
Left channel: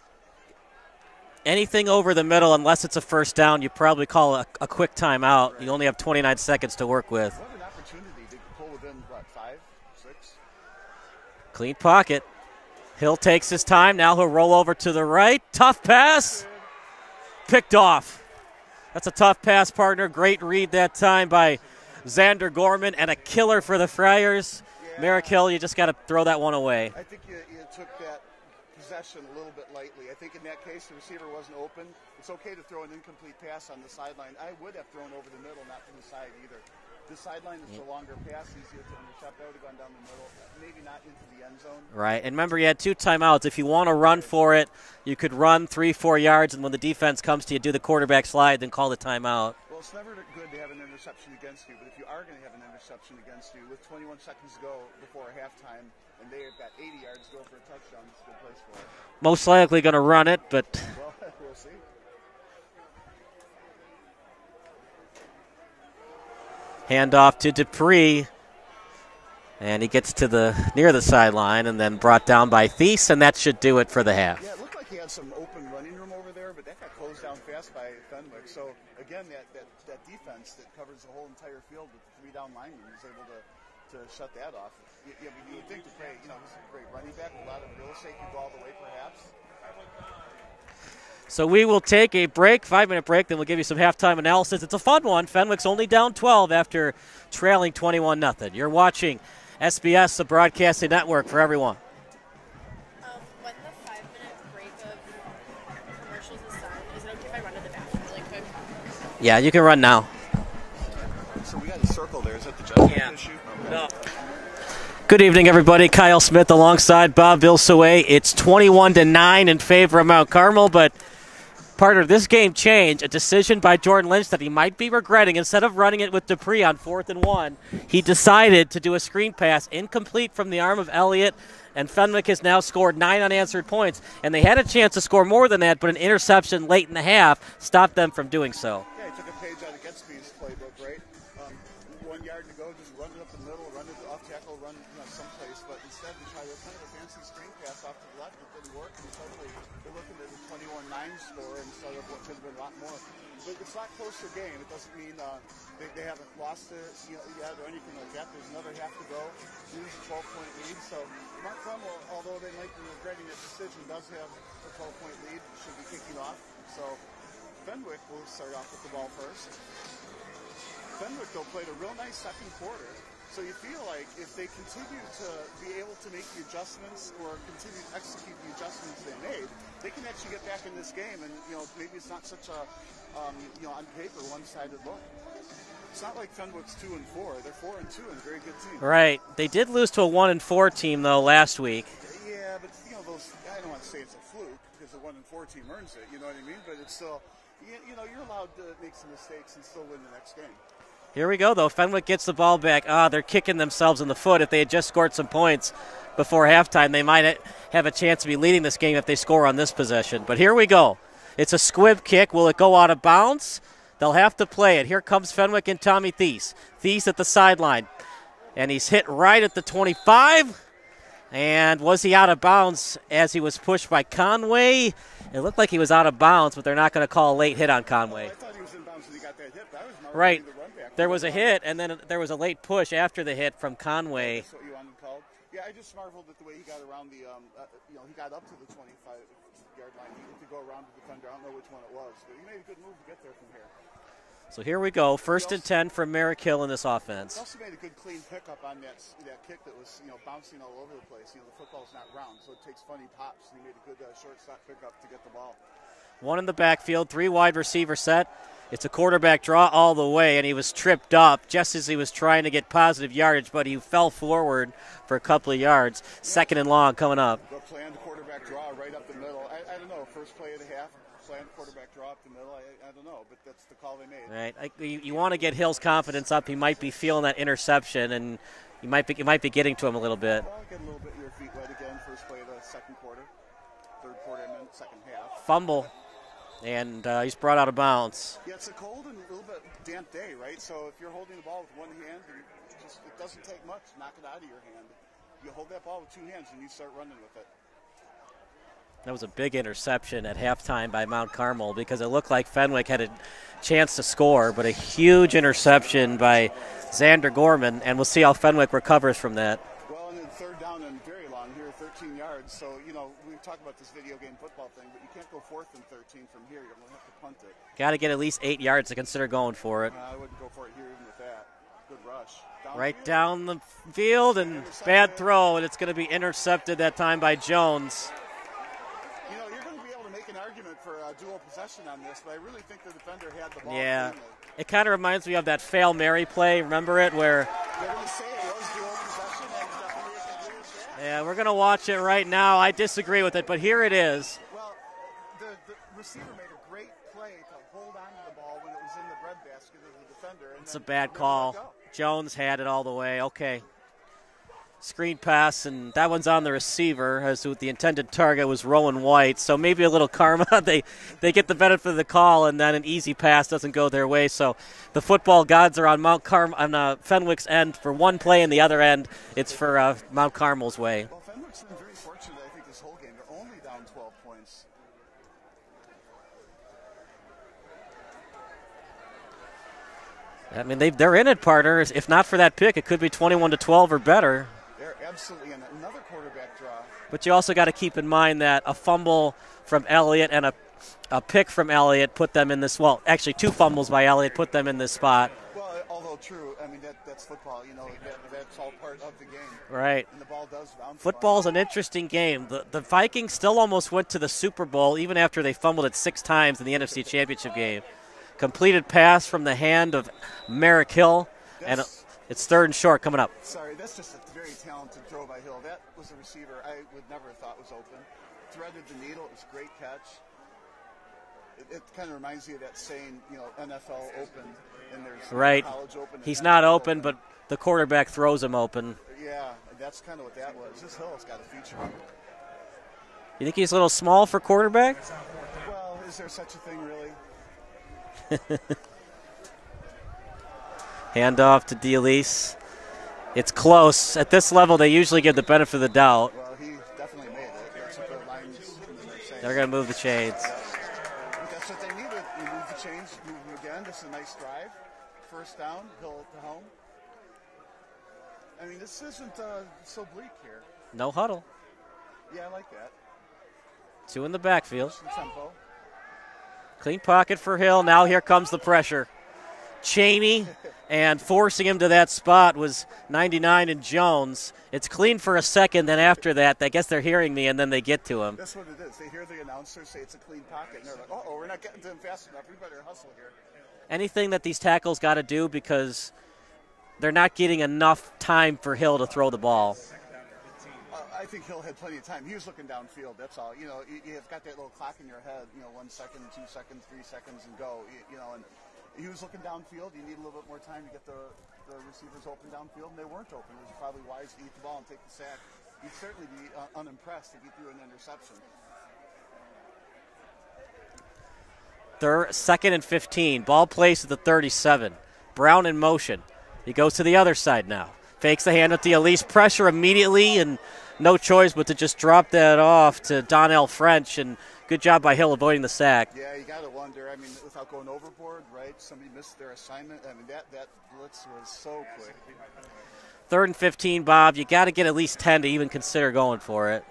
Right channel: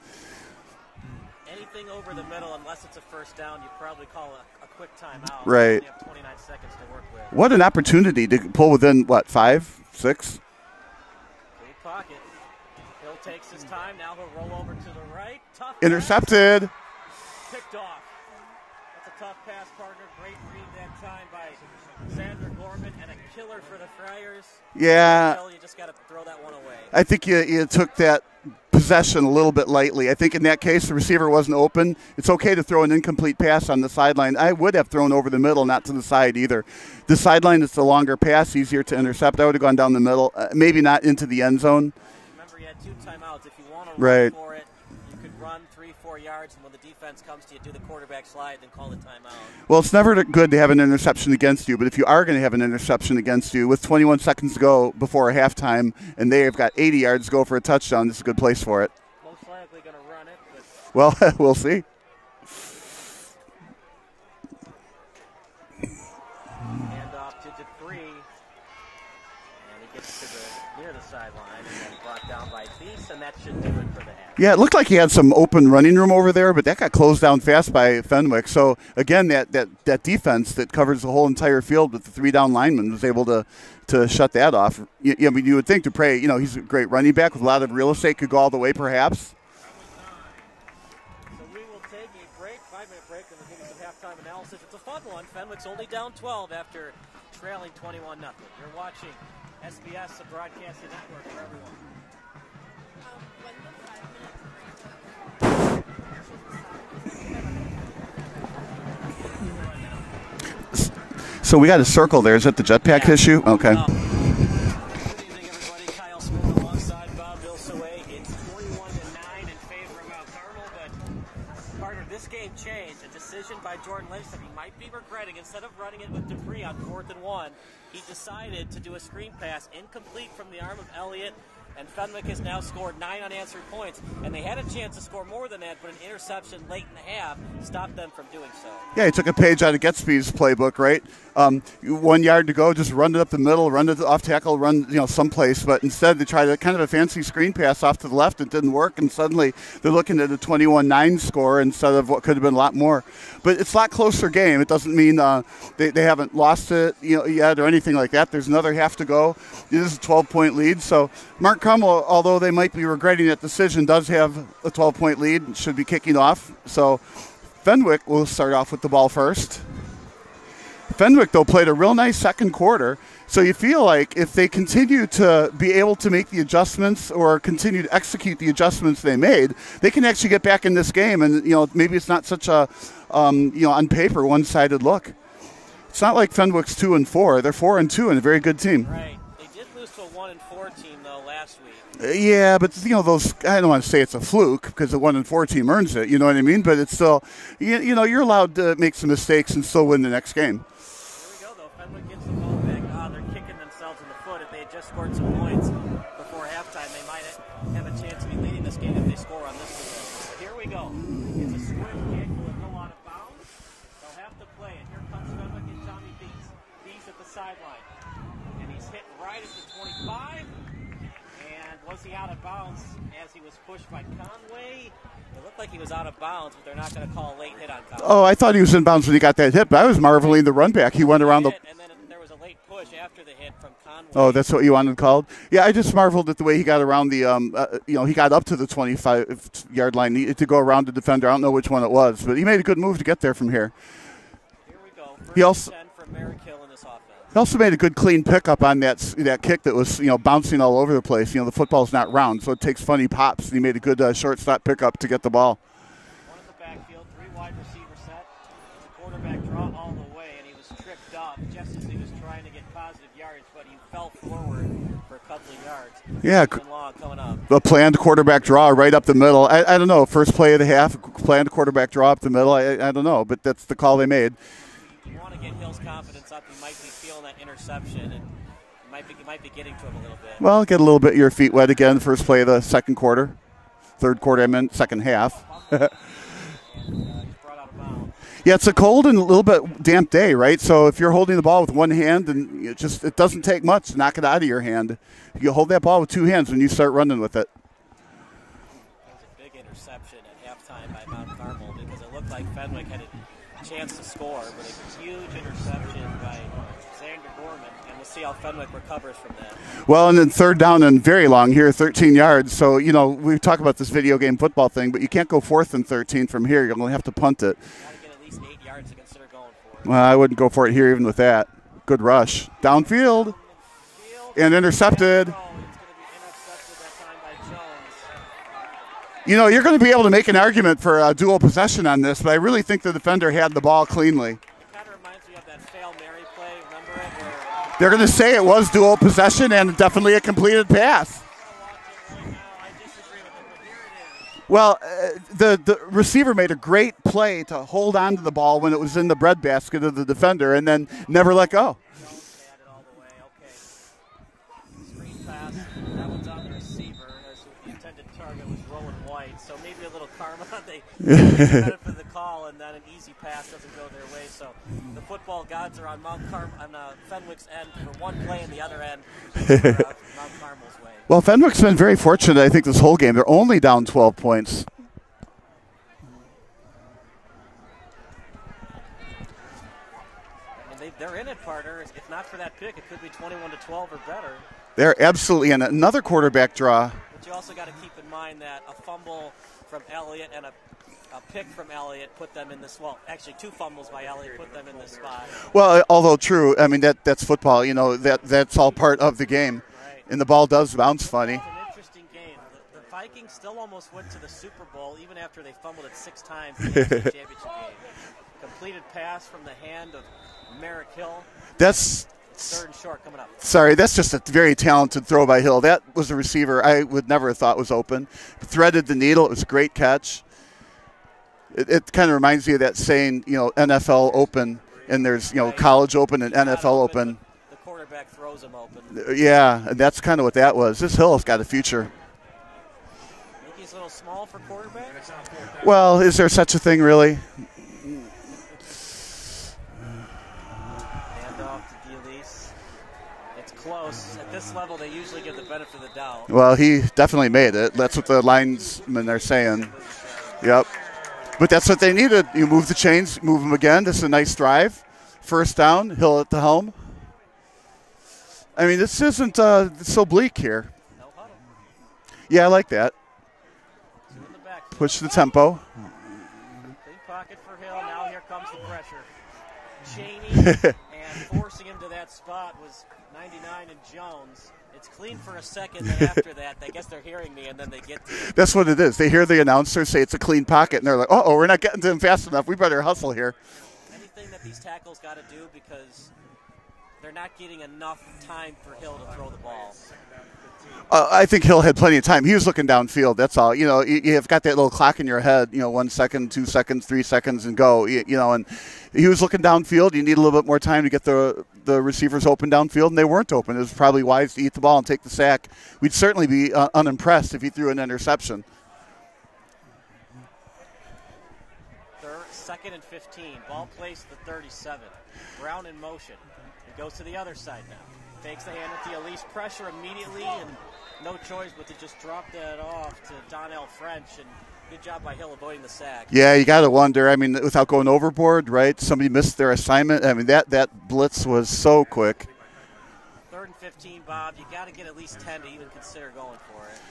Anything over the middle, unless it's a first down, you probably call a quick timeout. Right. You only have 29 seconds to work with. What an opportunity to pull within, 5, 6? Clean pocket. Hill takes his time. Now he'll roll over to the right. Tough pass. Intercepted. Picked off. That's a tough pass, partner. Great read that time by Xander Gorman, and a killer for the Friars. Yeah. Hill, you just got to throw that one away. I think you took that possession a little bit lightly. I think in that case the receiver wasn't open. It's okay to throw an incomplete pass on the sideline. I would have thrown over the middle, not to the side either. The sideline is the longer pass, easier to intercept. I would have gone down the middle, maybe not into the end zone. Right, and remember you had 2 timeouts. If you want to run for it, you could run 3-4 yards, and when the defense comes to you, do the quarterback slide, then call the timeout. Well, it's never good to have an interception against you, but if you are going to have an interception against you with 21 seconds to go before a halftime, and they have got 80 yards to go for a touchdown, this is a good place for it. Most likely going to run it, but... Well, we'll see. Handoff to Dupree. And he gets to near the sideline and then brought down by Thies, and that should do it for the half. Yeah, it looked like he had some open running room over there, but that got closed down fast by Fenwick. So, again, that defense that covers the whole entire field with the 3 down linemen was able to shut that off. I mean, you would think Dupree, he's a great running back with a lot of real estate, could go all the way perhaps. So we will take a break, 5-minute break, then we'll give you some halftime analysis. It's a fun one. Fenwick's only down 12 after trailing 21-0. You're watching SBS, the broadcasting network for everyone. When the 5-minute break of commercials is done, is that if I run to the bathroom really quick? Yeah, you can run now. So we got a circle there. Is that the jetpack issue? Okay. No. Good evening, everybody. Kyle Smith alongside Bob Vilsaway. It's 21-9 in favor of Mount Carmel, but part of this game change, a decision by Jordan Lynch that he might be regretting. Instead of running it with Dupree on 4th and 1, he decided to do a screen pass incomplete from the arm of Elliott, and Fenwick has now scored 9 unanswered points. And they had a chance to score more than that, but an interception late in the half stopped them from doing so. Yeah, he took a page out of Getsby's playbook, right? 1 yard to go, just run it up the middle, run it off tackle, run someplace. But instead they tried kind of a fancy screen pass off to the left. It didn't work, and suddenly they're looking at a 21-9 score instead of what could have been a lot more. But it's a lot closer game. It doesn't mean they haven't lost it yet or anything like that. There's another half to go. It is a 12-point lead. So Mount Carmel, although they might be regretting that decision, does have a 12-point lead and should be kicking off. So Fenwick will start off with the ball first. Fenwick, though, played a real nice second quarter. So you feel like if they continue to be able to make the adjustments or continue to execute the adjustments they made, they can actually get back in this game. And, maybe it's not such a, on paper, one-sided look. It's not like Fenwick's 2-4. They're 4-2 and a very good team. Right. They did lose to a 1-4 team, though, last week. Yeah, but, those, I don't want to say it's a fluke because the 1-4 team earns it, you know what I mean? But it's still, you're allowed to make some mistakes and still win the next game. Here we go, though. Fenwick gets the ball back. They're kicking themselves in the foot. If they had just scored some points before halftime, they might have a chance to be leading this game if they score on this possession. But here we go. It's a squib kick. Will it go out of bounds? They'll have to play it. Here comes Fenwick and Tommy Thies. Thies at the sideline. And he's hit right at the 25. And was he out of bounds as he was pushed by Conway? It looked like he was out of bounds, but they're not going to call a late hit on Conway. Oh, I thought he was in bounds when he got that hit, but I was marveling the run back. He went around the hit, and then there was a late push after the hit from Conway. Oh, that's what you wanted called? Yeah, I just marveled at the way he got around the, he got up to the 25-yard line to go around the defender. I don't know which one it was, but he made a good move to get there from here. So here we go. First and 10 for Merrick Hill in this offense. He also made a good clean pickup on that kick that was bouncing all over the place. The football's not round, so it takes funny pops. And he made a good shortstop pickup to get the ball. One in the backfield, 3 wide receiver set. It's a quarterback draw all the way, and he was tripped up just as he was trying to get positive yardage, but he fell forward for a couple of yards. Yeah, second and long coming up. A planned quarterback draw right up the middle. I don't know. First play of the half, planned quarterback draw up the middle. I don't know, but that's the call they made. Right. You want to get Hill's confidence up. He might be feeling that interception, and it might be getting to him a little bit. Well, get a little bit your feet wet again. First play of the second quarter. third quarter, I meant second half. Fumble. And he's brought out of bounds. Yeah, it's a cold and a little bit damp day, right? So if you're holding the ball with one hand, and it doesn't take much to knock it out of your hand. You hold that ball with two hands when you start running with it. That was a big interception at halftime by Mount Carmel because it looked like Fenwick had a chance to score, but a huge interception by Xander Gorman, and we'll see how Fenwick recovers from that. Well, and then third down and very long here, 13 yards. So, we talk about this video game football thing, but you can't go 4th and 13 from here. You're going to have to punt it. Got to get at least 8 yards to consider going for it. Well, I wouldn't go for it here even with that. Good rush. Downfield. Right down the field. And intercepted. Bad throw, and it's going to be intercepted that time by Jones. You're going to be able to make an argument for a dual possession on this, but I really think the defender had the ball cleanly. It kind of reminds me of that Fail Mary play. Remember it? Where they're going to say it was dual possession and definitely a completed pass. Yeah, we're going to watch it right now. I disagree with it, but here it is. Well, the receiver made a great play to hold on to the ball when it was in the breadbasket of the defender and then never let go. Jones had it all the way. Okay. Screen pass, and that one's on the receiver, as the intended target was Rowan White. So maybe a little karma. they get the benefit of the call, and then an easy pass doesn't go their way. So the football gods are on Fenwick's end for one play, and the other end it's for Mount Carmel's way. Well, Fenwick's been very fortunate, I think, this whole game. They're only down 12 points. I mean, they're in it, partner. If not for that pick, it could be 21-12 or better. They're absolutely in another quarterback draw. But you also got to keep in mind that a fumble from Elliott and a pick from Elliott put them in this. Well, actually, 2 fumbles by Elliott put them in this spot. Well, although true, I mean that's football. That's all part of the game. Right. And the ball does bounce funny. Football's an interesting game. The Vikings still almost went to the Super Bowl even after they fumbled it 6 times in the NFC Championship game. Completed pass from the hand of Merrick Hill. It's 3rd and short coming up. Sorry, that's just a very talented throw by Hill. That was a receiver I would never have thought was open. Threaded the needle. It was a great catch. It kind of reminds me of that saying, NFL open, and there's college open and He's NFL not open. But the quarterback throws him open. Yeah, and that's kind of what that was. This Hill's got a future. You think he's a little small for quarterback? Well, is there such a thing, really? Handoff to D'Elise. It's close. At this level, they usually give the benefit of the doubt. Well, he definitely made it. That's what the linesmen are saying. They're going to move the chains. Yep. But that's what they needed. You move the chains, move them again. This is a nice drive. First down, Hill at the helm. I mean, this isn't so bleak here. No huddle. Yeah, I like that. 2 in the backfield. Push the tempo. Clean pocket for Hill. Now here comes the pressure. Cheney, and forcing him to that spot was 99 and Jones. It's clean for a second, then after that, I guess they're hearing me, and then they get to him. That's what it is. They hear the announcer say it's a clean pocket, and they're like, uh-oh, we're not getting to him fast enough. We better hustle here. Anything that these tackles got to do because they're not getting enough time for Hill to throw the ball. I think Hill had plenty of time. He was looking downfield. That's all. You've got that little clock in your head. 1 second, 2 seconds, 3 seconds, and go. And he was looking downfield. You need a little bit more time to get the receivers open downfield, and they weren't open. It was probably wise to eat the ball and take the sack. We'd certainly be unimpressed if he threw an interception. 2nd and 15. Ball placed at the 37. Brown in motion. He goes to the other side now. Fakes the hand with D'Elise. Pressure immediately, and no choice but to just drop that off to Donnell French, and good job by Hill avoiding the sack. Yeah, you got to wonder. I mean, without going overboard, right? Somebody missed their assignment. I mean, that blitz was so quick. 3rd and 15, Bob. You got to get at least 10 to even consider going for it.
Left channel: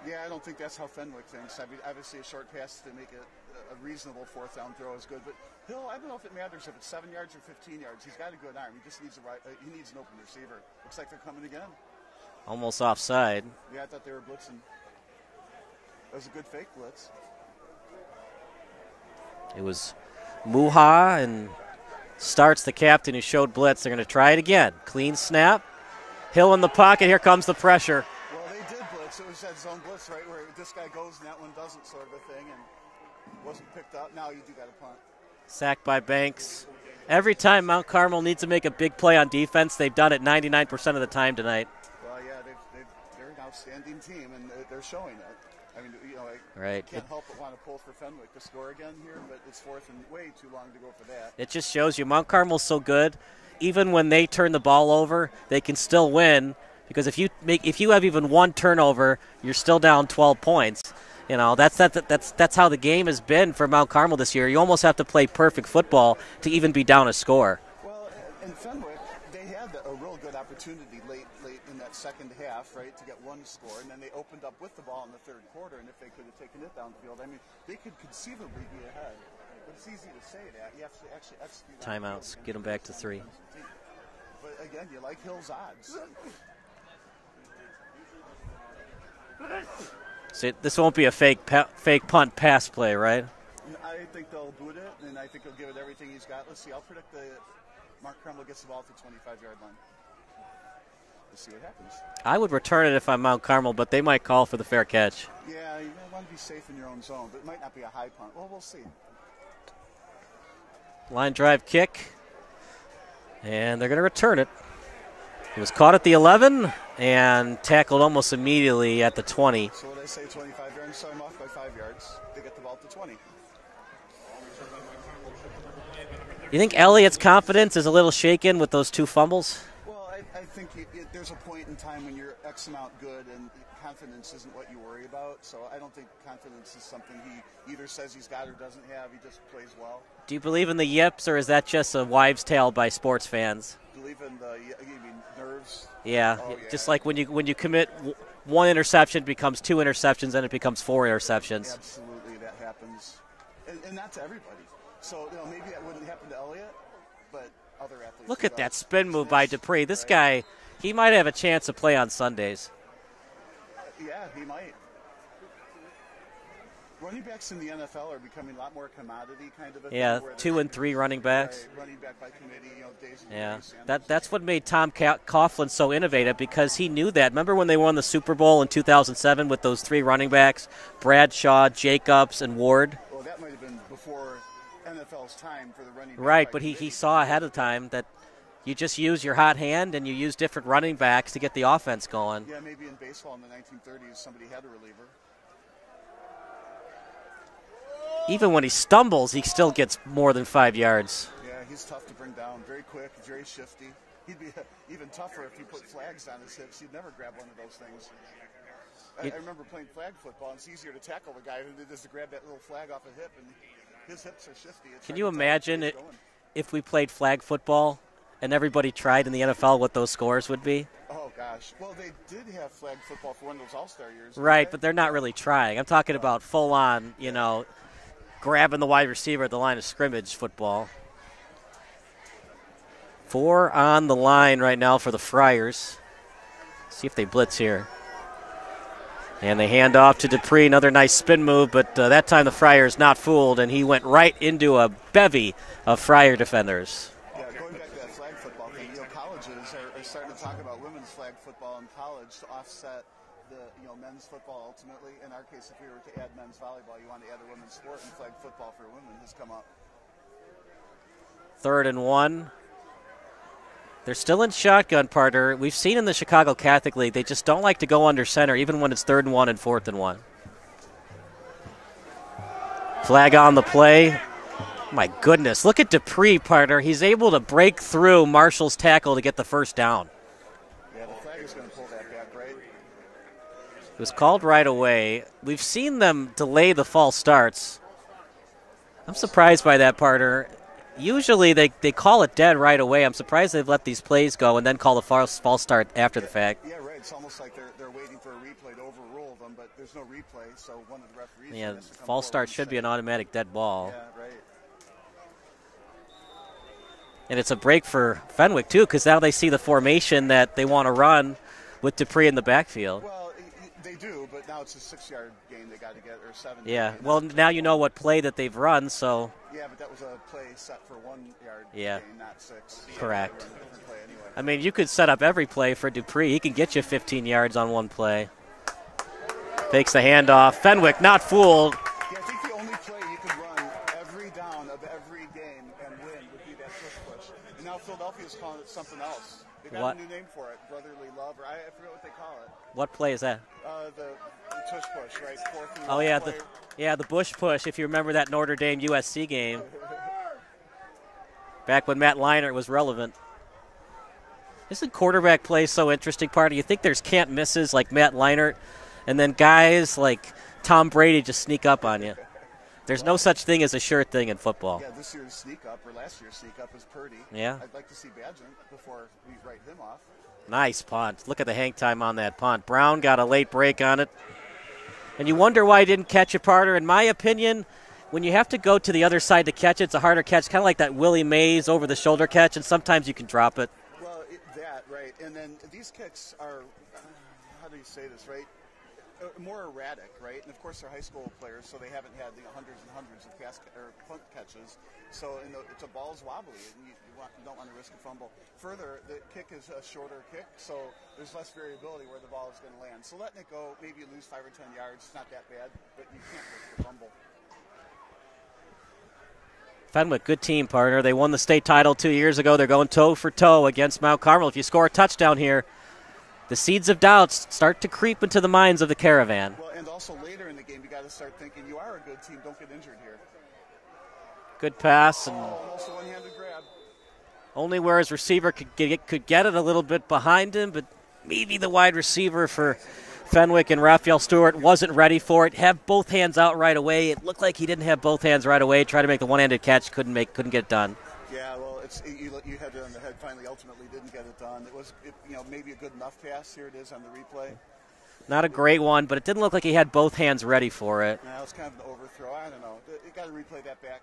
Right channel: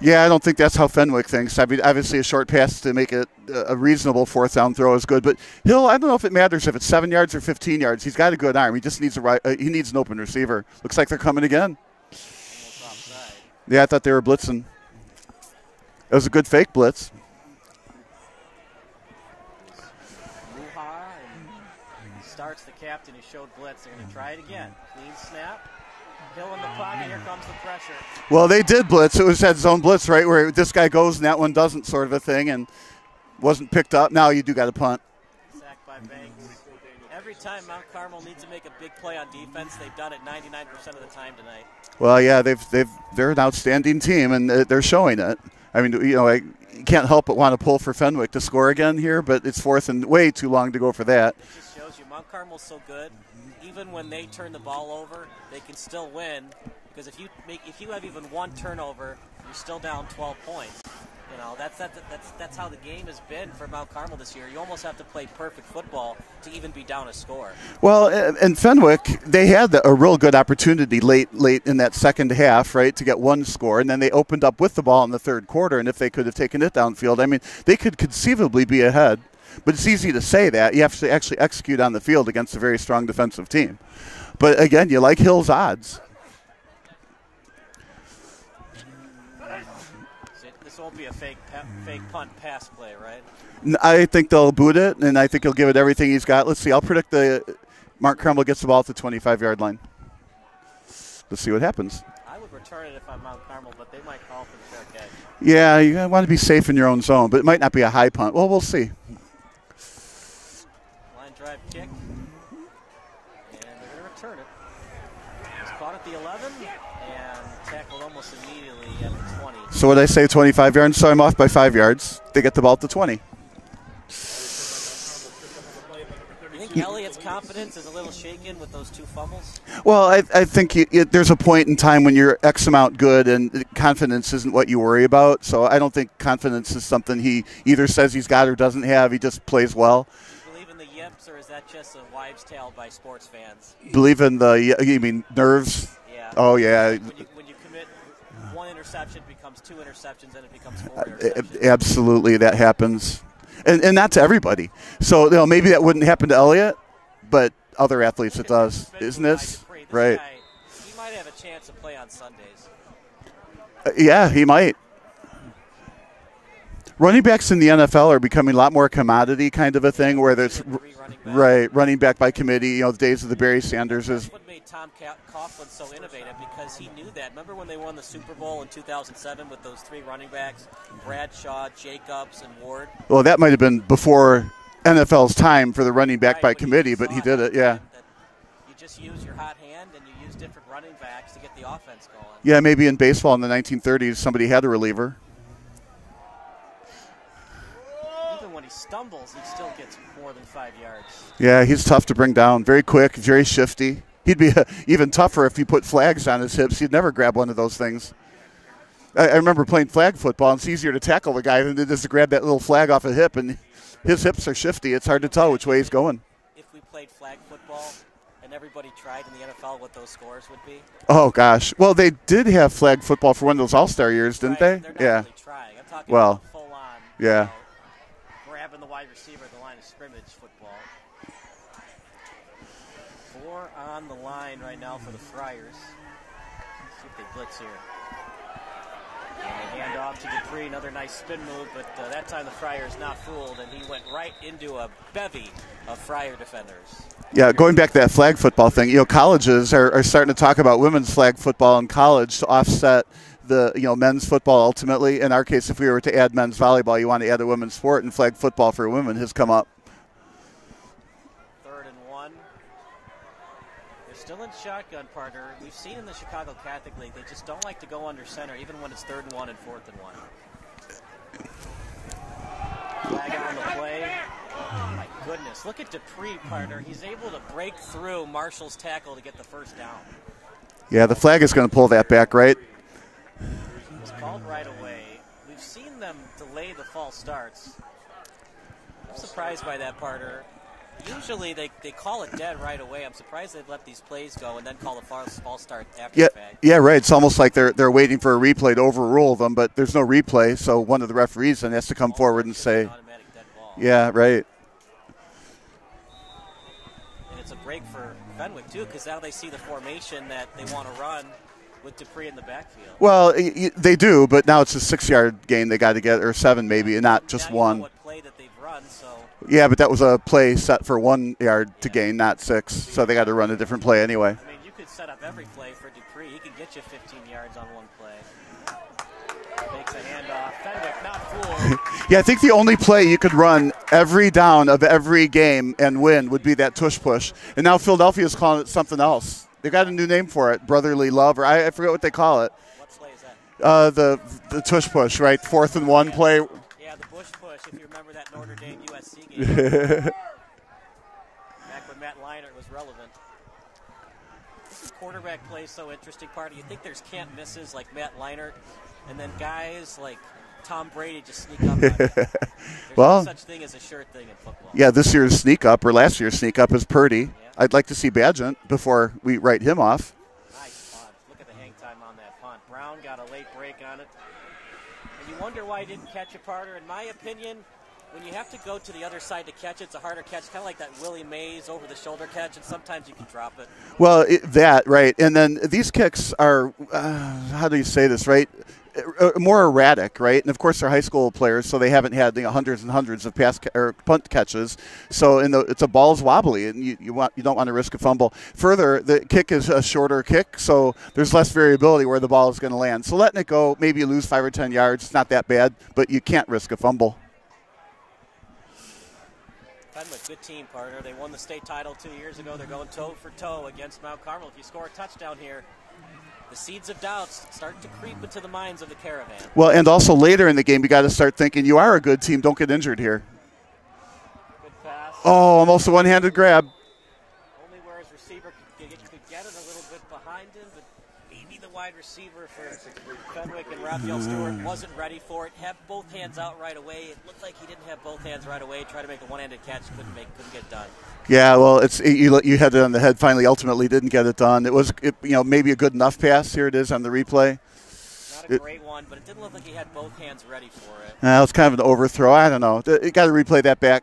Yeah, I don't think that's how Fenwick thinks. I mean, obviously a short pass to make it a reasonable 4th down throw is good. But Hill, I don't know if it matters if it's 7 yards or 15 yards. He's got a good arm. He just needs he needs an open receiver. Looks like they're coming again. Almost offside. Yeah, I thought they were blitzing. It was a good fake blitz. It was Muha, and starts the captain who showed blitz. They're going to try it again. Clean snap. Hill in the pocket. Here comes the pressure. Well, they did blitz. It was that zone blitz, right, where this guy goes and that one doesn't, sort of a thing, and wasn't picked up. Now you do got to punt. Sacked by Banks. Every time Mount Carmel needs to make a big play on defense, they've done it 99% of the time tonight. Well, yeah, they're an outstanding team, and they're showing it. I mean, you know, I Right. can't help but want to pull for Fenwick to score again here, but it's fourth and way too long to go for that. It just shows you Mount Carmel's so good. Even when they turn the ball over, they can still win because if you have even one turnover, you're still down 12 points. You know, that's how the game has been for Mount Carmel this year. You almost have to play perfect football to even be down a score. Well, and Fenwick, they had a real good opportunity late in that second half, right, to get one score, and then they opened up with the ball in the third quarter, and if they could have taken it downfield, I mean, they could conceivably be ahead. But it's easy to say that. You have to actually execute on the field against a very strong defensive team. But, again, you like Hill's odds. This won't be a fake punt pass play, right? I think they'll boot it, and I think he'll give it everything he's got. Let's see. I'll predict Mark Carmel gets the ball at the 25-yard line. Let's see what happens. I would return it if I'm Mount Carmel, but they might call for the fair catch. Yeah, you want to be safe in your own zone, but it might not be a high punt. Well, we'll see. Line drive kick, and they're going to return it. It was caught at the 11 and tackled almost immediately at the 20. So what did I say, 25 yards? So I'm off by 5 yards. They get the ball at the 20. You think Elliott's confidence is a little shaken with those two fumbles? Well, I think there's a point in time when you're X amount good and confidence isn't what you worry about. So I don't think confidence is something he either says he's got or doesn't have. He just plays well. Do you believe in the yips, or is that just a wives' tale by sports fans? Believe in you mean nerves? Yeah. Oh, yeah. It's like when you commit one interception becomes two interceptions, then it becomes four interceptions. Absolutely, that happens. And not to everybody. So, you know, maybe that wouldn't happen to Elliott, but other athletes Look it at does. that spin move by Dupree. This guy, he might have a chance to play on Sundays. Yeah, he might. Running backs in the NFL are becoming a lot more commodity kind of a thing, where there's 2 and 3 running backs. Right, running back by committee. You know, the days of the Barry Sanders. That's what made Tom Coughlin so innovative, because he knew that. Remember when they won the Super Bowl in 2007 with those 3 running backs, Bradshaw, Jacobs, and Ward? Well, that might have been before NFL's time for the running back by committee, but he did it. Yeah. That you just use your hot hand and you use different running backs to get the offense going. Yeah, maybe in baseball in the 1930s somebody had a reliever. Even when he stumbles, he still gets more than 5 yards. Yeah, he's tough to bring down. Very quick, very shifty. He'd be even tougher if he put flags on his hips. He'd never grab one of those things. I remember playing flag football, and it's easier to tackle the guy than it is to grab that little flag off a hip, and his hips are shifty. It's hard to tell which way he's going. If we played flag football and everybody tried in the NFL, what those scores would be? Oh, gosh. Well, they did have flag football for one of those All-Star years, didn't they? Right, but they're not really trying. I'm talking about full-on, you know, grabbing the wide receiver at the line of scrimmage football. 4 on the line right now for the Friars. See if they blitz here. And they hand off to Dupree. Another nice spin move, but that time the Friars not fooled, and he went right into a bevy of Friar defenders. Yeah, going back to that flag football thing, you know, colleges are starting to talk about women's flag football in college to offset the, you know, men's football ultimately. In our case, if we were to add men's volleyball, you want to add a women's sport, and flag football for women has come up. 3rd and 1. They're still in shotgun, partner. We've seen in the Chicago Catholic League, they just don't like to go under center, even when it's 3rd and 1 and 4th and 1. Flag on the play. My goodness, look at Dupree, partner. He's able to break through Marshall's tackle to get the first down. Yeah, the flag is going to pull that back, right? It was called right away. We've seen them delay the false starts. I'm surprised by that, partner. Usually they call it dead right away. I'm surprised they've let these plays go and then call the false start after the fact. Yeah, right. It's almost like they're waiting for a replay to overrule them, but there's no replay, so one of the referees then has to come forward and say, an automatic dead ball. Yeah, right. And it's a break for Fenwick, too, because now they see the formation that they want to run with Dupree in the backfield. Well, they do, but now it's a 6-yard gain they got to get, or 7 maybe, and not just now 1. You know what play that they've run, so. Yeah, but that was a play set for 1 yard to gain, not 6, so they got to run a different play anyway. I mean, you could set up every play for Dupree. He can get you 15 yards on one play. Takes the handoff. Fenwick not fooled. Yeah, I think the only play you could run every down of every game and win would be that tush push. And now Philadelphia is calling it something else. They got a new name for it, brotherly love, or I forget what they call it. What play is that? The tush push, right? 4th and 1 play. The Bush push, if you remember that Notre Dame USC game. Back when Matt Leinart was relevant. This is quarterback play so interesting, Party. You think there's can't misses like Matt Leinart, and then guys like Tom Brady just sneak up on you. There's no such thing as a sure thing in football. Yeah, this year's sneak up or last year's sneak up is Purdy. Yeah. I'd like to see Badgett before we write him off. Nice punt. Look at the hang time on that punt. Brown got a late break on it. And you wonder why he didn't catch it, Parter. In my opinion, when you have to go to the other side to catch it, it's a harder catch, kind of like that Willie Mays over-the-shoulder catch, and sometimes you can drop it. Well, that, right. And then these kicks are, how do you say this, right? More erratic, right? And of course they're high school players, so they haven't had hundreds and hundreds of punt catches. So it's a ball's wobbly, and you don't want to risk a fumble. Further, the kick is a shorter kick, so there's less variability where the ball is going to land. So letting it go, maybe you lose 5 or 10 yards. It's not that bad, but you can't risk a fumble. Fenwick, good team, partner. They won the state title 2 years ago. They're going toe for toe against Mount Carmel. If you score a touchdown here, the seeds of doubts start to creep into the minds of the Caravan. Well, and also later in the game, you got to start thinking you are a good team. Don't get injured here. Good pass. Oh, almost a one-handed grab. Only where his receiver could get it a little bit behind him, but maybe the wide receiver for Fenwick and Raphael Stewart wasn't ready for it. Have both hands out right away. It looked like he didn't have both hands right away. Tried to make the one-handed catch, couldn't get it done. Yeah, well, you had it on the head. Finally, ultimately, didn't get it done. It was maybe a good enough pass. Here it is on the replay. Not a great one, but it didn't look like he had both hands ready for it. It was kind of an overthrow. I don't know. You got to replay that back.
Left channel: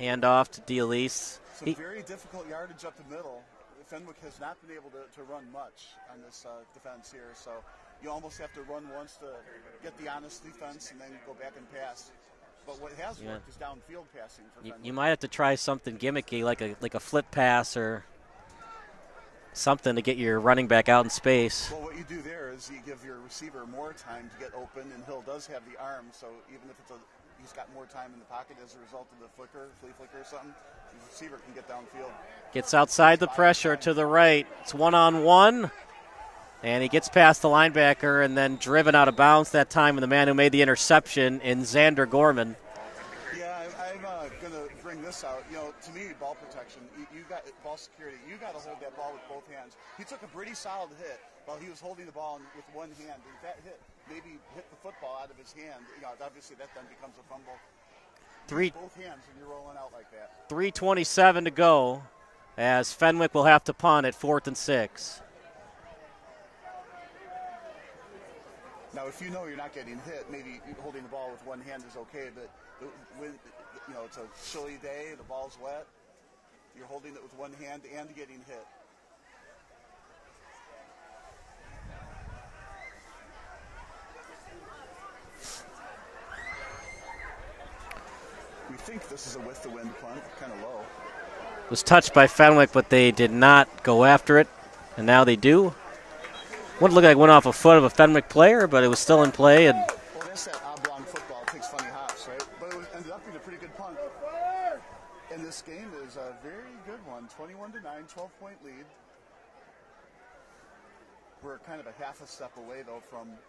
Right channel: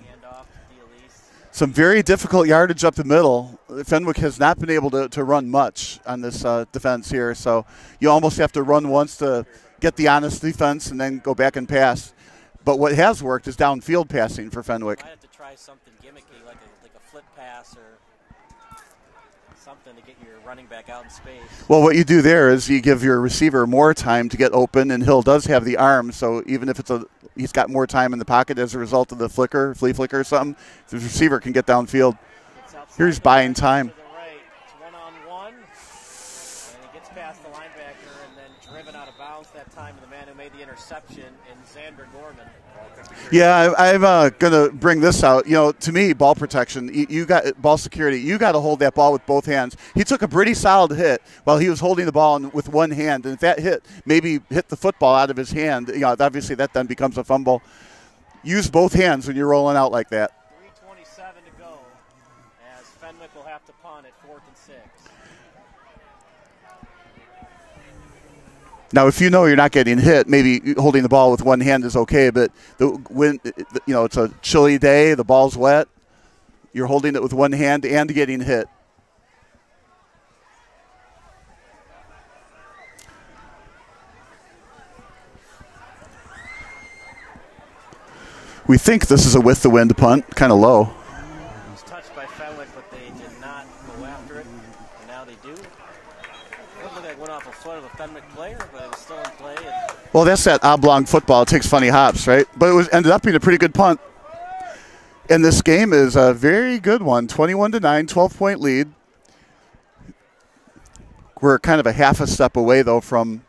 Hand off to D'Elise. Some very difficult yardage up the middle. Fenwick has not been able to run much on this defense here, so you almost have to run once to get the honest defense and then go back and pass. But what has worked is downfield passing for Fenwick. You might have to try something gimmicky, like a flip pass or something to get your running back out in space. Well, what you do there is you give your receiver more time to get open, and Hill does have the arm, so even if he's got more time in the pocket as a result of the flea flicker or something, the receiver can get downfield. Gets outside the pressure to the right. It's one-on-one. And he gets past the linebacker and then driven out of bounds that time with the man who made the interception in Xander Gorman. Yeah, I'm going to bring this out. To me, ball protection, you got ball security. You got to hold that ball with both hands. He took a pretty solid hit while he was holding the ball with one hand. And if that hit maybe hit the football out of his hand, obviously that then becomes a fumble. Use both hands when you're rolling out like that. 3:27 to go as Fenwick will have to punt at 4th and 6. Now, if you're not getting hit, maybe holding the ball with one hand is okay. But when it's a chilly day, the ball's wet, you're holding it with one hand and getting hit. We think this is a with the wind punt, kind of low. It was touched by Fenwick, but they did not go after it, and now they do. Wouldn't look like it went off a foot of a Fenwick player, but it was still in play. And well, that's that oblong football. It takes funny hops, right? But it ended up being a pretty good punt. And this game is a very good one, 21-9, 12-point lead. We're kind of a half a step away, though, from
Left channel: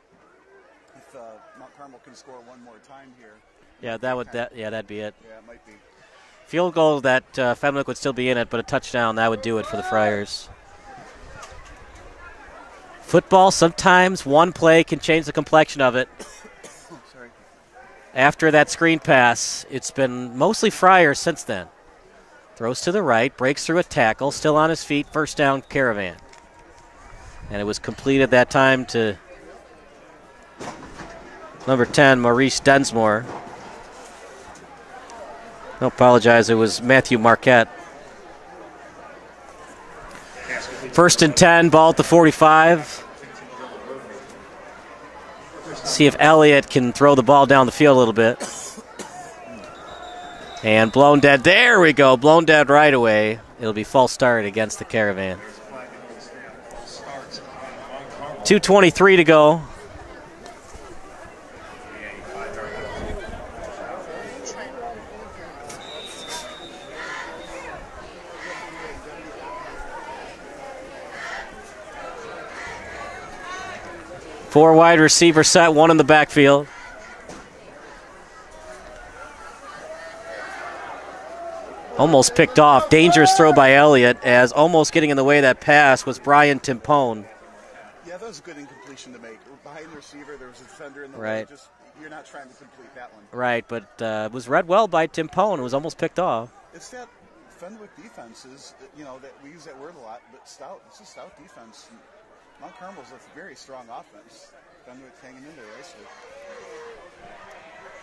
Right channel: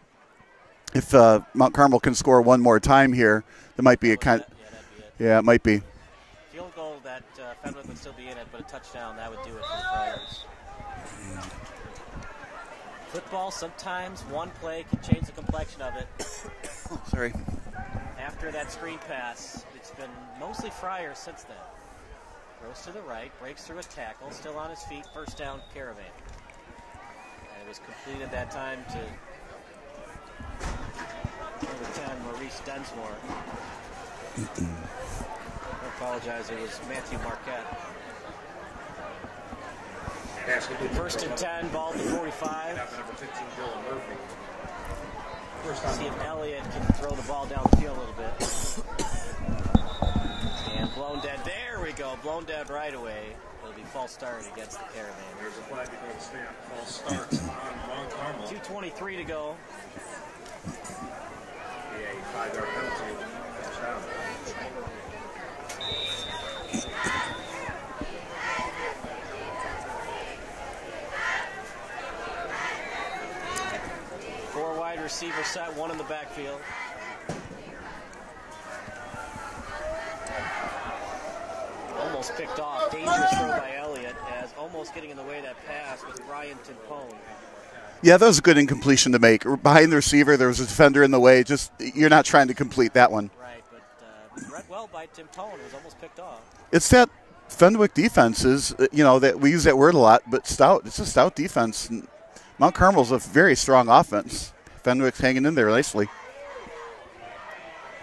if Mount Carmel can score one more time here. That'd be it. Yeah, it might be. Field goal that Fenwick would still be in it, but a touchdown, that would do it for the Friars. Football, sometimes one play can change the complexion of it. Sorry. After that screen pass, it's been mostly Friars since then. Throws to the right, breaks through a tackle, still on his feet, first down Caravan. And it was completed that time to number 10, Maurice Densmore. I apologize, it was Matthew Marquette. 1st and 10, ball at the 45. See if Elliott can throw the ball down the field a little bit. And blown dead. There we go. Blown dead right away. It'll be false start against the Caravan. 2:23 to go. 4 wide receiver set, 1 in the backfield. Almost picked off. Dangerous throw by Elliott, as almost getting in the way of that pass was Brian Timpone. Yeah, that was a good incompletion to make. Behind the receiver, there was a defender in the way. Just you're not trying to complete that one. Right, but it was read well by Timpone. It was almost picked off. It's that Fenwick defense is, that we use that word a lot, but stout. It's a stout defense. And Mount Carmel's a very strong offense. Fenwick's hanging in there nicely.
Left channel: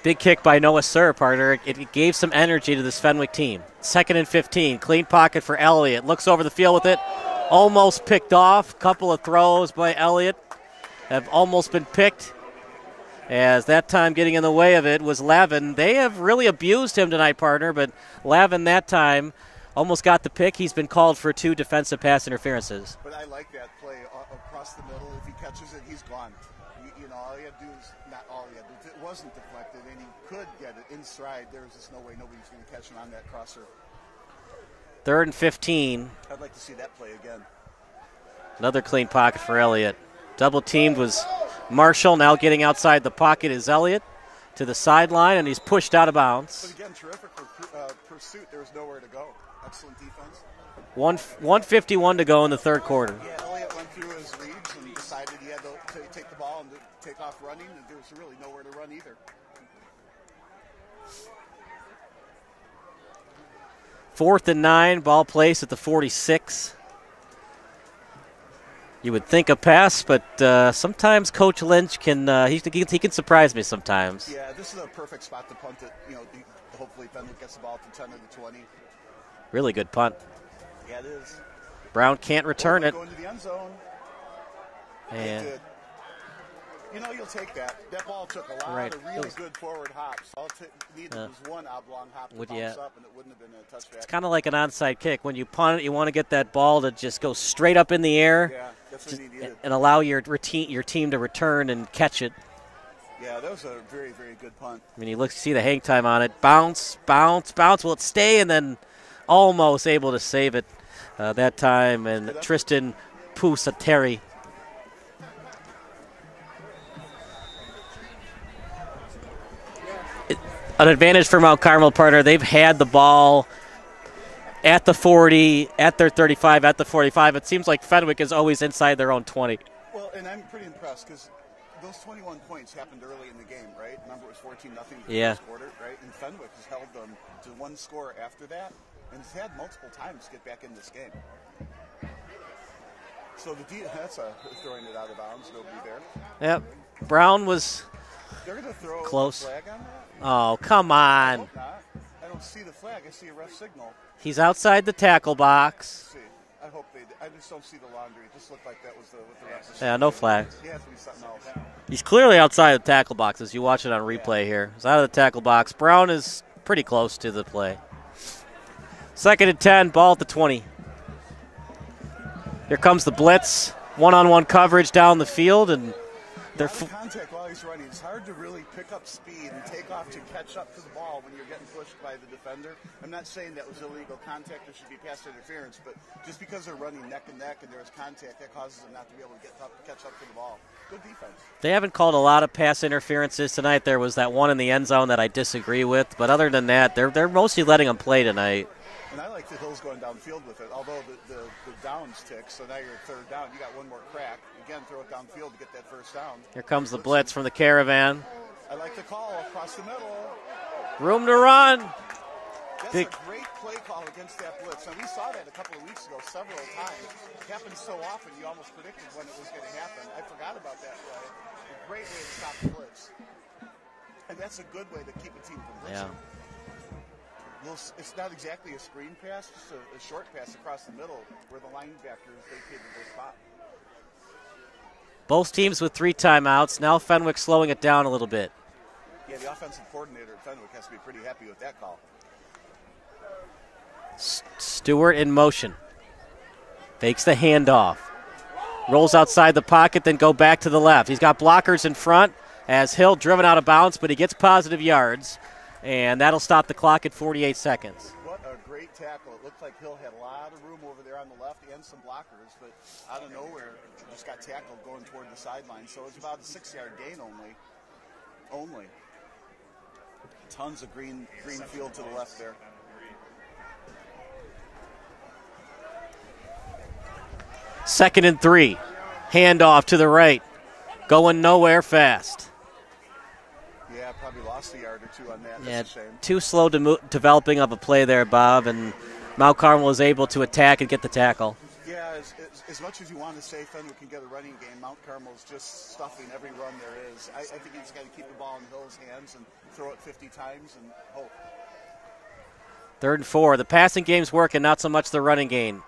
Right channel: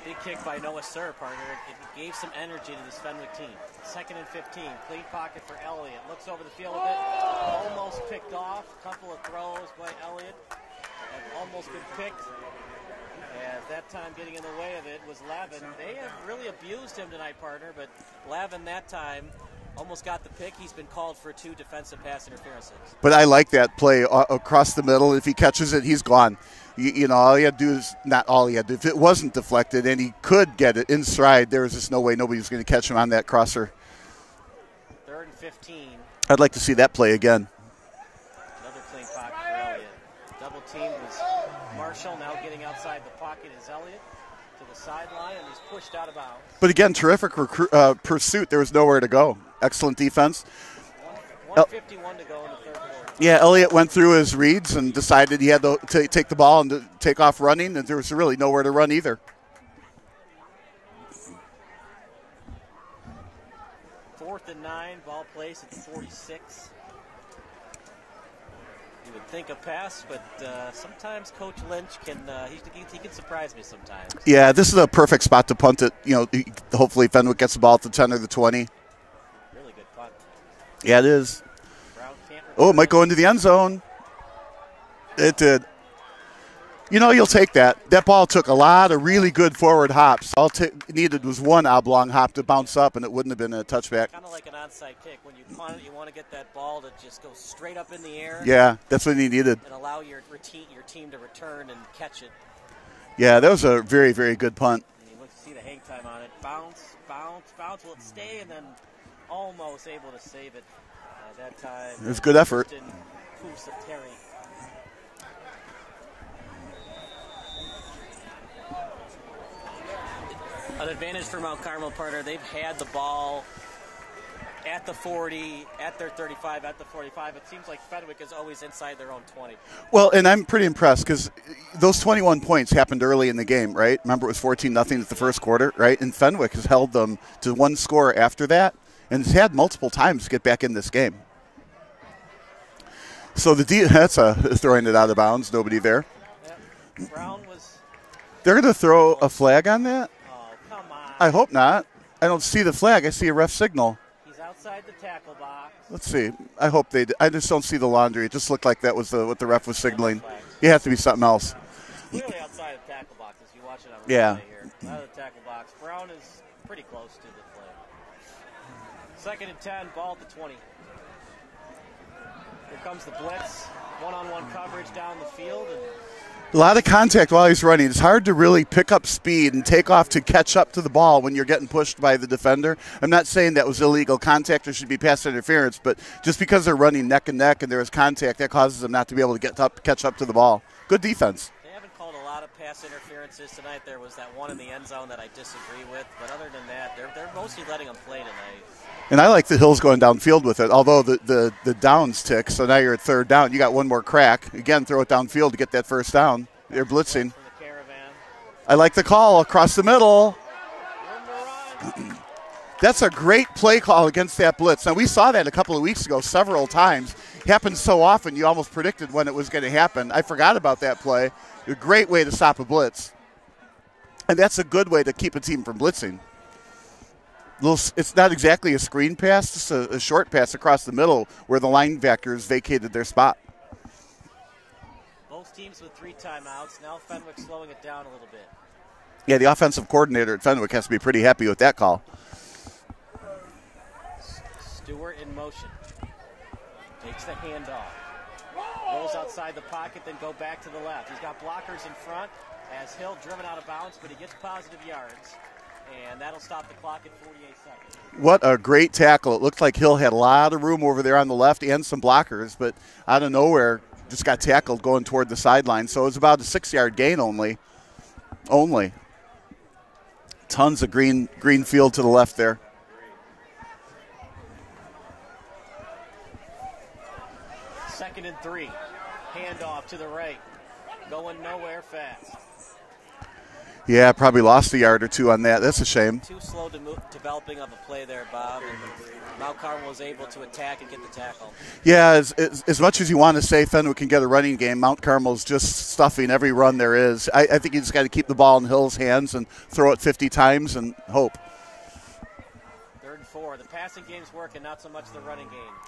Big kick by Noah Sir, partner. It gave some energy to this Fenwick team. 2nd and 15. Clean pocket for Elliott. Looks over the field with it. Almost picked off. Couple of throws by Elliott have almost been picked. As that time getting in the way of it was Lavin. They have really abused him tonight, partner, but Lavin that time almost got the pick. He's been called for 2 defensive pass interferences. But I like that play across the middle. If he catches it, he's gone. All he had to do is not all he had to do. If it wasn't deflected and he could get it in stride, there was just no way nobody was going to catch him on that crosser. 3rd and 15. I'd like to see that play again. Another clean pocket for Elliott. Double teamed was Marshall. Now getting outside the pocket is Elliott to the sideline, and he's pushed out of bounds. But again, terrific pursuit. There was nowhere to go. Excellent defense. 1:51 to go in the 3rd quarter. Yeah, Elliott went through his reads and decided he had to take the ball and to take off running, and there was really nowhere to run either. 4th and 9, ball placed at the 46. You would think a pass, but sometimes Coach Lynch can he can surprise me sometimes. Yeah, this is a perfect spot to punt it. Hopefully Fenwick gets the ball at the 10 or the 20. Really good punt. Yeah, it is. Brown can't return it might go into the end zone. And it did. You'll take that. That ball took a lot of really good forward hops. All needed was one oblong hop to bounce up, and it wouldn't have been a touchback. Kind of like an onside kick. When you punt it, you want to get that ball to just go straight up in the air. Yeah, that's what he needed. And allow your team to return and catch it. Yeah, that was a very, very good punt. I mean, you see the hang time on it. Bounce, bounce, bounce. Will it stay? And then almost able to save it that time. It's good effort. Tristan Pusateri. An advantage for Mount Carmel, partner. They've had the ball at the 40, at their 35, at the 45. It seems like Fenwick is always inside their own 20. Well, and I'm pretty impressed because those 21 points happened early in the game, right? Remember, it was 14-0 at the first quarter, right? And Fenwick has held them to 1 score after that, and has had multiple times to get back in this game. So that's throwing it out of bounds. Nobody there. Yep. Brown was... They're going to throw close. A flag on that? Oh, come on. I hope not. I don't see the flag. I see a ref signal. He's outside the tackle box. Let's see. I hope they – I just don't see the laundry. It just looked like that was what the ref was signaling. No flag. It has to be something else. He's clearly outside the tackle box as you watch it on replay here. He's out of the tackle box. Brown is pretty close to the play. 2nd and 10, ball at the 20. Here comes the blitz. One-on-one coverage down the field, and a lot of contact while he's running. It's hard to really pick up speed and take off to catch up to the ball when you're getting pushed by the defender. I'm not saying that was illegal contact or should be pass interference, but just because they're running neck and neck and there is contact, that causes them not to be able to catch up to the ball. Good defense. They haven't called a lot of pass interferences tonight. There was that one in the end zone that I disagree with, but other than that, they're mostly letting them play tonight. And I like the Hills going downfield with it, although the downs tick, so now you're at 3rd down. You got one more crack. Again, throw it downfield to get that first down. Here comes the blitz from the Caravan. I like the call across the middle. Room to run. That's a great play call against that blitz. Now, we saw that a couple of weeks ago several times. It happens so often you almost predicted when it was going to happen. I forgot about that play. A great way to stop a blitz. And that's a good way to keep a team from blitzing. Yeah. It's not exactly a screen pass, just a short pass across the middle where the linebackers vacated their spot. Both teams with 3 timeouts. Now Fenwick slowing it down a little bit. Yeah, the offensive coordinator at Fenwick has to be pretty happy with that call. Stewart in motion. Fakes the handoff. Rolls outside the pocket, then go back to the left. He's got blockers in front as Hill driven out of bounds, but he gets positive yards. And that'll stop the clock at 48 seconds. What a great tackle. It looked like Hill had a lot of room over there on the left and some blockers, but out of nowhere, just got tackled going toward the sideline. So it was about a 6-yard gain only. Tons of green field to the left there. Second and 3. Handoff to the right. Going nowhere fast. Yeah, probably lost a yard or two on that. That's a shame. Too slow developing of a play there, Bob, and Mount Carmel was able to attack and get the tackle. Yeah, as much as you want to say Fenwick can get a running game, Mount Carmel's just stuffing every run there is. I think you just got to keep the ball in Hill's hands and throw it 50 times and hope. 3rd and 4. The passing game's working, not so much the running game.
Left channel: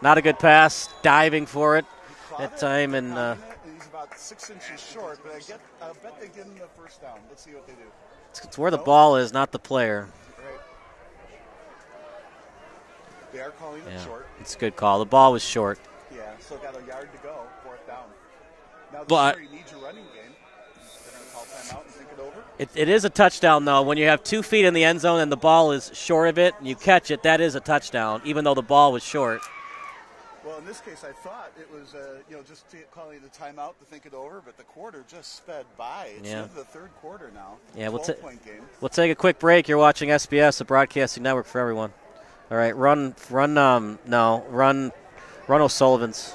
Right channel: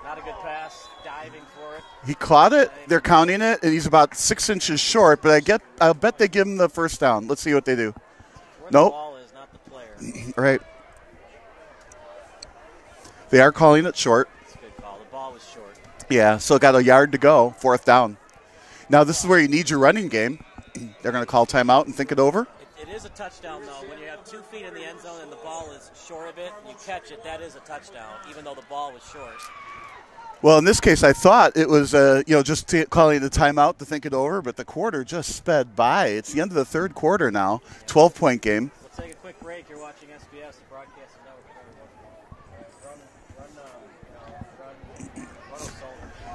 Not a good pass, diving for it. He caught it. They're counting it, and he's about 6 inches short, but I'll bet they give him the first down. Let's see what they do. It's where the ball is, not the player. Right. They are calling it short. It's a good call. The ball was short. Yeah, so got a yard to go, 4th down. Now this is where you need your running game. They're going to call timeout and think it over. It is a touchdown, though. When you have 2 feet in the end zone and the ball is short of it, you catch it, that is a touchdown, even though the ball was short. Well, in this case, I thought it was, just calling the timeout to think it over, but the quarter just sped by. It's the end of the 3rd quarter now, 12-point game. We'll take a quick break. You're watching SBS, the broadcasting network for everyone. All right, run O'Sullivan's.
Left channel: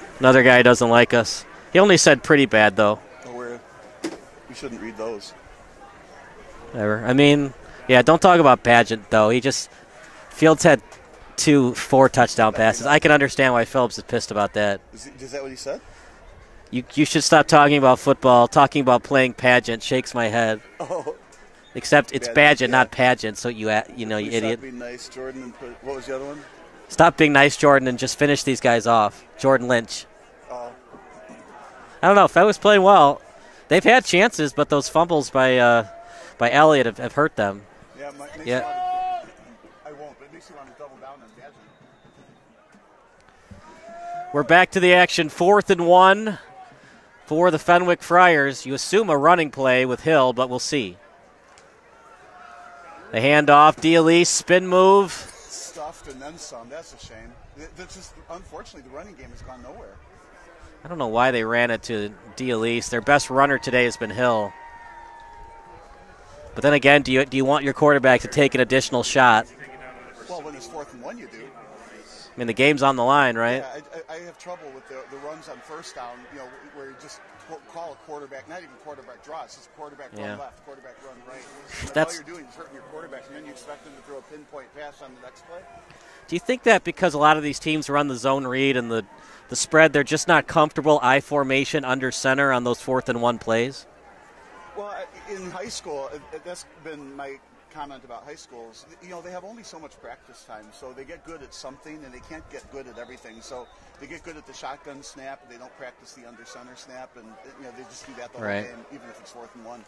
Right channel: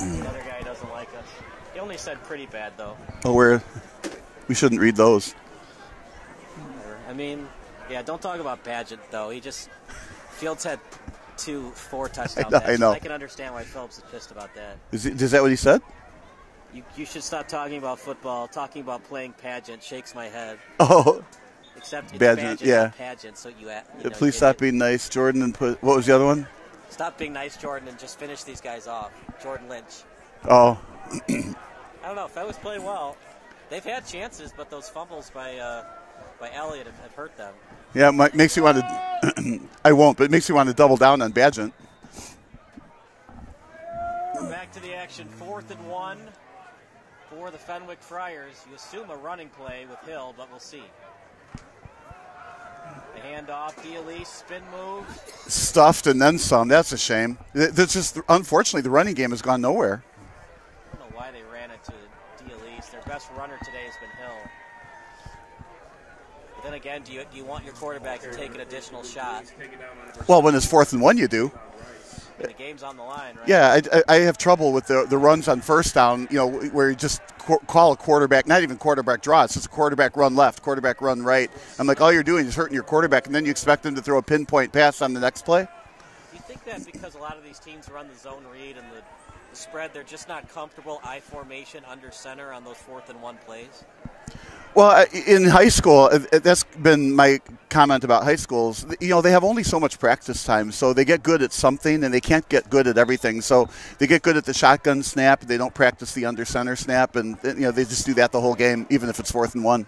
Another guy doesn't like us. He only said pretty bad, though. Oh, we shouldn't read those. Whatever. I mean... Yeah, don't talk about Pageant, though. Fields had 2 4-touchdown passes. I can understand why Phillips is pissed about that. Is that what he said? You should stop talking about football. Talking about playing Pageant shakes my head. Oh. Except it's Pageant, not Pageant, so you know. Please stop being nice, Jordan, and what was the other one? Stop being nice, Jordan, and just finish these guys off. Jordan Lynch. Oh. I don't know. Fed was playing well. They've had chances, but those fumbles by Elliott have hurt them. Yeah, it makes you want to – I won't, but it makes you want to double down on Badgent. We're back to the action. 4th and 1 for the Fenwick Friars. You assume a running play with Hill, but we'll see. The handoff, D'Elise, spin move. Stuffed and then some. That's a shame. Unfortunately, the running game has gone nowhere. I don't know why they ran it to D'Elise. Their best runner today has been Hill. But then again, do you want your quarterback to take an additional shot? Well, when it's 4th and 1, you do. I mean, the game's on the line, right? Yeah, I have trouble with the runs on first down, where you just call a quarterback, not even quarterback draw. It's just a quarterback run left, quarterback run right. I'm like, all you're doing is hurting your quarterback, and then you expect them to throw a pinpoint pass on the next play? Do you think that because a lot of these teams run the zone read and the spread, they're just not comfortable I formation under center on those 4th and 1 plays? Well, in high school, that's been my comment about high schools. They have only so much practice time, so they get good at something, and they can't get good at everything. So they get good at the shotgun snap. They don't practice the under center snap, and they just do that the whole game, even if it's 4th and 1.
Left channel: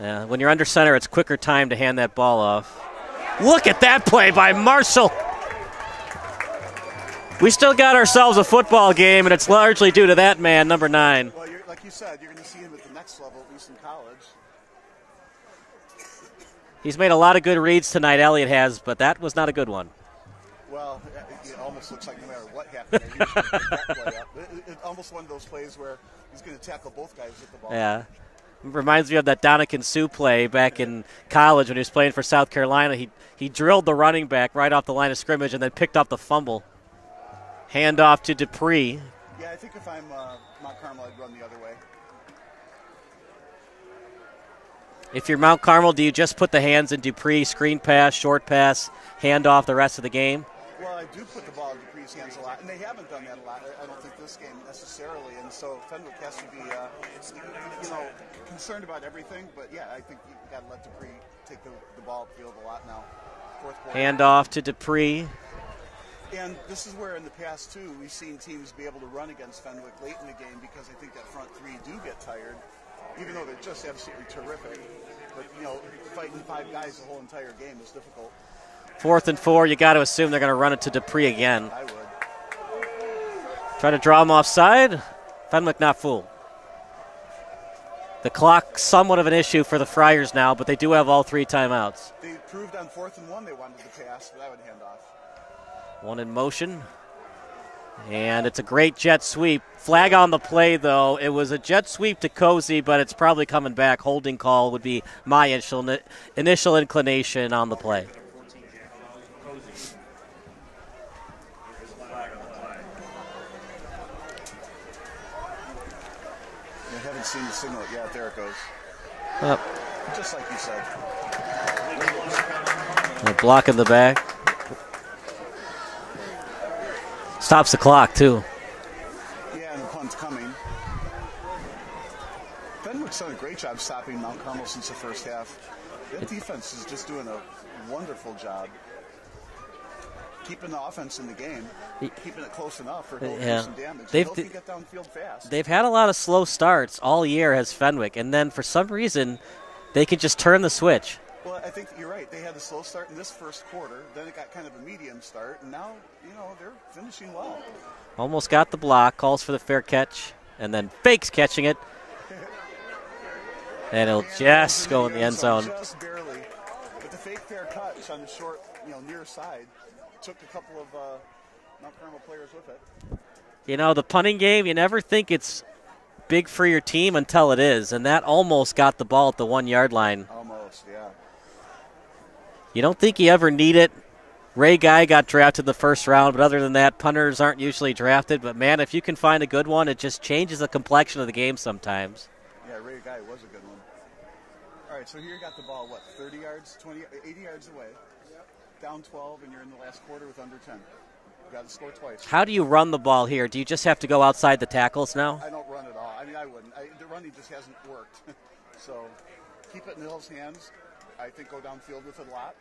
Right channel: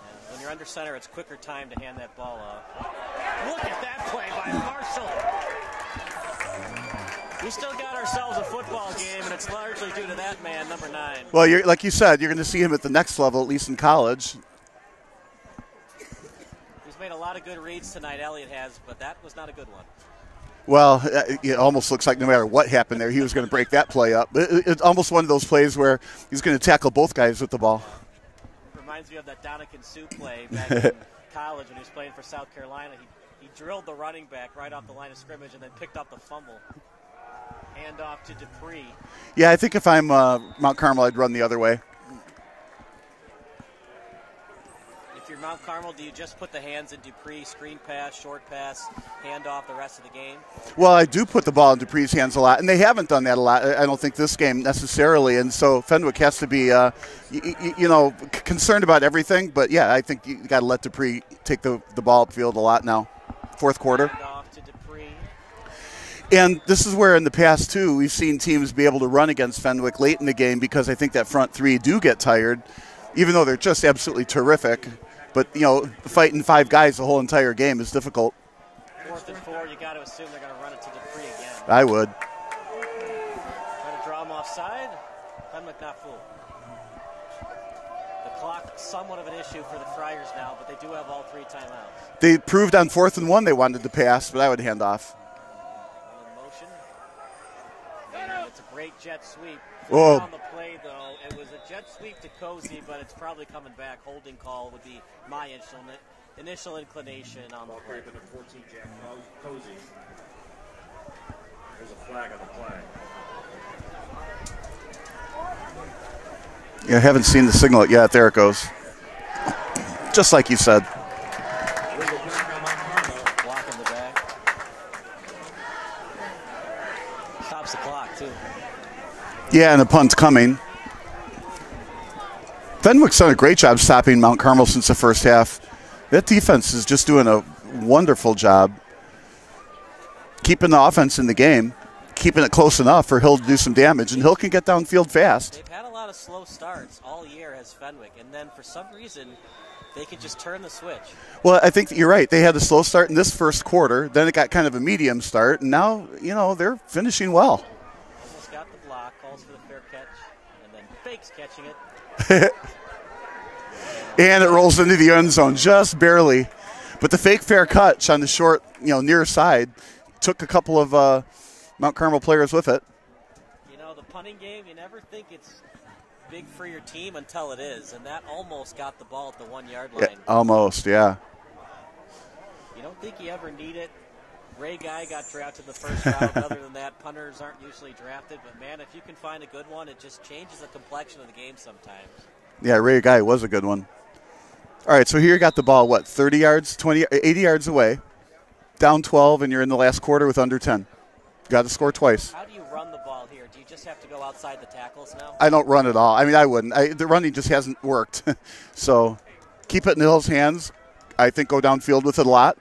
Yeah, when you're under center, it's quicker time to hand that ball off. Look at that play by Marshall. We still got ourselves a football game, and it's largely due to that man, number 9. Well, like you said, you're going to see him at the next level, at least in college. He's made a lot of good reads tonight, Elliott has, but that was not a good one. Well, it almost looks like no matter what happened there, he was going to break that play up. It's almost one of those plays where he's going to tackle both guys with the ball. Yeah. Reminds me of that Donican Sue play back in college when he was playing for South Carolina. He drilled the running back right off the line of scrimmage and then picked up the fumble. Handoff to Dupree. Yeah, I think if I'm Mount Carmel, I'd run the other way. If you're Mount Carmel, do you just put the hands in Dupree, screen pass, short pass, handoff the rest of the game? Well, I do put the ball in Dupree's hands a lot, and they haven't done that a lot. I don't think this game necessarily, and so Fenwick has to be, concerned about everything. But, yeah, I think you got to let Dupree take the ball upfield a lot now. 4th quarter. Handoff to Dupree. And this is where in the past, too, we've seen teams be able to run against Fenwick late in the game because I think that front 3 do get tired, even though they're just absolutely terrific. But, fighting 5 guys the whole entire game is difficult. 4th and 4, you got to assume they're going to run it to Dupree again. I would. Try to draw him offside. Fenwick not fooled. The clock somewhat of an issue for the Friars now, but they do have all 3 timeouts. They proved on 4th and 1 they wanted to pass, but I would hand off. One in motion. And it's a great jet sweep. Flag Whoa. on the play, though. It was a jet sweep to Cozy, but it's probably coming back. Holding call would be my initial inclination on the play. Yeah, I haven't seen the signal yet. There it goes. Just like you said. A block in the back. Stops the clock, too. Yeah, and the punt's coming. Fenwick's done a great job stopping Mount Carmel since the first half. That defense is just doing a wonderful job keeping the offense in the game, keeping it close enough for Hill to do some damage. And Hill can get downfield fast. They've had a lot of slow starts all year as Fenwick, and then for some reason they could just turn the switch. Well, I think you're right. They had a slow start in this first quarter. Then it got kind of a medium start, and now, they're finishing well. Almost got the block, calls for the fair catch, and then fakes catching it. and it rolls into the end zone just barely. But the fake fair catch on the short, near side took a couple of Mount Carmel players with it. The punting game, you never think it's big for your team until it is, and that almost got the ball at the 1 yard line. Almost, yeah. You don't think you ever need it. Ray Guy got drafted in the first round, but other than that, punters aren't usually drafted. But, man, if you can find a good one, it just changes the complexion of the game sometimes. Yeah, Ray Guy was a good one. All right, so here you got the ball, 30 yards, 80 yards away, down 12, and you're in the last quarter with under 10. Got to score twice. How do you run the ball here? Do you just have to go outside the tackles now? I don't run at all. I mean, I wouldn't. The running just hasn't worked. So keep it in Hill's hands. I think go downfield with it a lot.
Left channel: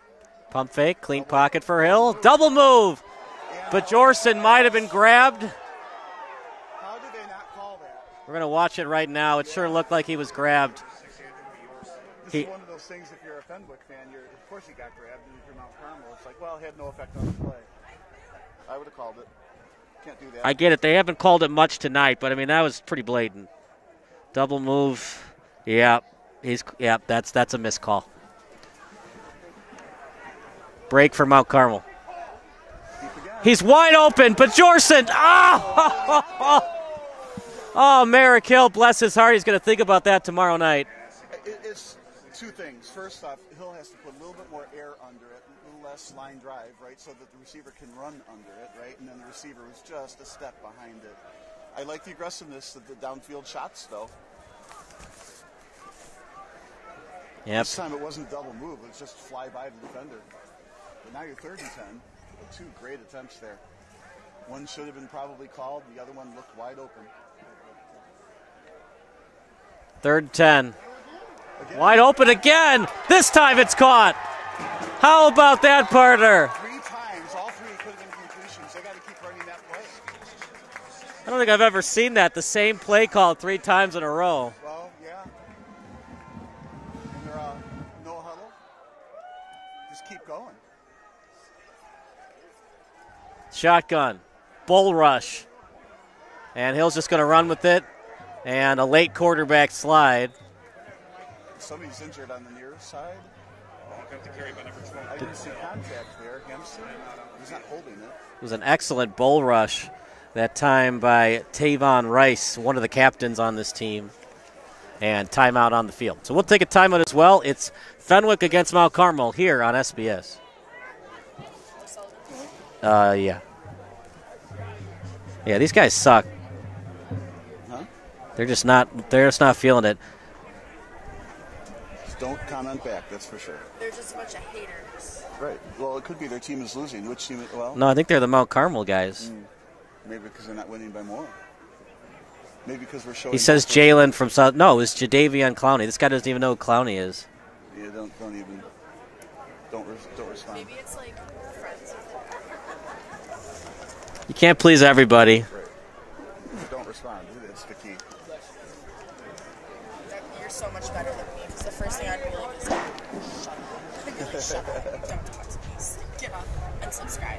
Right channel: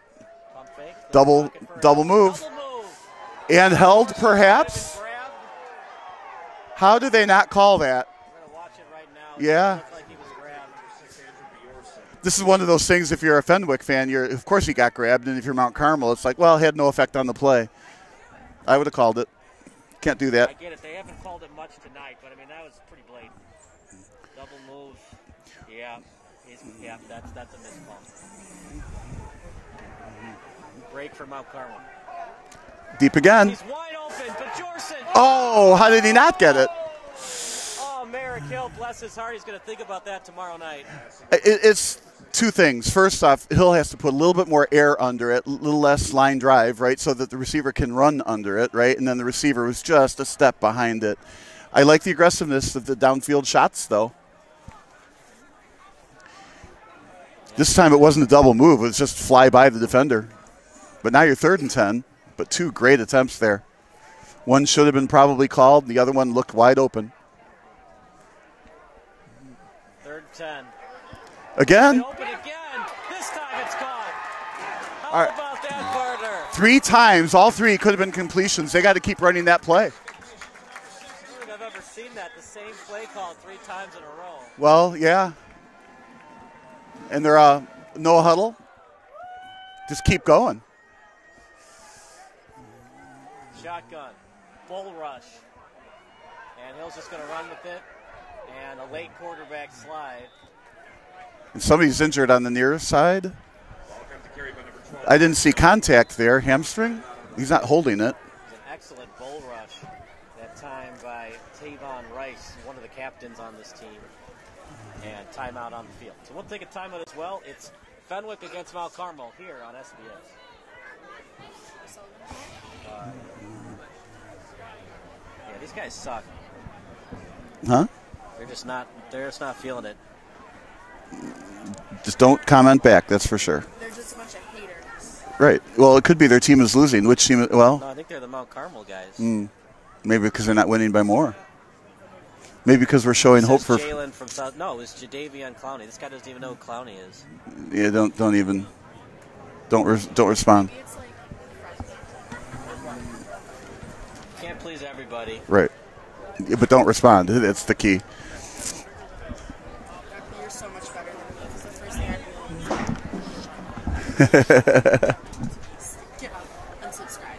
Pump fake, clean pocket for Hill. Move. Double move. And held, Dorset perhaps. might have been grabbed. How do they not call that? We're going to watch it right now. It sure looked like he was grabbed. This is one of those things, if you're a Fenwick fan, of course he got grabbed. And if you're Mount Carmel, it's like, well, it had no effect on the play. I would have called it. Can't do that. I get it. They haven't called it much tonight, but, that was pretty blatant. Double move. Yeah, that's a missed call. Break for Mount Carmel. Deep again. He's wide open, but Jorson. Oh, how did he not get it? Oh, Merrick Hill, bless his heart. He's going to think about that tomorrow night. It's two things. First off, Hill has to put a little bit more air under it, a little less line drive, right, so that the receiver can run under it, right? And then the receiver was just a step behind it. I like the aggressiveness of the downfield shots, though. Yep. This time it wasn't a double move. It was just fly by the defender. But now you're 3rd and 10, but 2 great attempts there. One should have been probably called. The other one looked wide open. 3rd and 10. Again? Wide open again. This time it's caught. How about that, partner? 3 times. All 3 could have been completions. They got to keep running that play. I don't think I've ever seen that. The same play called 3 times in a row. Well, yeah. And they're no huddle. Just keep going. Shotgun. Bull rush. And Hill's just going to run with it. And a late quarterback slide. And somebody's injured on the near side. I didn't see contact there. Hamstring? He's not holding it. It was an excellent bull rush that time by Tavon Rice, one of the captains on this team. And timeout on the field. So we'll take a timeout as well. It's Fenwick against Mount Carmel here on SBS. Yeah. Yeah, these guys suck. Huh? They're just not feeling it. Just don't comment back, that's for sure. They're just a bunch of haters. Right. Well, it could be their team is losing. Which team? Well, no, I think they're the Mount Carmel guys. Maybe because they're not winning by more. Maybe because we're showing. He says Jalen from South. No, it's Jadavion Clowney. This guy doesn't even know who Clowney is. Yeah, don't respond. Maybe it's like friends. You can't please everybody. Right. Yeah, but don't respond. That's the key. You're so much better than me because the first thing I really is get on and subscribe.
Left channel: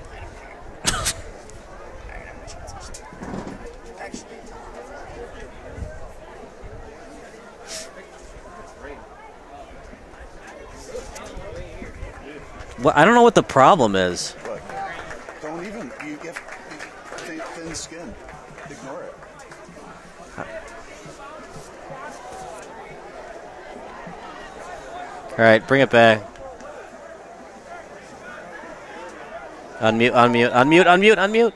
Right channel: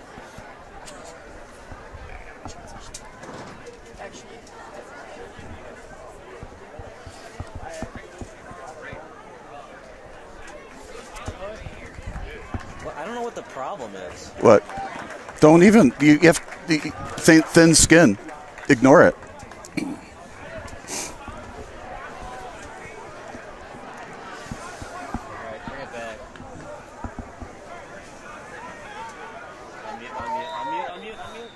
Actually. Well, I don't know what the problem is. What? Don't even. You have thin skin. Ignore it. All right, bring it back. Unmute, unmute, unmute, unmute, unmute.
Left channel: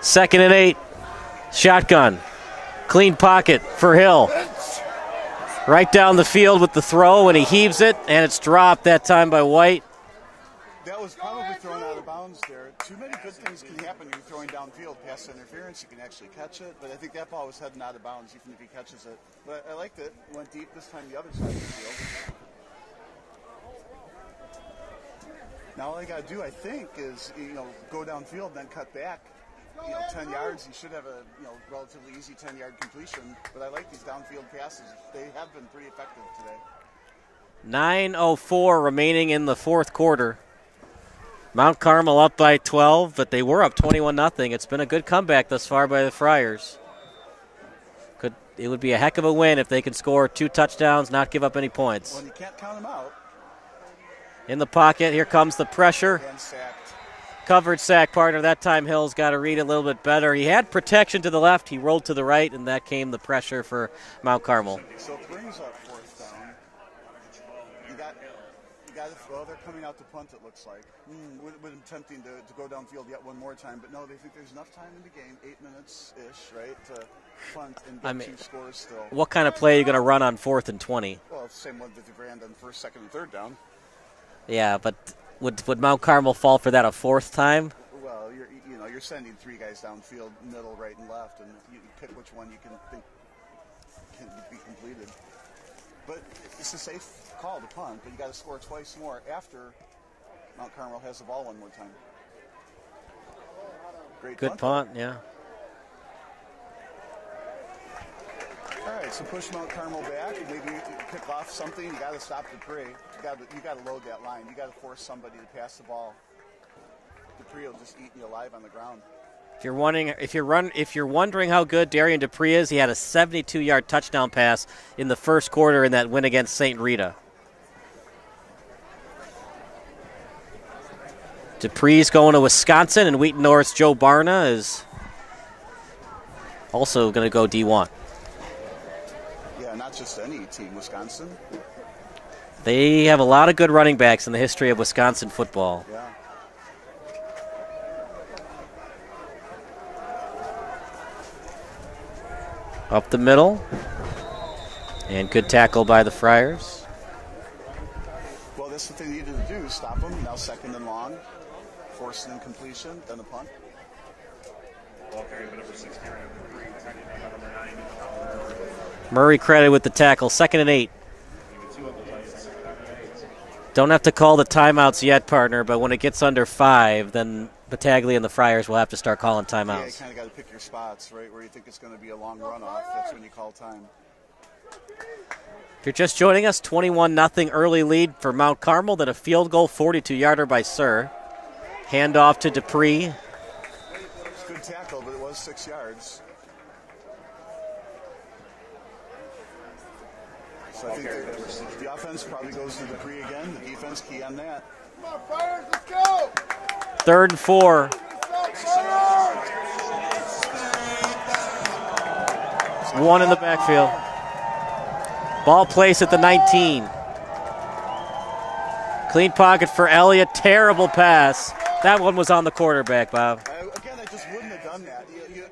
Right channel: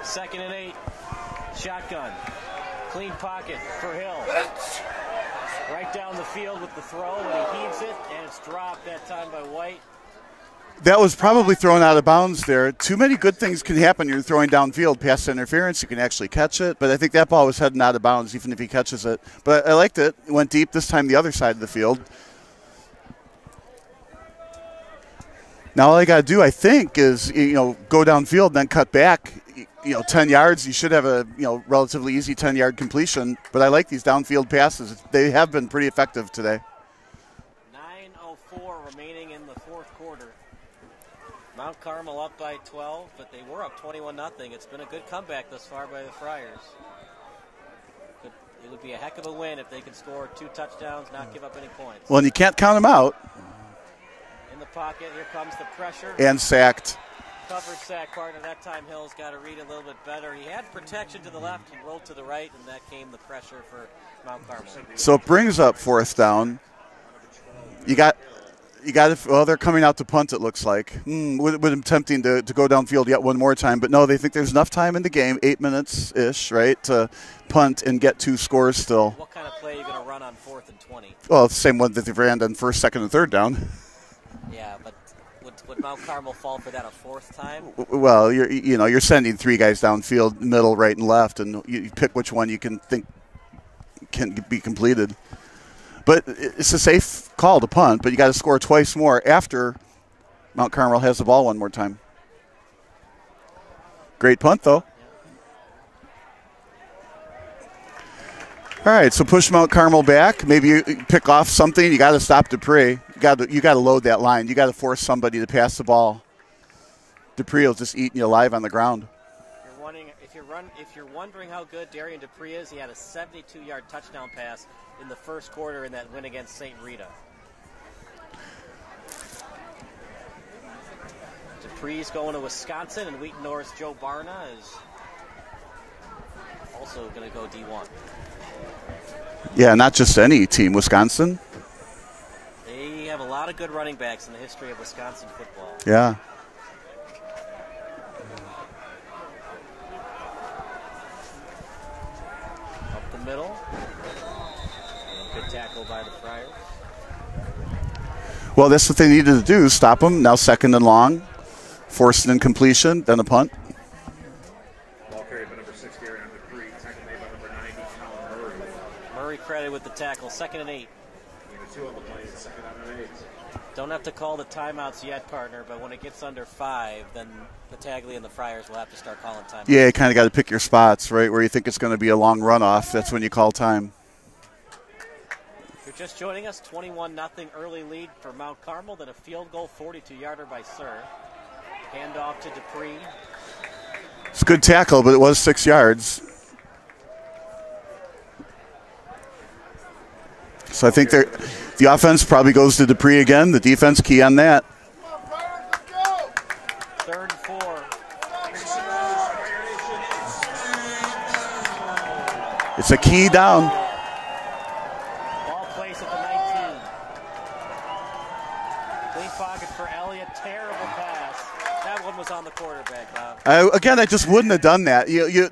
2nd and 8. Shotgun. Clean pocket for Hill. Right down the field with the throw, and he heaves it, and it's dropped that time by White. That was probably thrown out of bounds there. Too many good things can happen. You're throwing downfield, pass interference. You can actually catch it. But I think that ball was heading out of bounds, even if he catches it. But I liked it. It went deep this time the other side of the field. Now all I got to do, I think, is go downfield, then cut back. 10 yards. You should have a relatively easy 10-yard completion. But I like these downfield passes. They have been pretty effective today. 9:04 remaining in the fourth quarter. Mount Carmel up by 12, but they were up 21-0. It's been a good comeback thus far by the Friars. It would be a heck of a win if they can score 2 touchdowns, not give up any points. Well, and you can't count them out. In the pocket, here comes the pressure. And sacked. Covered sack partner. That time Hill's got to read it a little bit better. He had protection to the left. He rolled to the right, and that came the pressure for Mount Carmel. So it brings up 4th down. Well, they're coming out to punt, it looks like. Would have been tempting to go downfield yet one more time. But no, they think there's enough time in the game, 8 minutes-ish, right, to punt and get 2 scores still. What kind of play are you going to run on 4th and 20? Well, it's the same one that they ran on 1st, 2nd, and 3rd down. Yeah, but would Mount Carmel fall for that a 4th time? Well, you're sending 3 guys downfield, middle, right, and left, and you pick which one you can think can be completed. But it's a safe call to punt, but you got to score twice more after Mount Carmel has the ball one more time. Great punt, though. Yeah. All right, so push Mount Carmel back. Maybe you pick off something. You got to stop Dupree. You got to load that line. You got to force somebody to pass the ball. Dupree will just eat you alive on the ground. If you're wondering how good Darian Dupree is, he had a 72-yard touchdown pass in the first quarter in that win against St. Rita. Dupree's going to Wisconsin, and Wheaton North's Joe Barna is also going to go D1. Yeah, not just any team, Wisconsin. They have a lot of good running backs in the history of Wisconsin football. Yeah. Up the middle. And good tackle by the Friars. Well, that's what they needed to do, stop them. Now 2nd and long. Forced an incompletion, then a punt. Murray credited with the tackle. 2nd and 8. Don't have to call the timeouts yet, partner, but when it gets under 5, then Battaglia and the Friars will have to start calling timeouts. Yeah, you kind of got to pick your spots, right, where you think it's going to be a long runoff. That's when you call time. If you're just joining us, 21-0 early lead for Mount Carmel, then a field goal, 42-yarder by Sir. Handoff to Dupree. It's a good tackle, but it was 6 yards. So I think the offense probably goes to Dupree again. The defense key on that. 3rd and 4. It's a key down. Backfield. Ball placed at the 19. Clean pocket for Elliott. Terrible pass. That one was on the quarterback, Bob. Again, I just wouldn't have done that.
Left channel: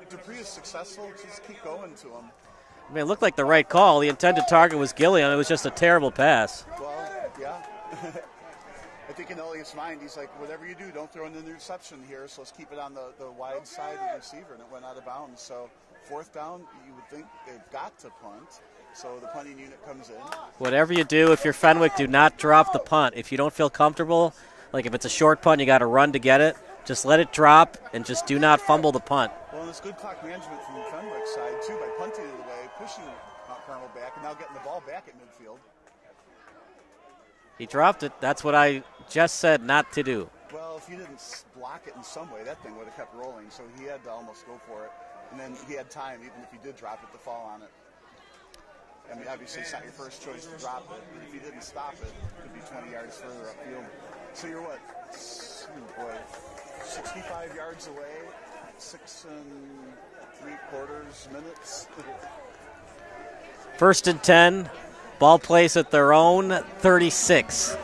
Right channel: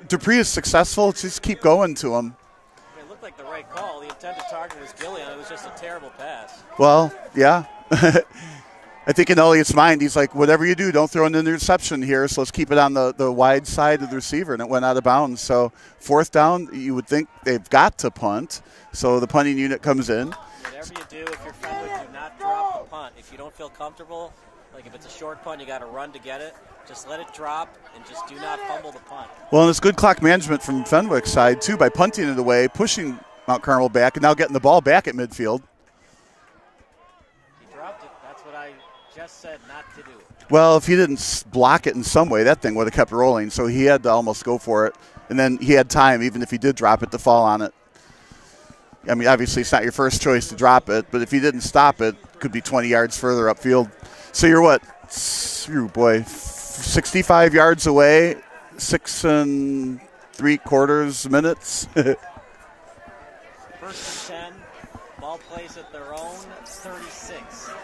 Dupree is successful. Just keep going to him. I mean, it looked like the right call. The intended target was Gillian. It was just a terrible pass. Well, yeah. I think in Elliott's mind, he's like, whatever you do, don't throw an interception here, so let's keep it on the wide side of the receiver, and it went out of bounds. So 4th down, you would think they've got to punt, so the punting unit comes in. Whatever you do, if you're Fenwick, do not drop the punt. If you don't feel comfortable, like if it's a short punt, you got to run to get it. Just let it drop and just do not fumble the punt. Well, and it's good clock management from Fenwick's side, too, by punting it away, pushing Mount Carmel back, and now getting the ball back at midfield. He dropped it. That's what I just said not to do. Well, if he didn't block it in some way, that thing would have kept rolling, so he had to almost go for it. And then he had time, even if he did drop it, to fall on it. I mean, obviously it's not your first choice to drop it, but if he didn't stop it, it could be 20 yards further upfield. So you're what? You boy, 65 yards away, 6 3/4 minutes. 1st and 10. Ball plays at their own 36.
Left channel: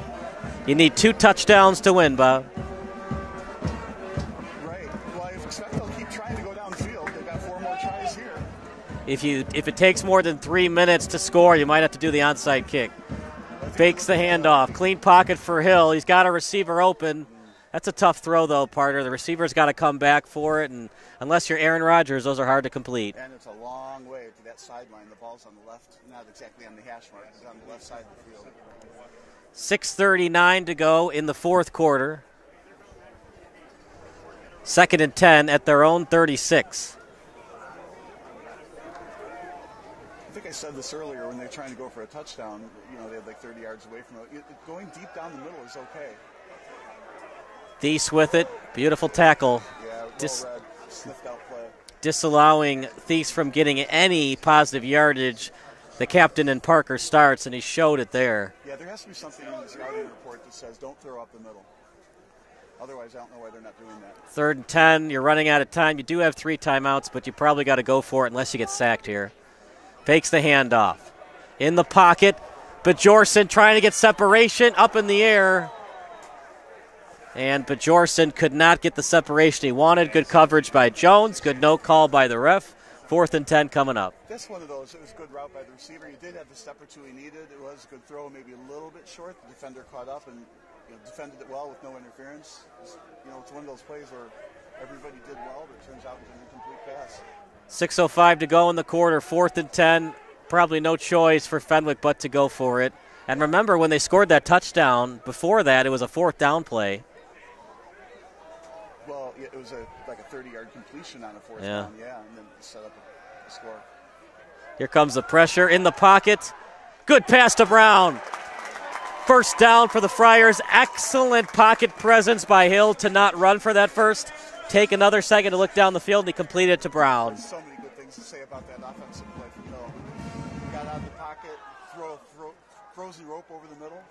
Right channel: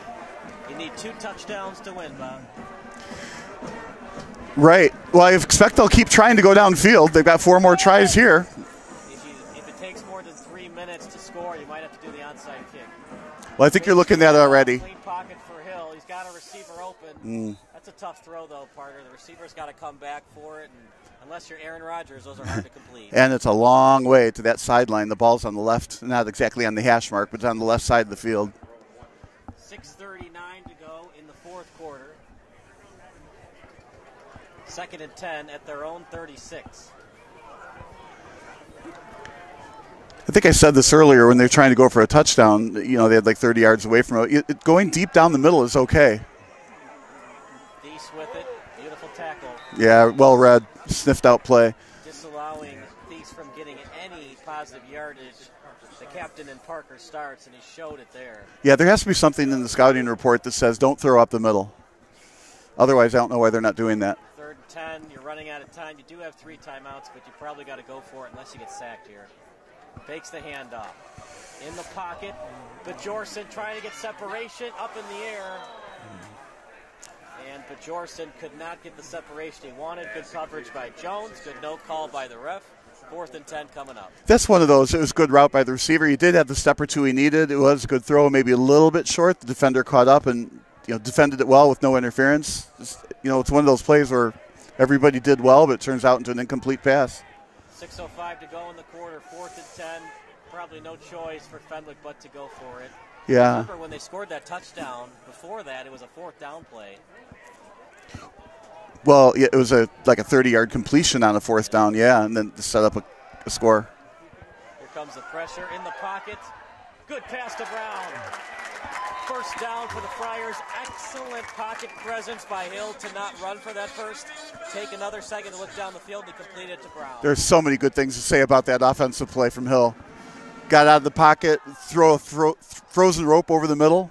You need 2 touchdowns to win, Bob. Right. Well, I expect they'll keep trying to go downfield. They've got 4 more tries here. If it takes more than 3 minutes to score, you might have to do the onside kick. Well, I think you're Fakes looking the at it handoff. already. Clean pocket for Hill. He's got a receiver open. That's a tough throw, though, partner. The receiver's got to come back for it, and unless you're Aaron Rodgers, those are hard to complete. And it's a long way to that sideline. The ball's on the left, not exactly on the hash mark, but it's on the left side of the field. 6:39 to go in the 4th quarter. 2nd and 10 at their own 36. I think I said this earlier when they were trying to go for a touchdown. You know, they had like 30 yards away from it. Going deep down the middle is okay. Thies with it. Beautiful tackle. Yeah, well read. Sniffed out play. Disallowing Thies from getting any positive yardage. The captain and Parker starts, and he showed it there. Yeah, there has to be something in the scouting report that says don't throw up the middle. Otherwise, I don't know why they're not doing that. 3rd and 10. You're running out of time. You do have 3 timeouts, but you probably got to go for it unless you get sacked here. Fakes the handoff. In the pocket. Bjorson trying to get separation up in the air. And Bjorson could not get the separation he wanted. Good coverage by Jones. Good no call by the ref. 4th and 10 coming up. That's one of those. It was a good route by the receiver. He did have the step or two he needed. It was a good throw, maybe a little bit short. The defender caught up and defended it well with no interference. It's one of those plays where everybody did well, but it turns out into an incomplete pass. 6:05 to go in the quarter. 4th and 10. Probably no choice for Fenwick but to go for it. And remember, when they scored that touchdown, before that, it was a 4th down play. Well, yeah, it was like a 30-yard completion on a 4th down, and then set up a score. Here comes the pressure in the pocket. Good pass to Brown. 1st down for the Friars. Excellent pocket presence by Hill to not run for that first. Take another second to look down the field, and he completed it to Brown. There's so many good things to say about that offensive play from Hill. Got out of the pocket, throw a frozen rope over the middle.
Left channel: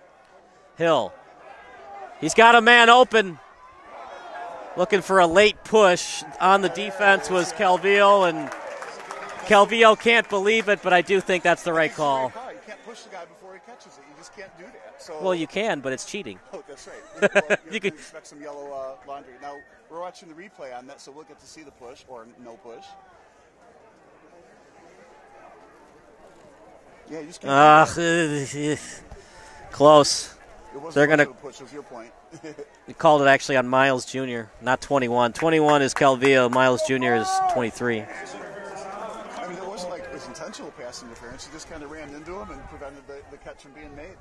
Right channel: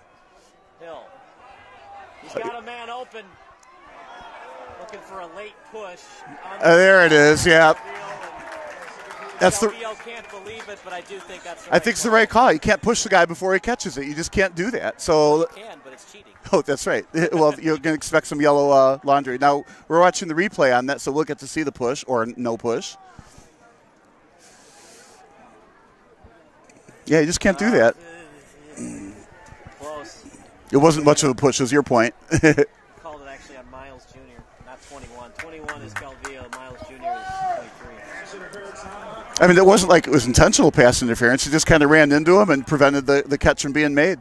Hill. He's got a man open. Looking for a late push on the defense. There it is, Calvillo, and Calvillo can't believe it, but I do think that's the right call. I think it's the right call. You can't push the guy before he catches it. You just can't do that. So well, you can, but it's cheating. Oh, that's right. Well, you can expect some yellow laundry. Now, we're watching the replay on that, so we'll get to see the push or no push. Yeah, you just can't do that. Close. It wasn't much of a push, is your point. You called it actually on Miles Jr., not 21. 21 is Calvillo. Miles Jr. is 23. I mean, it wasn't like it was intentional pass interference. He just kind of ran into him and prevented the catch from being made.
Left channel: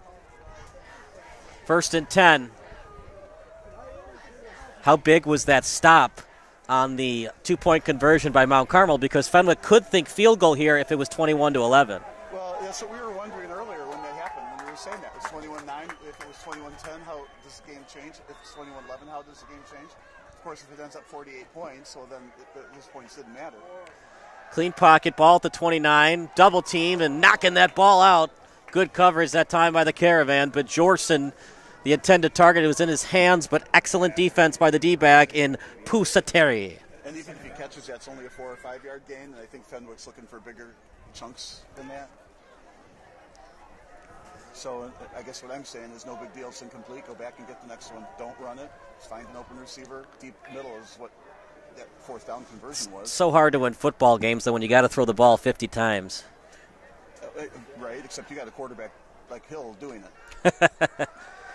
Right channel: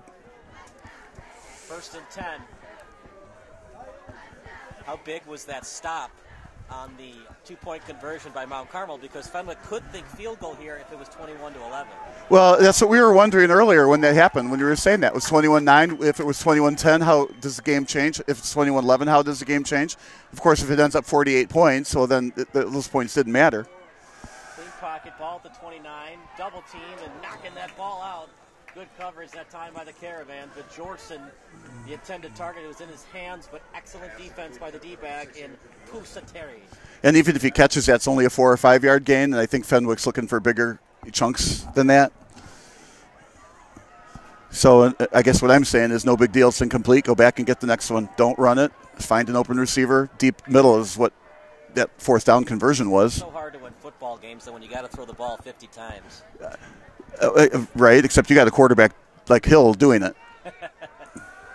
1st and 10. How big was that stop on the 2-point conversion by Mount Carmel? Because Fenwick could think field goal here if it was 21-11. Well, that's what we were wondering earlier when that happened, when you were saying that. It was 21-9. If it was 21-10, how does the game change? If it's 21-11, how does the game change? Of course, if it ends up 48 points, well, then those points didn't matter. Clean pocket, ball at the 29. Double team and knocking that ball out. Good coverage that time by the Caravan. But Jorson, the intended target, it was in his hands, but excellent defense by the D-back in Pusateri. And even if he catches that, it's only a 4 or 5 yard gain, and I think Fenwick's looking for bigger chunks than that. So I guess what I'm saying is no big deal. It's incomplete. Go back and get the next one. Don't run it. Find an open receiver. Deep middle is what that 4th down conversion was. So hard to win football games, though, when you got to throw the ball 50 times. Right, except you got a quarterback like Hill doing it.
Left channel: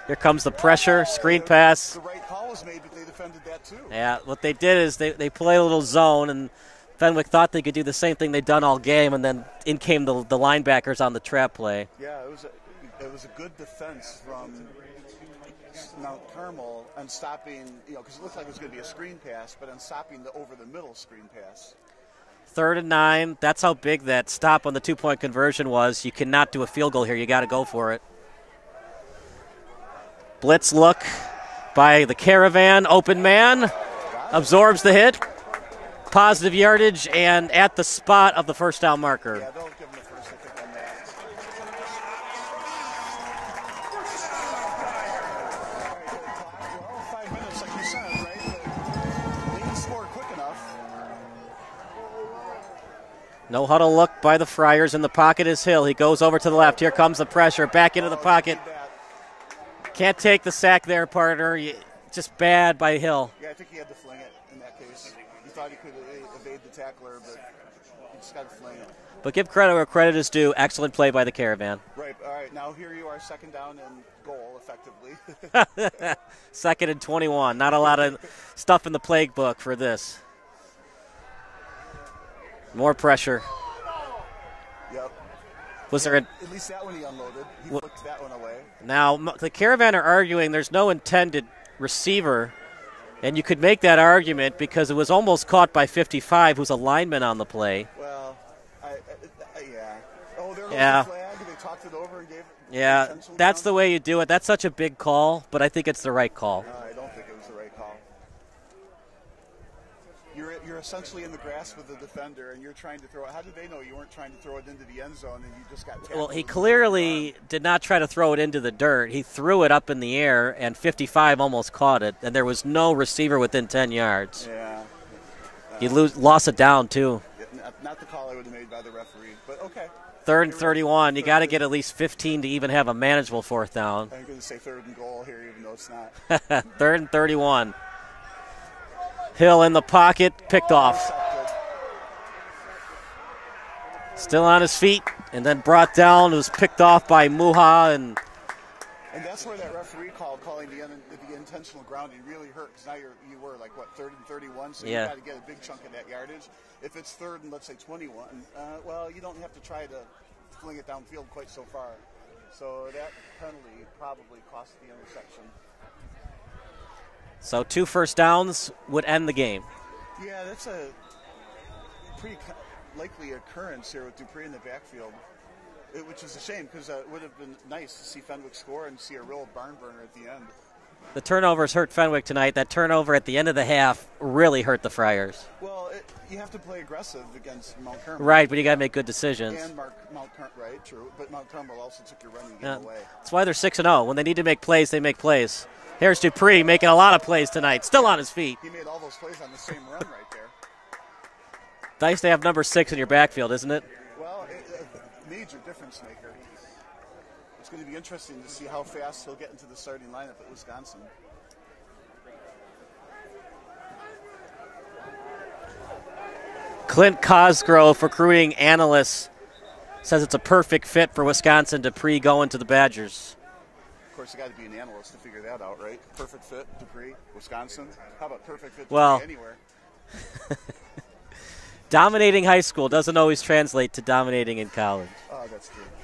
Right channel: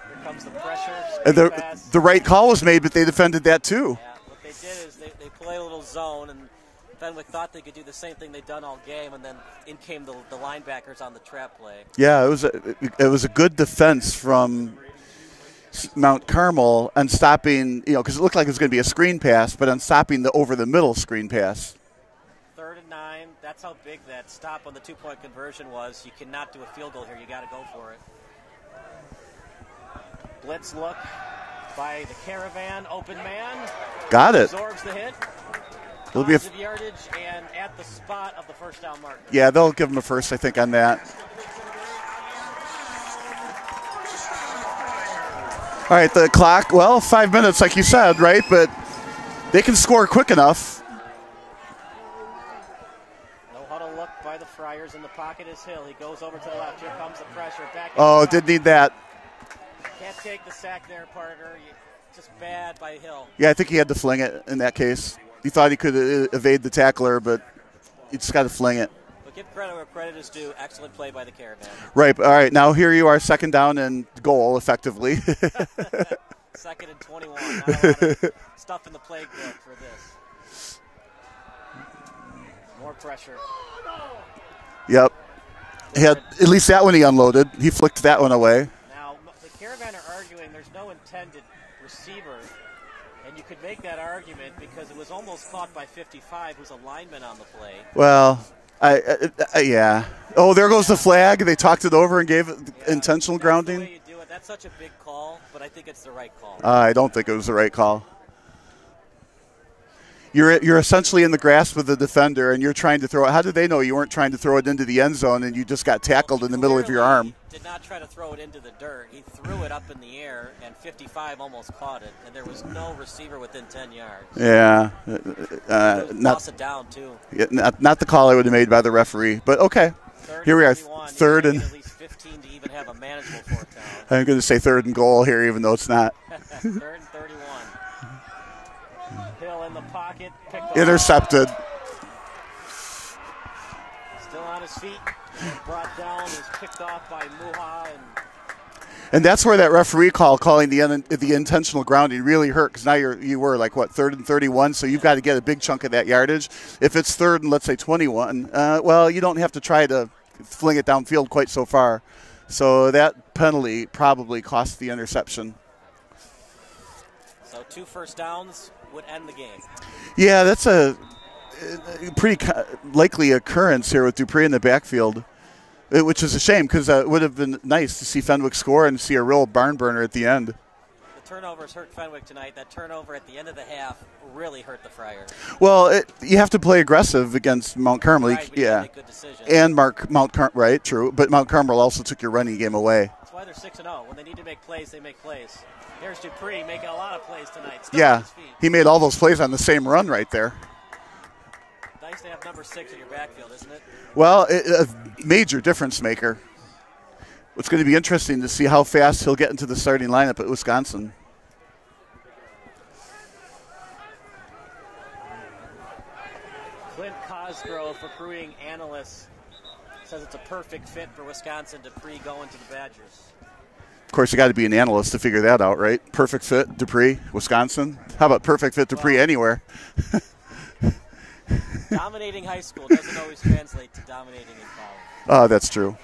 Here comes the pressure, screen pass. The right call was made, but they defended that too. Yeah, what they did is they play a little zone, and Fenwick thought they could do the same thing they'd done all game, and then in came the linebackers on the trap play. Yeah, it was a good defense from Mount Carmel on stopping, because it looked like it was going to be a screen pass, but on stopping the over-the-middle screen pass. 3rd and 9. That's how big that stop on the 2-point conversion was. You cannot do a field goal here. You got to go for it. Blitz look by the Caravan. Open man. Got it. Absorbs the hit. Positive yardage and at the spot of the 1st down marker. Yeah, they'll give him a first, I think, on that. All right, the clock, well, 5 minutes, like you said, right? But they can score quick enough. No huddle look by the Friars. In the pocket is Hill. He goes over to the left. Here comes the pressure. Back into the pocket. Oh, did need that. Can't take the sack there, partner. Just bad by Hill. Yeah, I think he had to fling it in that case. He thought he could evade the tackler, but he just got to fling it. But give credit where credit is due. Excellent play by the Caravan. Right. All right, now here you are, second down and goal, effectively. 2nd and 21. Not a lot of stuff in the plague book for this. More pressure. Yep. At least that one he unloaded. He flicked that one away. Now, the Caravan are arguing there's no intended receiver, and you could make that argument because it was almost caught by 55, who's a lineman on the play. Well, yeah. Oh, there goes the flag. They talked it over and gave it intentional grounding. That's the way you do it. That's such a big call, but I think it's the right call. I don't think it was the right call. You're essentially in the grasp of the defender, and you're trying to throw it. How did they know you weren't trying to throw it into the end zone and you just got tackled in the middle of your arm? He did not try to throw it into the dirt. He threw it up in the air, and 55 almost caught it, and there was no receiver within 10 yards. Yeah. Lost it down, too. Not the call I would have made by the referee, but okay. 3rd and 31. You got to get at least 15 to even have a manageable 4th down. I'm going to say 3rd and goal here, even though it's not. 3rd and 31. Hill in the pocket, picked off. Intercepted. Still on his feet, and then brought down. It was picked off by Muha. And that's where that referee calling the intentional grounding really hurt, because now you were like, what, 3rd and 31, so you've got to get a big chunk of that yardage. If it's 3rd and, let's say, 21, well, you don't have to try to fling it downfield quite so far. So that penalty probably cost the interception. So 2 first downs would end the game. Yeah, that's a pretty likely occurrence here with Dupree in the backfield, which is a shame because it would have been nice to see Fenwick score and see a real barn burner at the end. The turnovers hurt Fenwick tonight. That turnover at the end of the half really hurt the Friars. Well, you have to play aggressive against Mount Carmel. Right, but you got to make good decisions. And Mount Carmel, right, true. But Mount Carmel also took your running game away. That's why they're 6-0. When they need to make plays, they make plays. Here's Dupree making a lot of plays tonight, still on his feet. He made all those plays on the same run right there. Nice to have number 6 in your backfield, isn't it? Well, a major difference maker. It's going to be interesting to see how fast he'll get into the starting lineup at Wisconsin. Clint Cosgrove, recruiting analyst, says it's a perfect fit for Wisconsin. Dupree going to the Badgers. Of course, you got to be an analyst to figure that out, right? Perfect fit, Dupree, Wisconsin. How about perfect fit, Dupree, anywhere? Dominating high school doesn't always translate to dominating in college. Oh, that's true.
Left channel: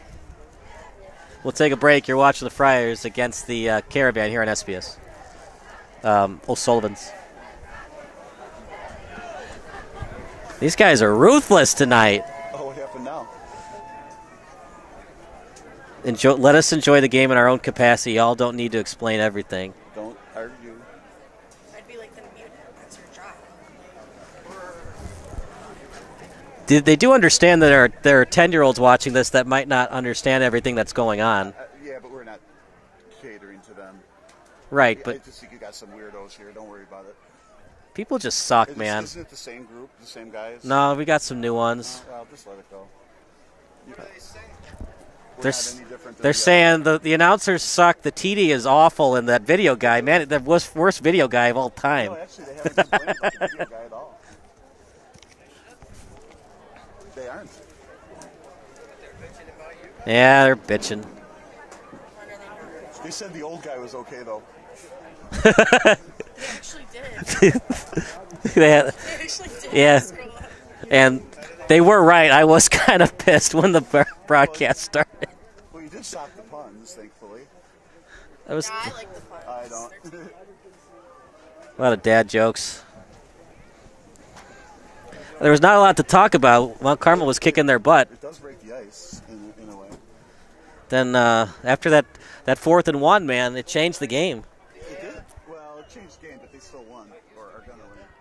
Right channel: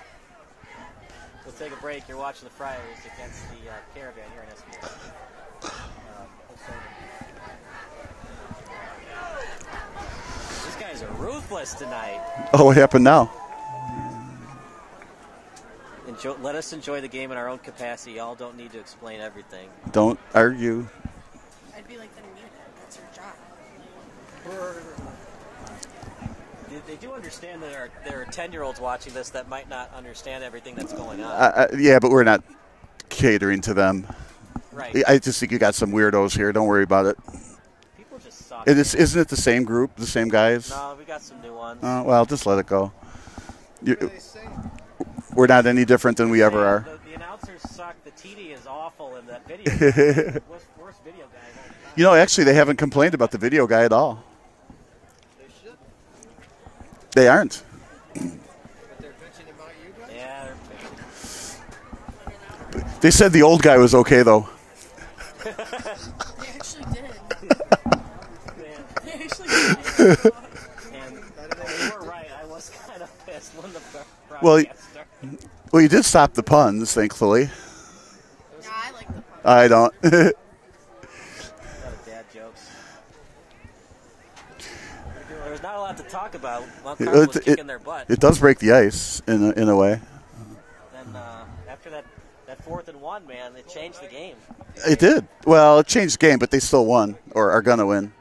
We'll take a break. You're watching the Friars against the Caravan here on SBS. O'Sullivan's. These guys are ruthless tonight. Oh, what happened now? Let us enjoy the game in our own capacity. Y'all don't need to explain everything. Don't argue. I'd be like, then mute it. That's your job. They do understand that there are 10-year-olds watching this that might not understand everything that's going on. Yeah, but we're not catering to them. Right. I just think you got some weirdos here. Don't worry about it. People just suck, man. Isn't it the same group, the same guys? No, we got some new ones. Well, just let it go. We're not any different than we ever are. They're saying the announcers suck. The TD is awful, and that video guy, man, the worst video guy of all time. You know, actually, they haven't complained about the video guy at all. They aren't. Yeah, they're bitching. They said the old guy was okay, though. Yeah, and they were right. I was kind of pissed when the broadcast started. Well, you did stop the puns, thankfully. I like the puns. I don't. A lot of dad jokes. There was not a lot to talk about. Mount Carmel was kicking their butt. It does break the ice in a way. Then after that 4th and 1, man, it changed the game. It did. Well, it changed the game, but they still won or are going to win.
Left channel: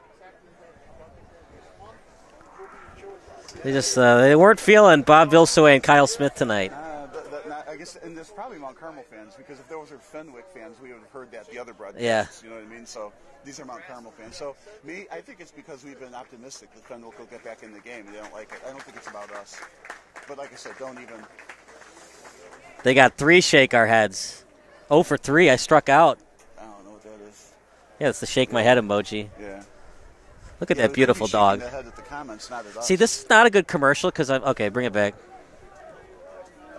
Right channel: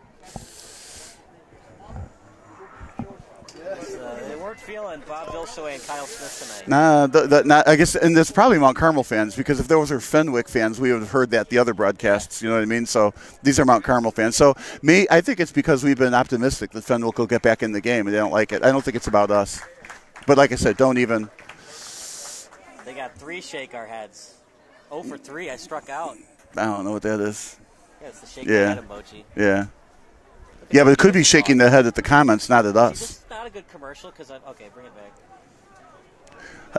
They weren't feeling Bob Vilsoe and Kyle Smith tonight. I guess, and it's probably Mount Carmel fans, because if those were Fenwick fans, we would have heard that the other broadcasts. Yeah. You know what I mean? So these are Mount Carmel fans. So I think it's because we've been optimistic that Fenwick will get back in the game, and they don't like it. I don't think it's about us. But like I said, don't even. They got 3 shake our heads. 0 for 3. I struck out. I don't know what that is. Yeah, it's the shake my head emoji. Yeah. Look at that but it could be beautiful shaking dog. their head at the comments, not at us. See, this is not a good commercial because okay, bring it back.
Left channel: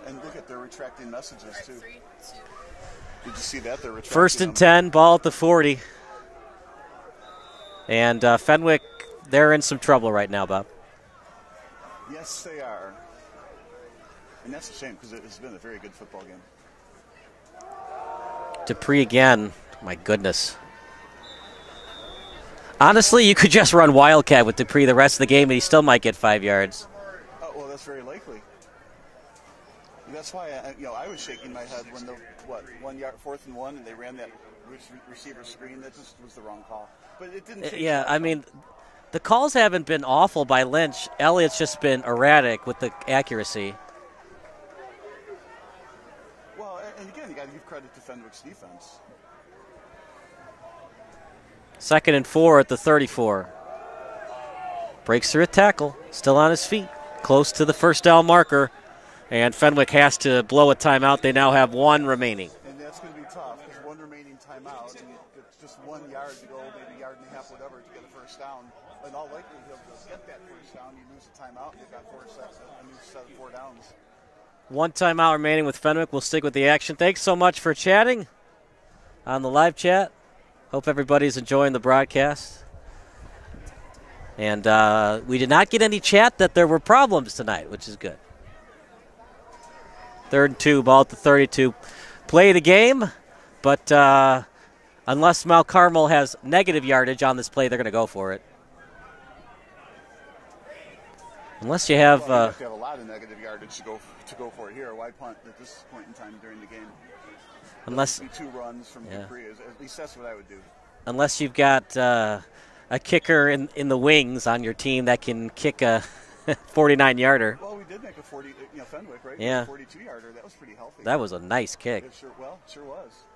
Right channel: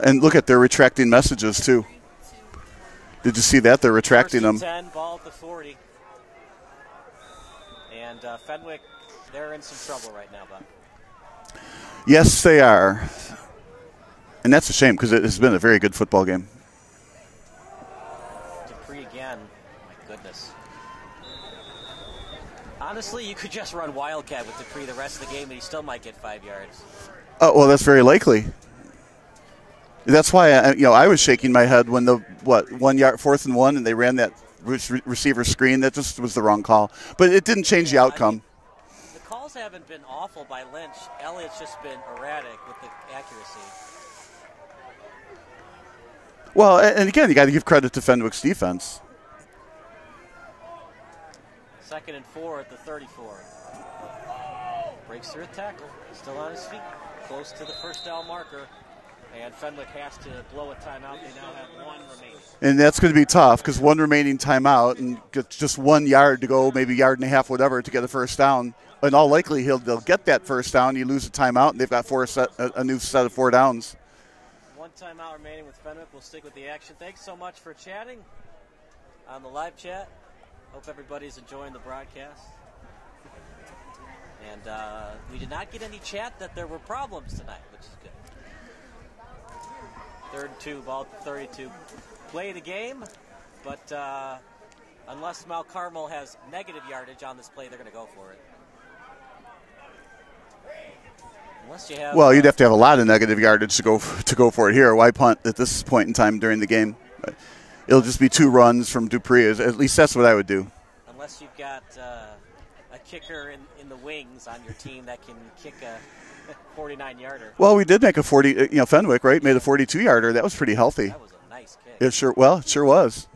And look at, they're retracting messages too. Did you see that? They're retracting them. First and 10, ball at the 40. And Fenwick, they're in some trouble right now, Bob. Yes, they are. And that's a shame, because it has been a very good football game. Dupree again. My goodness. Honestly, you could just run Wildcat with Dupree the rest of the game, and he still might get 5 yards. Oh, well, that's very likely. That's why I was shaking my head when the 1 yard, 4th and 1, and they ran that receiver screen. That just was the wrong call. But it didn't change the outcome. I mean, the calls haven't been awful by Lynch. Elliott's just been erratic with the accuracy. Well, and again, you got to give credit to Fenwick's defense. 2nd and 4 at the 34. Breaks through a tackle. Still on his feet. Close to the first down marker. And Fenwick has to blow a timeout. They now have 1 remaining. And that's going to be tough, because 1 remaining timeout and just 1 yard to go, maybe yard and a half, whatever, to get a first down. In all likelihood, they'll get that first down. You lose a timeout, and they've got a new set of 4 downs. 1 timeout remaining with Fenwick. We'll stick with the action. Thanks so much for chatting on the live chat. Hope everybody's enjoying the broadcast. And we did not get any chat that there were problems tonight, which is good. 3rd and 2, ball at the 32. Play the game, but unless Mount Carmel has negative yardage on this play, they're going to go for it. Unless you have. Well, you'd have to have a lot of negative yardage to go for it here. Why punt at this point in time during the game? It'll just be 2 runs from Dupree. At least that's what I would do. Unless you've got a kicker in the wings on your team that can kick a 49-yarder. Well, we did make a 40. Fenwick, right? Yeah. Made a 42-yarder. That was pretty healthy. That was a nice kick. It sure was.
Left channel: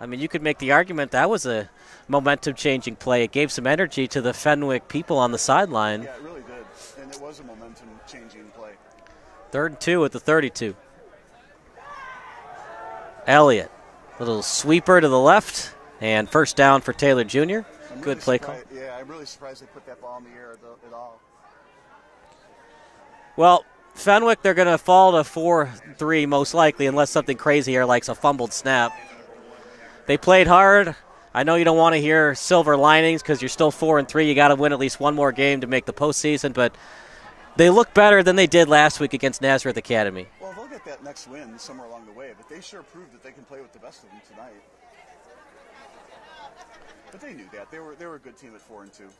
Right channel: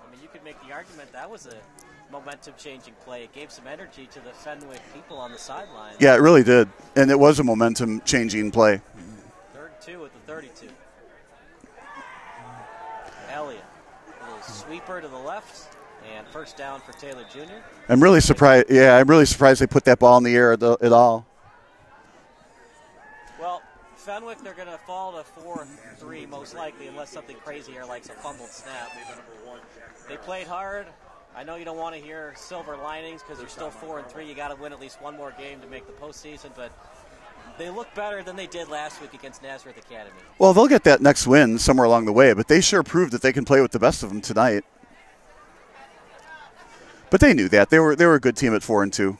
I mean, you could make the argument that was a momentum-changing play. It gave some energy to the Fenwick people on the sideline. Yeah, it really did. And it was a momentum-changing play. 3rd and 2 at the 32. Elliott, little sweeper to the left, and first down for Taylor Jr. I'm really surprised. Yeah, I'm really surprised they put that ball in the air at all. Well, Fenwick, they're going to fall to 4-3 most likely, unless something crazy here like a fumbled snap. They played hard. I know you don't want to hear silver linings because you're still 4-3. You got to win at least 1 more game to make the postseason, but they look better than they did last week against Nazareth Academy. Well, they'll get that next win somewhere along the way, but they sure proved that they can play with the best of them tonight. But they knew that. They were a good team at 4-2.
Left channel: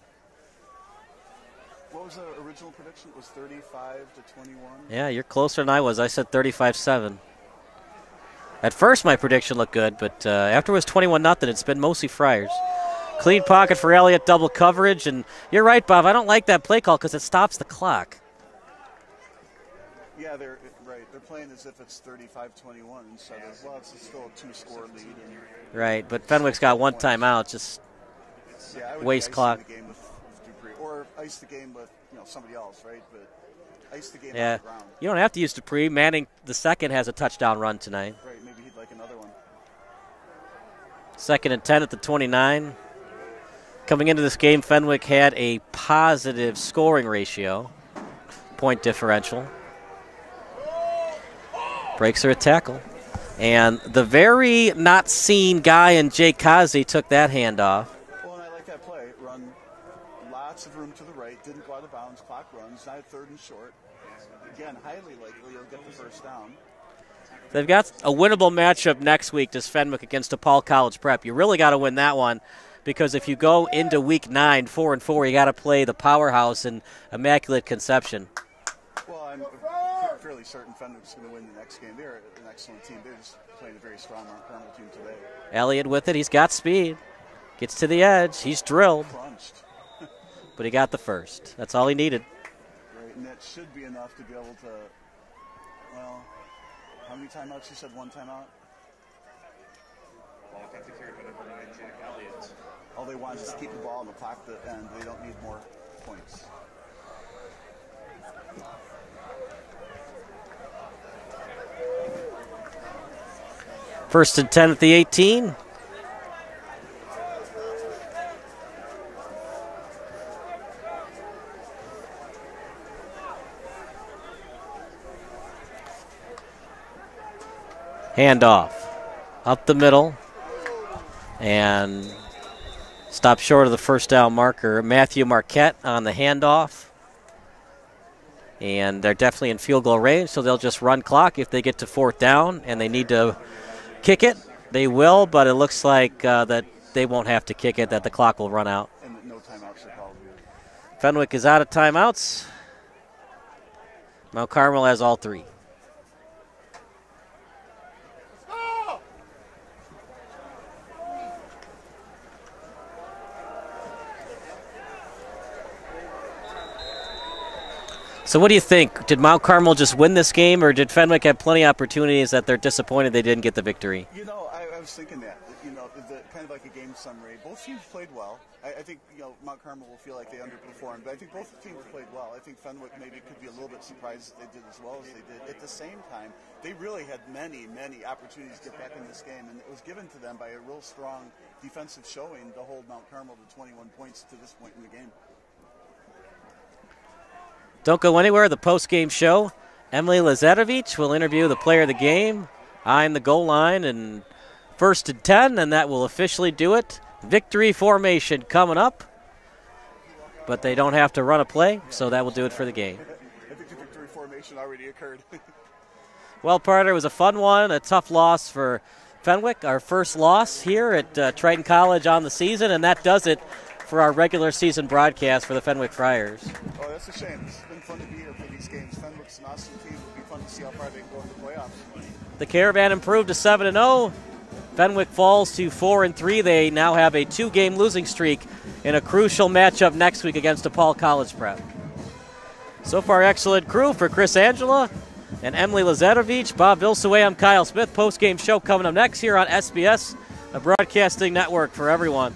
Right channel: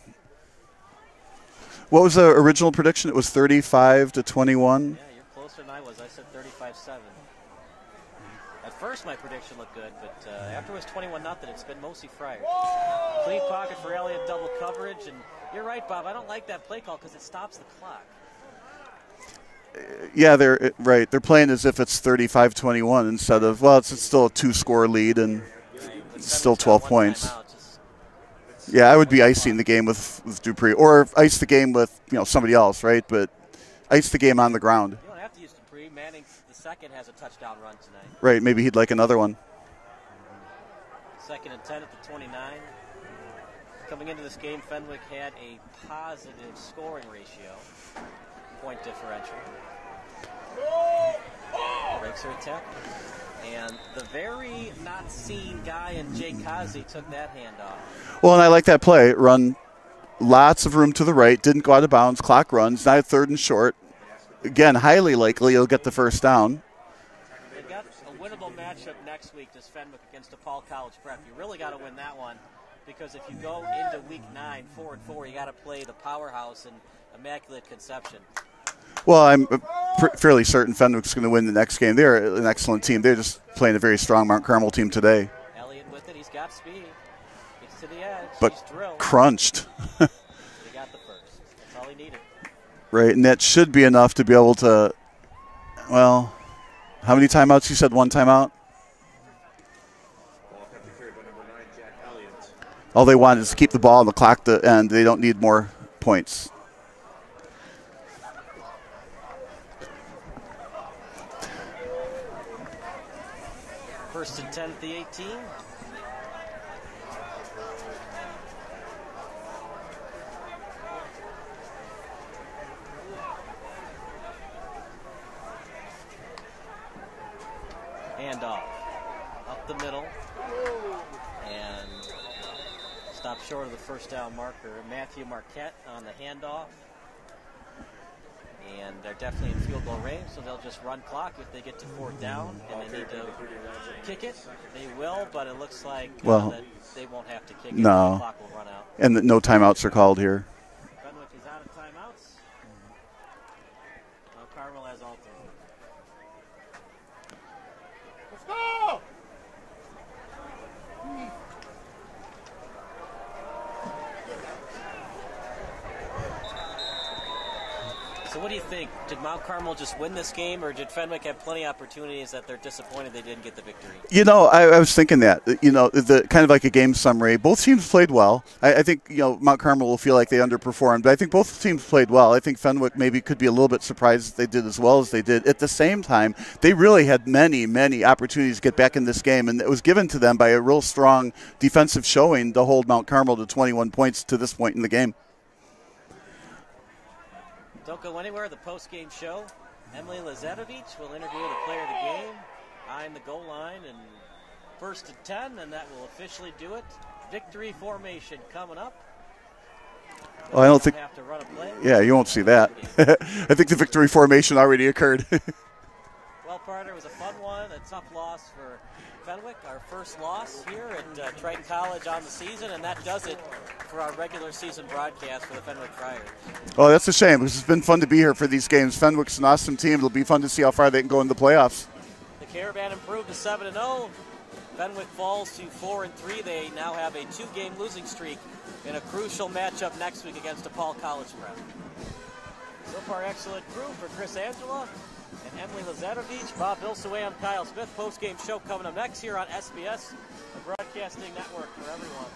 What was the original prediction? It was 35-21. Yeah, you're closer than I was. I said 35-7. At first, my prediction looked good, but after it was 21-0, it's been mostly Friars. Clean pocket for Elliott, double coverage, and you're right, Bob. I don't like that play call because it stops the clock. Yeah, they're right. They're playing as if it's 35-21 instead of, well, it's still a 2-score lead and right. But Fenwick's got 1 timeout. Yeah, I would be icing the game with Dupree, or ice the game with somebody else, right? But ice the game on the ground. You don't have to use Dupree. Manning the second has a touchdown run tonight. Right. Maybe he'd like another one. 2nd and 10 at the 29. Coming into this game, Fenwick had a positive scoring ratio, point differential. Breaks her a tackle. And the very not seen guy in Jake Kazi took that handoff. Well, and I like that play. Run lots of room to the right. Didn't go out of bounds. Clock runs. Now 3rd and short. Again, highly likely he'll get the first down. They've got a winnable matchup next week, does Fenwick against DePaul College Prep. You really got to win that one because if you go into week 9, 4-4, you got to play the powerhouse in Immaculate Conception. Well, I'm fairly certain Fenwick's going to win the next game. They're an excellent team. They're just playing a very strong Mount Carmel team today. Elliott with it. He's got speed. Gets to the edge. But he's drilled. Crunched. But he got the first. That's all he needed. Right, and that should be enough to be able to, well, how many timeouts? You said one timeout? All they want is to keep the ball on the clock, and they don't need more points. First and 10 at the 18. Handoff up the middle and stop short of the first down marker. Matthew Marquette on the handoff. And they're definitely in field goal range, so they'll just run clock if they get to fourth down and they need to kick it. They will, but it looks like that they won't have to kick it, that the clock will run out. And no timeouts are called here. Fenwick is out of timeouts. Mount Carmel has all three. So what do you think? Did Mount Carmel just win this game, or did Fenwick have plenty of opportunities that they're disappointed they didn't get the victory? You know, I was thinking that, the kind of like a game summary. Both teams played well. I think, Mount Carmel will feel like they underperformed, but I think both teams played well. I think Fenwick maybe could be a little bit surprised they did as well as they did. At the same time, they really had many, many opportunities to get back in this game, and it was given to them by a real strong defensive showing to hold Mount Carmel to 21 points to this point in the game. Don't go anywhere. The post-game show, Emily Lazarevic will interview the player of the game, eyeing the goal line, and first and 10, and that will officially do it. Victory formation coming up, but they don't have to run a play. Yeah, so you won't see that. I think the victory formation already occurred. Well, Parter, it was a fun one, a tough loss for Fenwick, our first loss here at Triton College on the season, and that does it for our regular season broadcast for the Fenwick Friars. Oh, that's a shame. It's been fun to be here for these games. Fenwick's an awesome team. It'll be fun to see how far they can go in the playoffs. The Caravan improved to 7-0. Fenwick falls to 4-3. They now have a 2-game losing streak in a crucial matchup next week against DePaul College Prep. So far, excellent crew for Chris Angela and Emily Lazarevic. Bob Vilsaway, I'm Kyle Smith. Post-game show coming up next here on SBS, a broadcasting network for everyone.